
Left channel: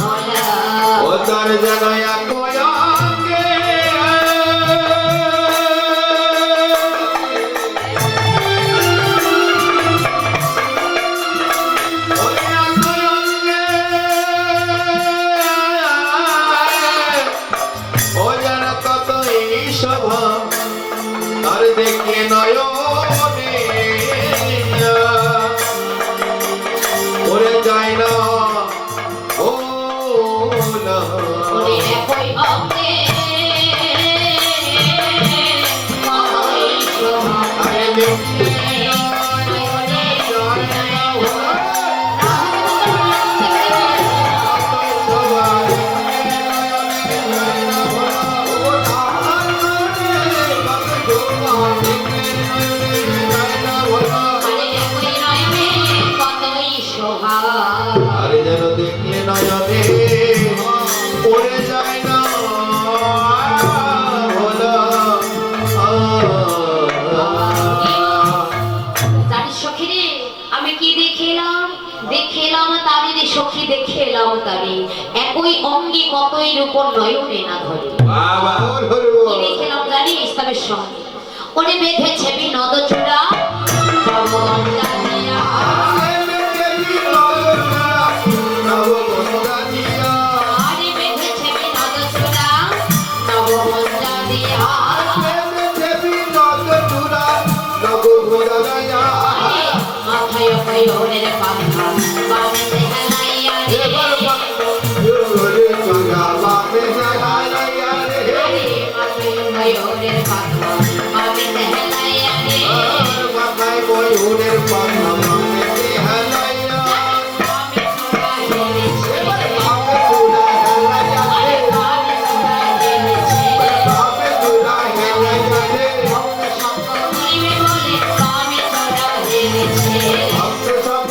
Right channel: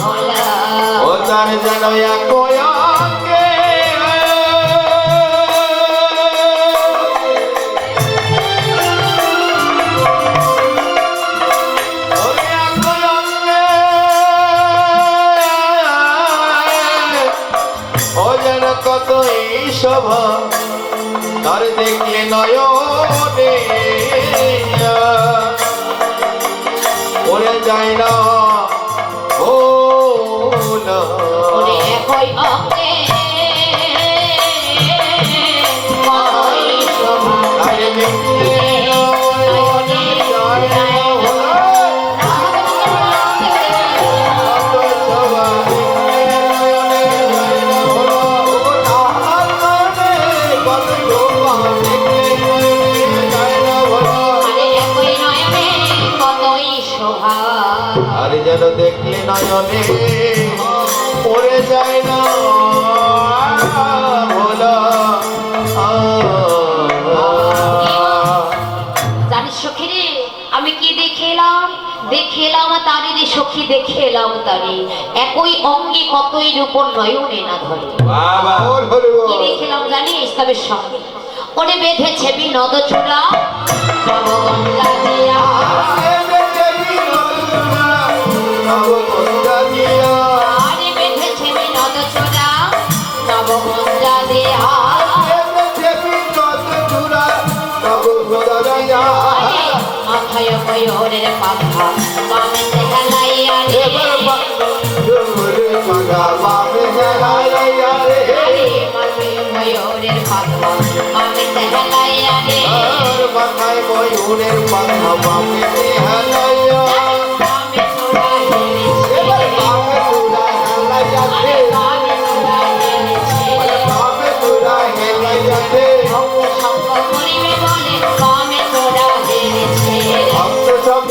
ভোলা। ও তার যেন এক অঙ্গে ওরে এক অঙ্গে ও যেন কতই শোভা তার দেখলে নয়নে ওরে যায় না ভোলা। ওরে একই অঙ্গে কতই শোভা, আরে দেখলে নয়নে যায় না ভোলা। কত শোভা আরে যেন দেখলে নয়নে পড়ে যায় না ভোলা। জানিস সখী রে, আমি কি দেখে এলাম? দেখে এলাম এলাম তারি রে সখী দেখে এলাম তারি, একই অঙ্গে কতই রূপর নয়নে না ধরে। বাবা বল হরি কি বল দেখলাম জানিস তবে সঙ্গে ওরে বেঁধেছে বিনোদ চূড়া নবগঙ্গা দিয়া। আরে বেঁধেছে বিনোদ চূড়া নবগঙ্গা দিয়া। আরে মাথায় ময়ূরের পাখা বামেতে হেলাইয়া রে। আরে মাথায় ময়ূরের পাখা বামেতে হেলাইয়া রে। বামে চূড়া হেলেছে, আরে বামে চূড়া হেলেছে। ভক্ত সঙ্গ করিবে বলে বামে চূড়া হেলেছে। আরে ভক্ত সঙ্গ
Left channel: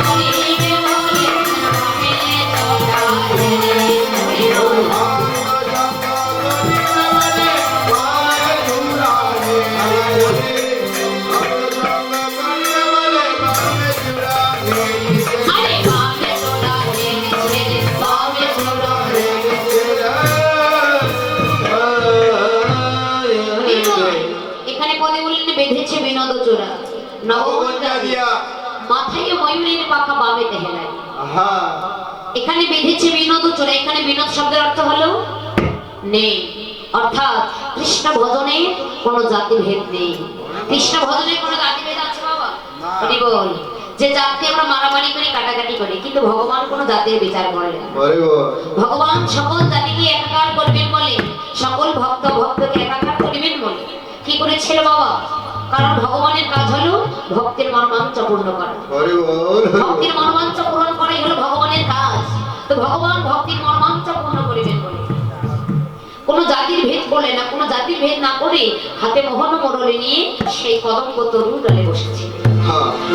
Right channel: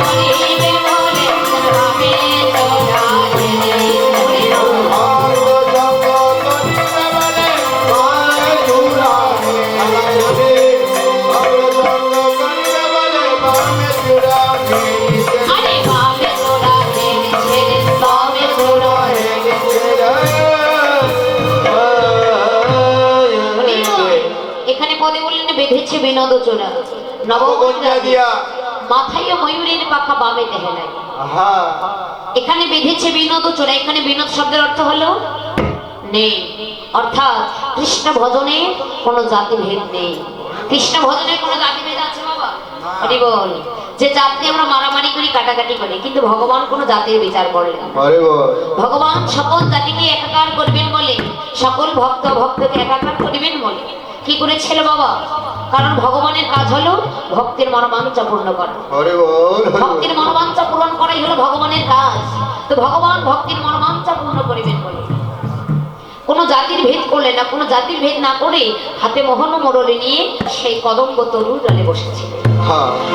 করিবে বলে বামে চূড়া হেলেছে। আরে বামে চূড়া হেলেছে, বামে চূড়া এখানে পদে বললেন বেঁধেছে বিনোদ চূড়া নবগঙ্গা দিয়া। মাথায় ময়ূরের পাখা বামেতে হেলায়। এখানে বেঁধেছে বিনোদ চূড়া, এখানে বিনোদ শব্দের অর্থ হলো নেই, অর্থাৎ কৃষ্ণ ভজনে কোনো জাতিভেদ নেই। কৃষ্ণ ভজনে কোনো জাতিভেদ আছে বাবা? হরি বল। যে জাতি আমরা মারামারি করি কাটাকাটি করি, কিন্তু ভগবান কোনো জাতির বিচার করলেন না। ভগবান সকল জাতিকে একাকার করবেন বলে, সকল ভক্ত ভক্তকে একাকার করবেন বলে কি করেছিল বাবা? কারণ ভগবানের কাজ হলো ভক্তির মনোবাঞ্ছা পূর্ণ করা। ভক্তির মনোবাঞ্ছা পূরণ করাই হলো ভগবানের কাজ। তো ভগবান ভক্তির মনোবাঞ্ছা পূর্ণ করিবেন বলে কোনো জাতির ভেদ করলেন না। কোনো জাতির ভেদ না করে হাতে মোহন মুরলি নিয়ে সেই কদম্ব তরুর ডালে বসেছিলেন।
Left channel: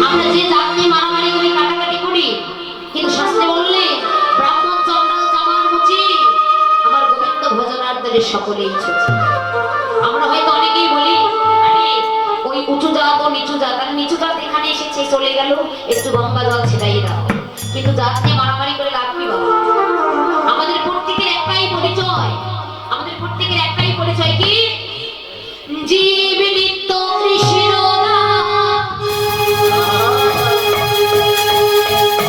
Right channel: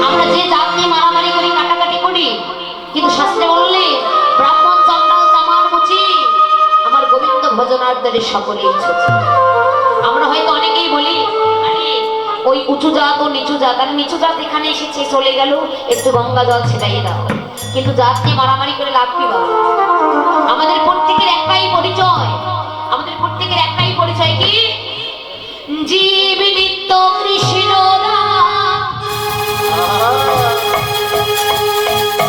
আমরা যে জাত নিয়ে মারামারি করি কাটাকাটি করি, কিন্তু শাস্ত্রে বললে ব্রাহ্মণ চন্ডাল চামার মুচি আমার গোবিন্দ ভজনার্থে সকলেই ছুচি। আমরা হয়তো অনেকেই বলি আরে ওই উঁচু জাত ও নিচু জাত, আর নিচু জাত এখানে এসেছে চলে গেল, একটু গঙ্গা জল ছেটাইয়ে দাও। কিন্তু জাত নিয়ে মারামারি করে লাভ কি বাবা? আমাদের প্রত্যেকের একটাই পরিচয়, আমাদের প্রত্যেকের একটাই পরিচয় কি? জীব নিত্য কৃষ্ণ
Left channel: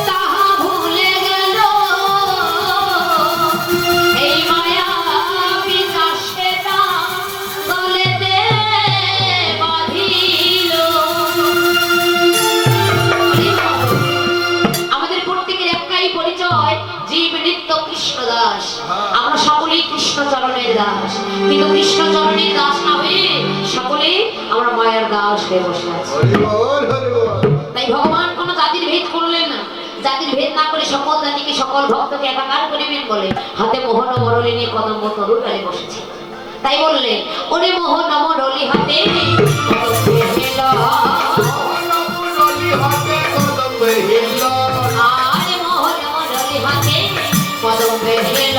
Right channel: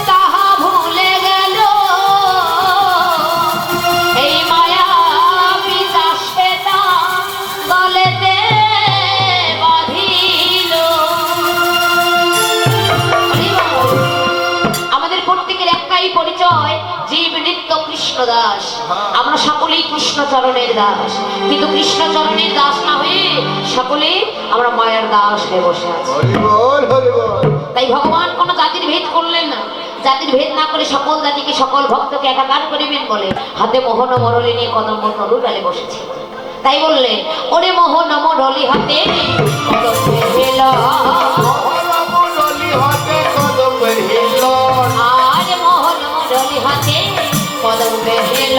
তাহা ভুলে গেল, এই মায়া পিতাসে তা গলেতে বাঁধিল। আমাদের প্রত্যেকের একটাই পরিচয়, জীব নিত্য কৃষ্ণ দাস। আমরা সকলেই কৃষ্ণ চরণের দাস, কিন্তু কৃষ্ণ চরণের দাস না হয়ে সকলে আমরা মায়ের দাস হয়ে বসে আছি। তাই ভগবান কোনো জাতির ভেদ করলেন না। জাতির ভেদ না করে সকল জাতিকে সকল ভক্তকে একাকার করিবেন বলে হাতে মোহন মরলি নিয়ে কদম্ব তরুর ডালে বসেছে। তাই বললেন ওরে মোহন মরলি হাতে কদম্বে হেল, আরে মোহন মরলি হাতে কদম্বে হেল।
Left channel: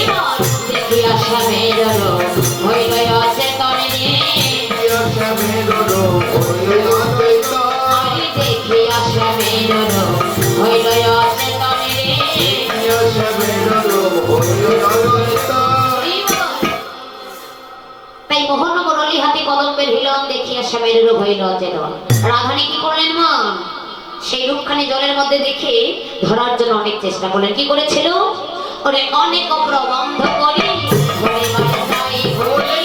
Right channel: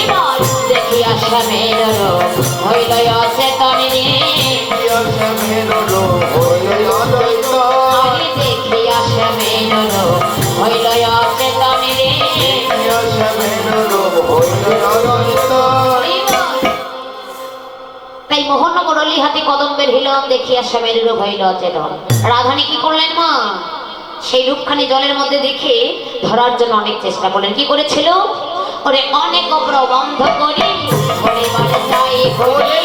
এবার দেখিয়া শ্যামের রূপ হইল অচেতনে, আরে দেখিয়া শ্যামের রূপ হইল অচেতনে। তাই মোহন মুরলী হাতে কদম্বের হিলন দেখিয়া শ্যামের রূপ হইল অচেতন। রাধানী কি করলেন মা? সেই রূপখানি জলের মধ্যে দেখে ধরার জন্য অনেক চেষ্টা করলেন। কি করেছিল? ওরে অনেক প্রবন্ধ করি হরিবার চাই হরি,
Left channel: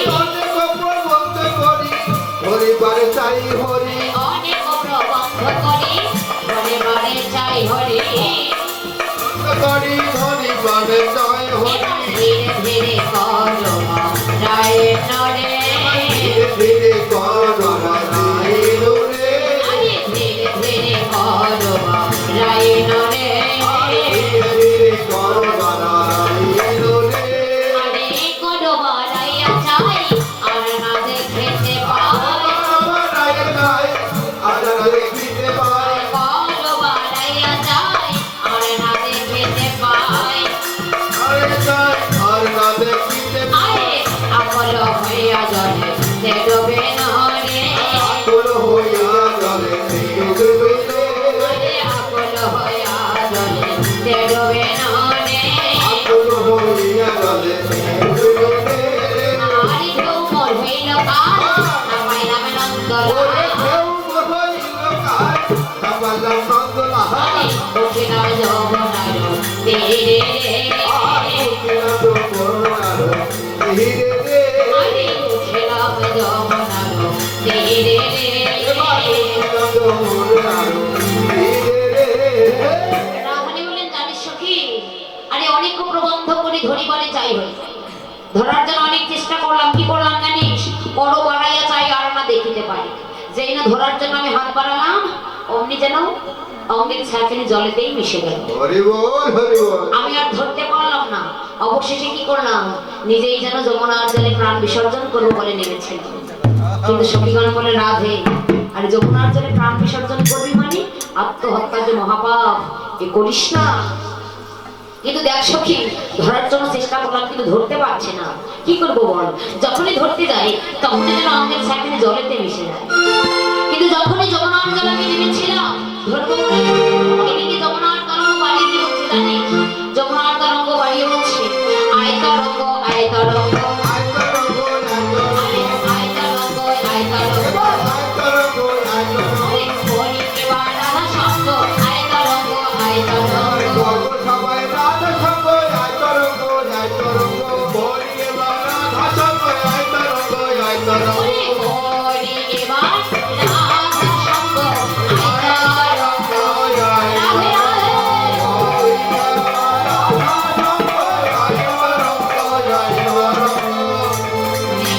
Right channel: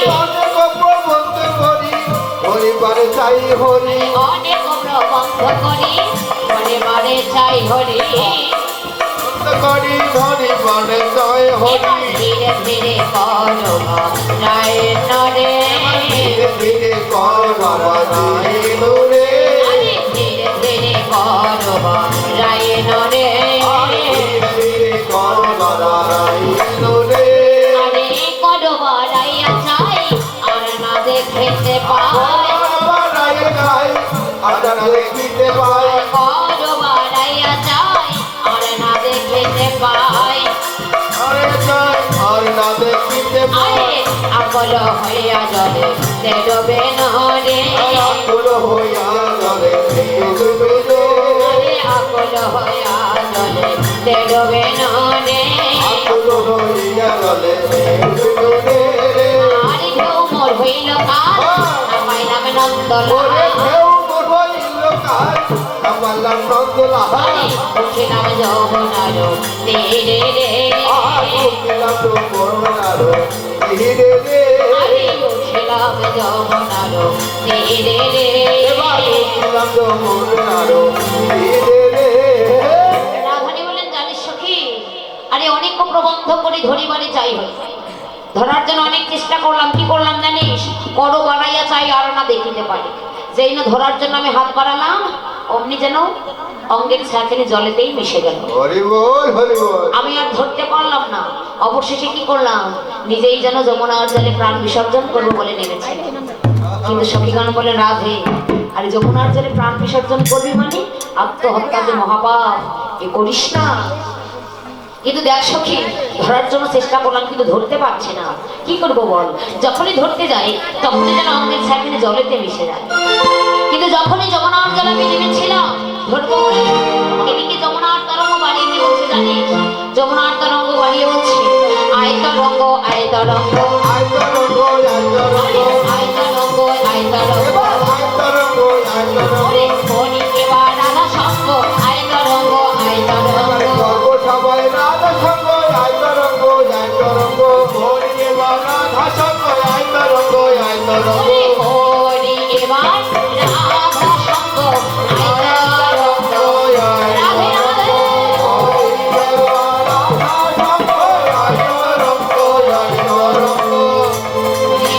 অনেক প্রবন্ধ করি হরিবারে চাই হরি। ধীরে ধীরে করো রায় নরে, ধীরে করো রায় নরে। আকল হইয়া জলে ডোবে না রে আকুল হইয়া জলে ডুবে রে আকুল হইয়া জলে ডোবে না রে আকুল হইয়া জলে ডুবে রে আরে ঢেউ মোর হইল কাল না পাইলাম নন্দলাল কেউ হইল কার সবালাম নন্দলাল আরে উঠিলাম যমুনার তীরে রে আকুল তো করুণার ধীরে রে আরে উঠিলাম যমুনার তীরে রে আকুল তো করুণার ধীরে রে রাধানী বললেন জানিস সখী আরে অনেক প্রবন্ধ করে ধরিবারে চাই হই ধরার জন্য অনেক চেষ্টা করলাম কি করলাম জানিস করো বাড়াইয়া চাই আর না দেখিতে পারি যেই না ধরার জন্য আমি হাত বাড়ালাম অমনি যেন অঙ্গের ছায়াখানি জলেতেই মিশে গেল হরি বল হরি বল আমি আর ধরতে পারলাম না অবশেষে কি করলাম নিজেই যেন যমুনার জলে প্রাণ বিসর্জন করবো বলে নেমেছে কিন্তু সখীগণ বলে রাধে আরে যমুনার জলে প্রাণ বিসর্জন করবি মানে আত্মহত্যা যে মহাপাপ এ করিস না কিন্তু দেখ সখী ধরার জন্য চেষ্টা করলাম কিন্তু ধরতে পারছি না কি করবো বল যখনই ধরতে যাই তখনই যেন অঙ্গের ছায়াখানি জলেতে মিশে যায় কিন্তু যখনই যমুনার জলে আমি নেমেছিলাম ধরবো বলে এদিকে যমুনার তরঙ্গ বাড়িয়ে দিয়ে বলছে জানিস যমুনার তরঙ্গ বাড়িয়ে বলছে আয় তরঙ্গ আয় তরঙ্গ আয় তরঙ্গ আয় তরঙ্গ আয় তরঙ্গ আয় তরঙ্গ আয় তরঙ্গ ওরে হরি এবার রাধা সঙ্গ আয় তরঙ্গ আয় তরঙ্গ গর্ব সবাই রাধা সঙ্গ আয় তরঙ্গ হরি এবার রাধা সঙ্গ আয় তরঙ্গ ওরে হরি এবার রাধা সঙ্গ আয় তরঙ্গ রাধে রাধে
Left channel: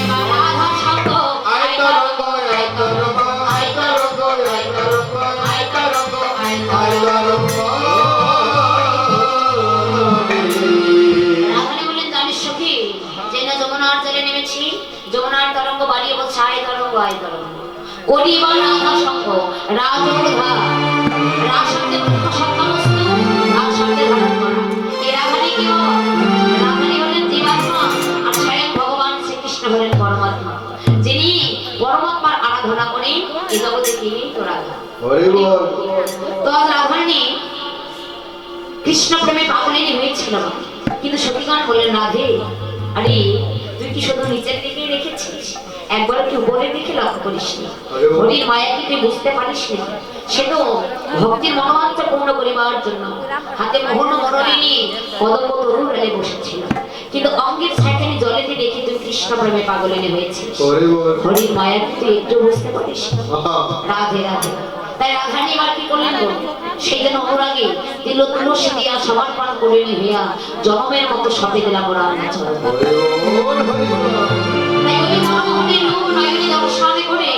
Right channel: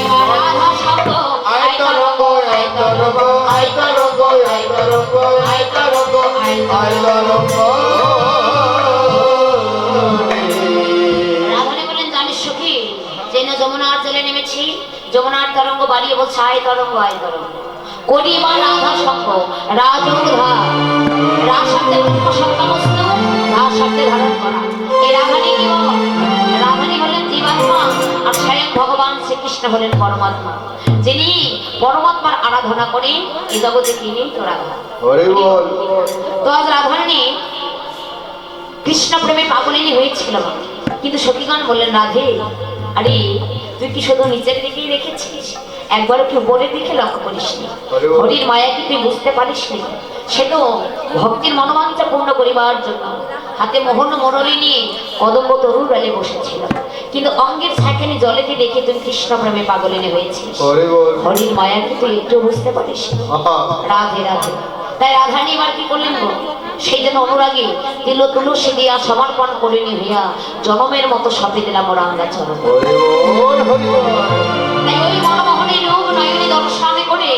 এবার রাধা সঙ্গ আয় তরঙ্গ আয় তরঙ্গ আয় তরঙ্গ আয় তরঙ্গ আয় তরঙ্গ আয় তরঙ্গ রাধানী বলেন জানিস সখী যে না যমুনার জলে নেমেছি যমুনার তরঙ্গ বাড়িয়ে বলছে আয় তরঙ্গ আয় তরঙ্গ করি বা রাধা সঙ্গ রাজা রাসাতে মুখ্য সত্তা বস্তু তার শব্দে ধারণ করা এই রাধানী কি রাধানী হলেন জীবাত্মা আর স্বয়ং ভগবান শ্রীকৃষ্ণ হলেন পরমাত্মা যিনি পরমাত্মার আরাধনা করে এই জগতে তিনি তো রাধা হরি বল তো আজ রাধারানী কৃষ্ণ প্রেমে পাগলিনী হয়েছিল কিন্তু সখীগণ বললেন রাধে আরে তুই কি শুধু নিচের দিকেই রেখেছিস একবার কি উপরের দিকে লক্ষ্য করিসনি হরির মায়া কি তুই বুঝতে পারিসনি সে তো ভক্তির মনোবাঞ্ছা পূর্ণ করিবার জন্য হাতে মোহন মরলি নিয়ে কদম্ব তরুণ বেলে বসেছিল কিন্তু অঙ্গের ছায়াখানি জলেতে দেখে তুই কৃষ্ণ প্রেমে পাগলিনী হয়েছিস হরি বল হরির মায়া কি তুই একটু বুঝতে পারিস আহা রাধে রাধে তাই রাধানী এবার কি করলেন গো সেই জন্য অনুরাগে দিল তুলসী দিয়া সমর্পণ করিনি হইয়া জনমের মতো সপে দিলাম রাঙ্গা চরণ হরি বল তাই ওই মনমোহনী রূপ নয়নে দর্শন করে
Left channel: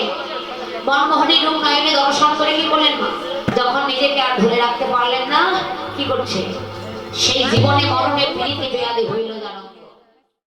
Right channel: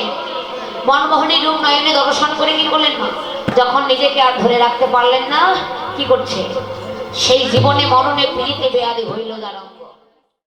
মনমোহনী রূপ নয়নে দর্শন করে কি করলেন মা যখন নিজেকে আর ধরে রাখতে পারলেন না কি করছে সেই জীবনে মরণে পীড়িতে বেয়াদে হইল জানো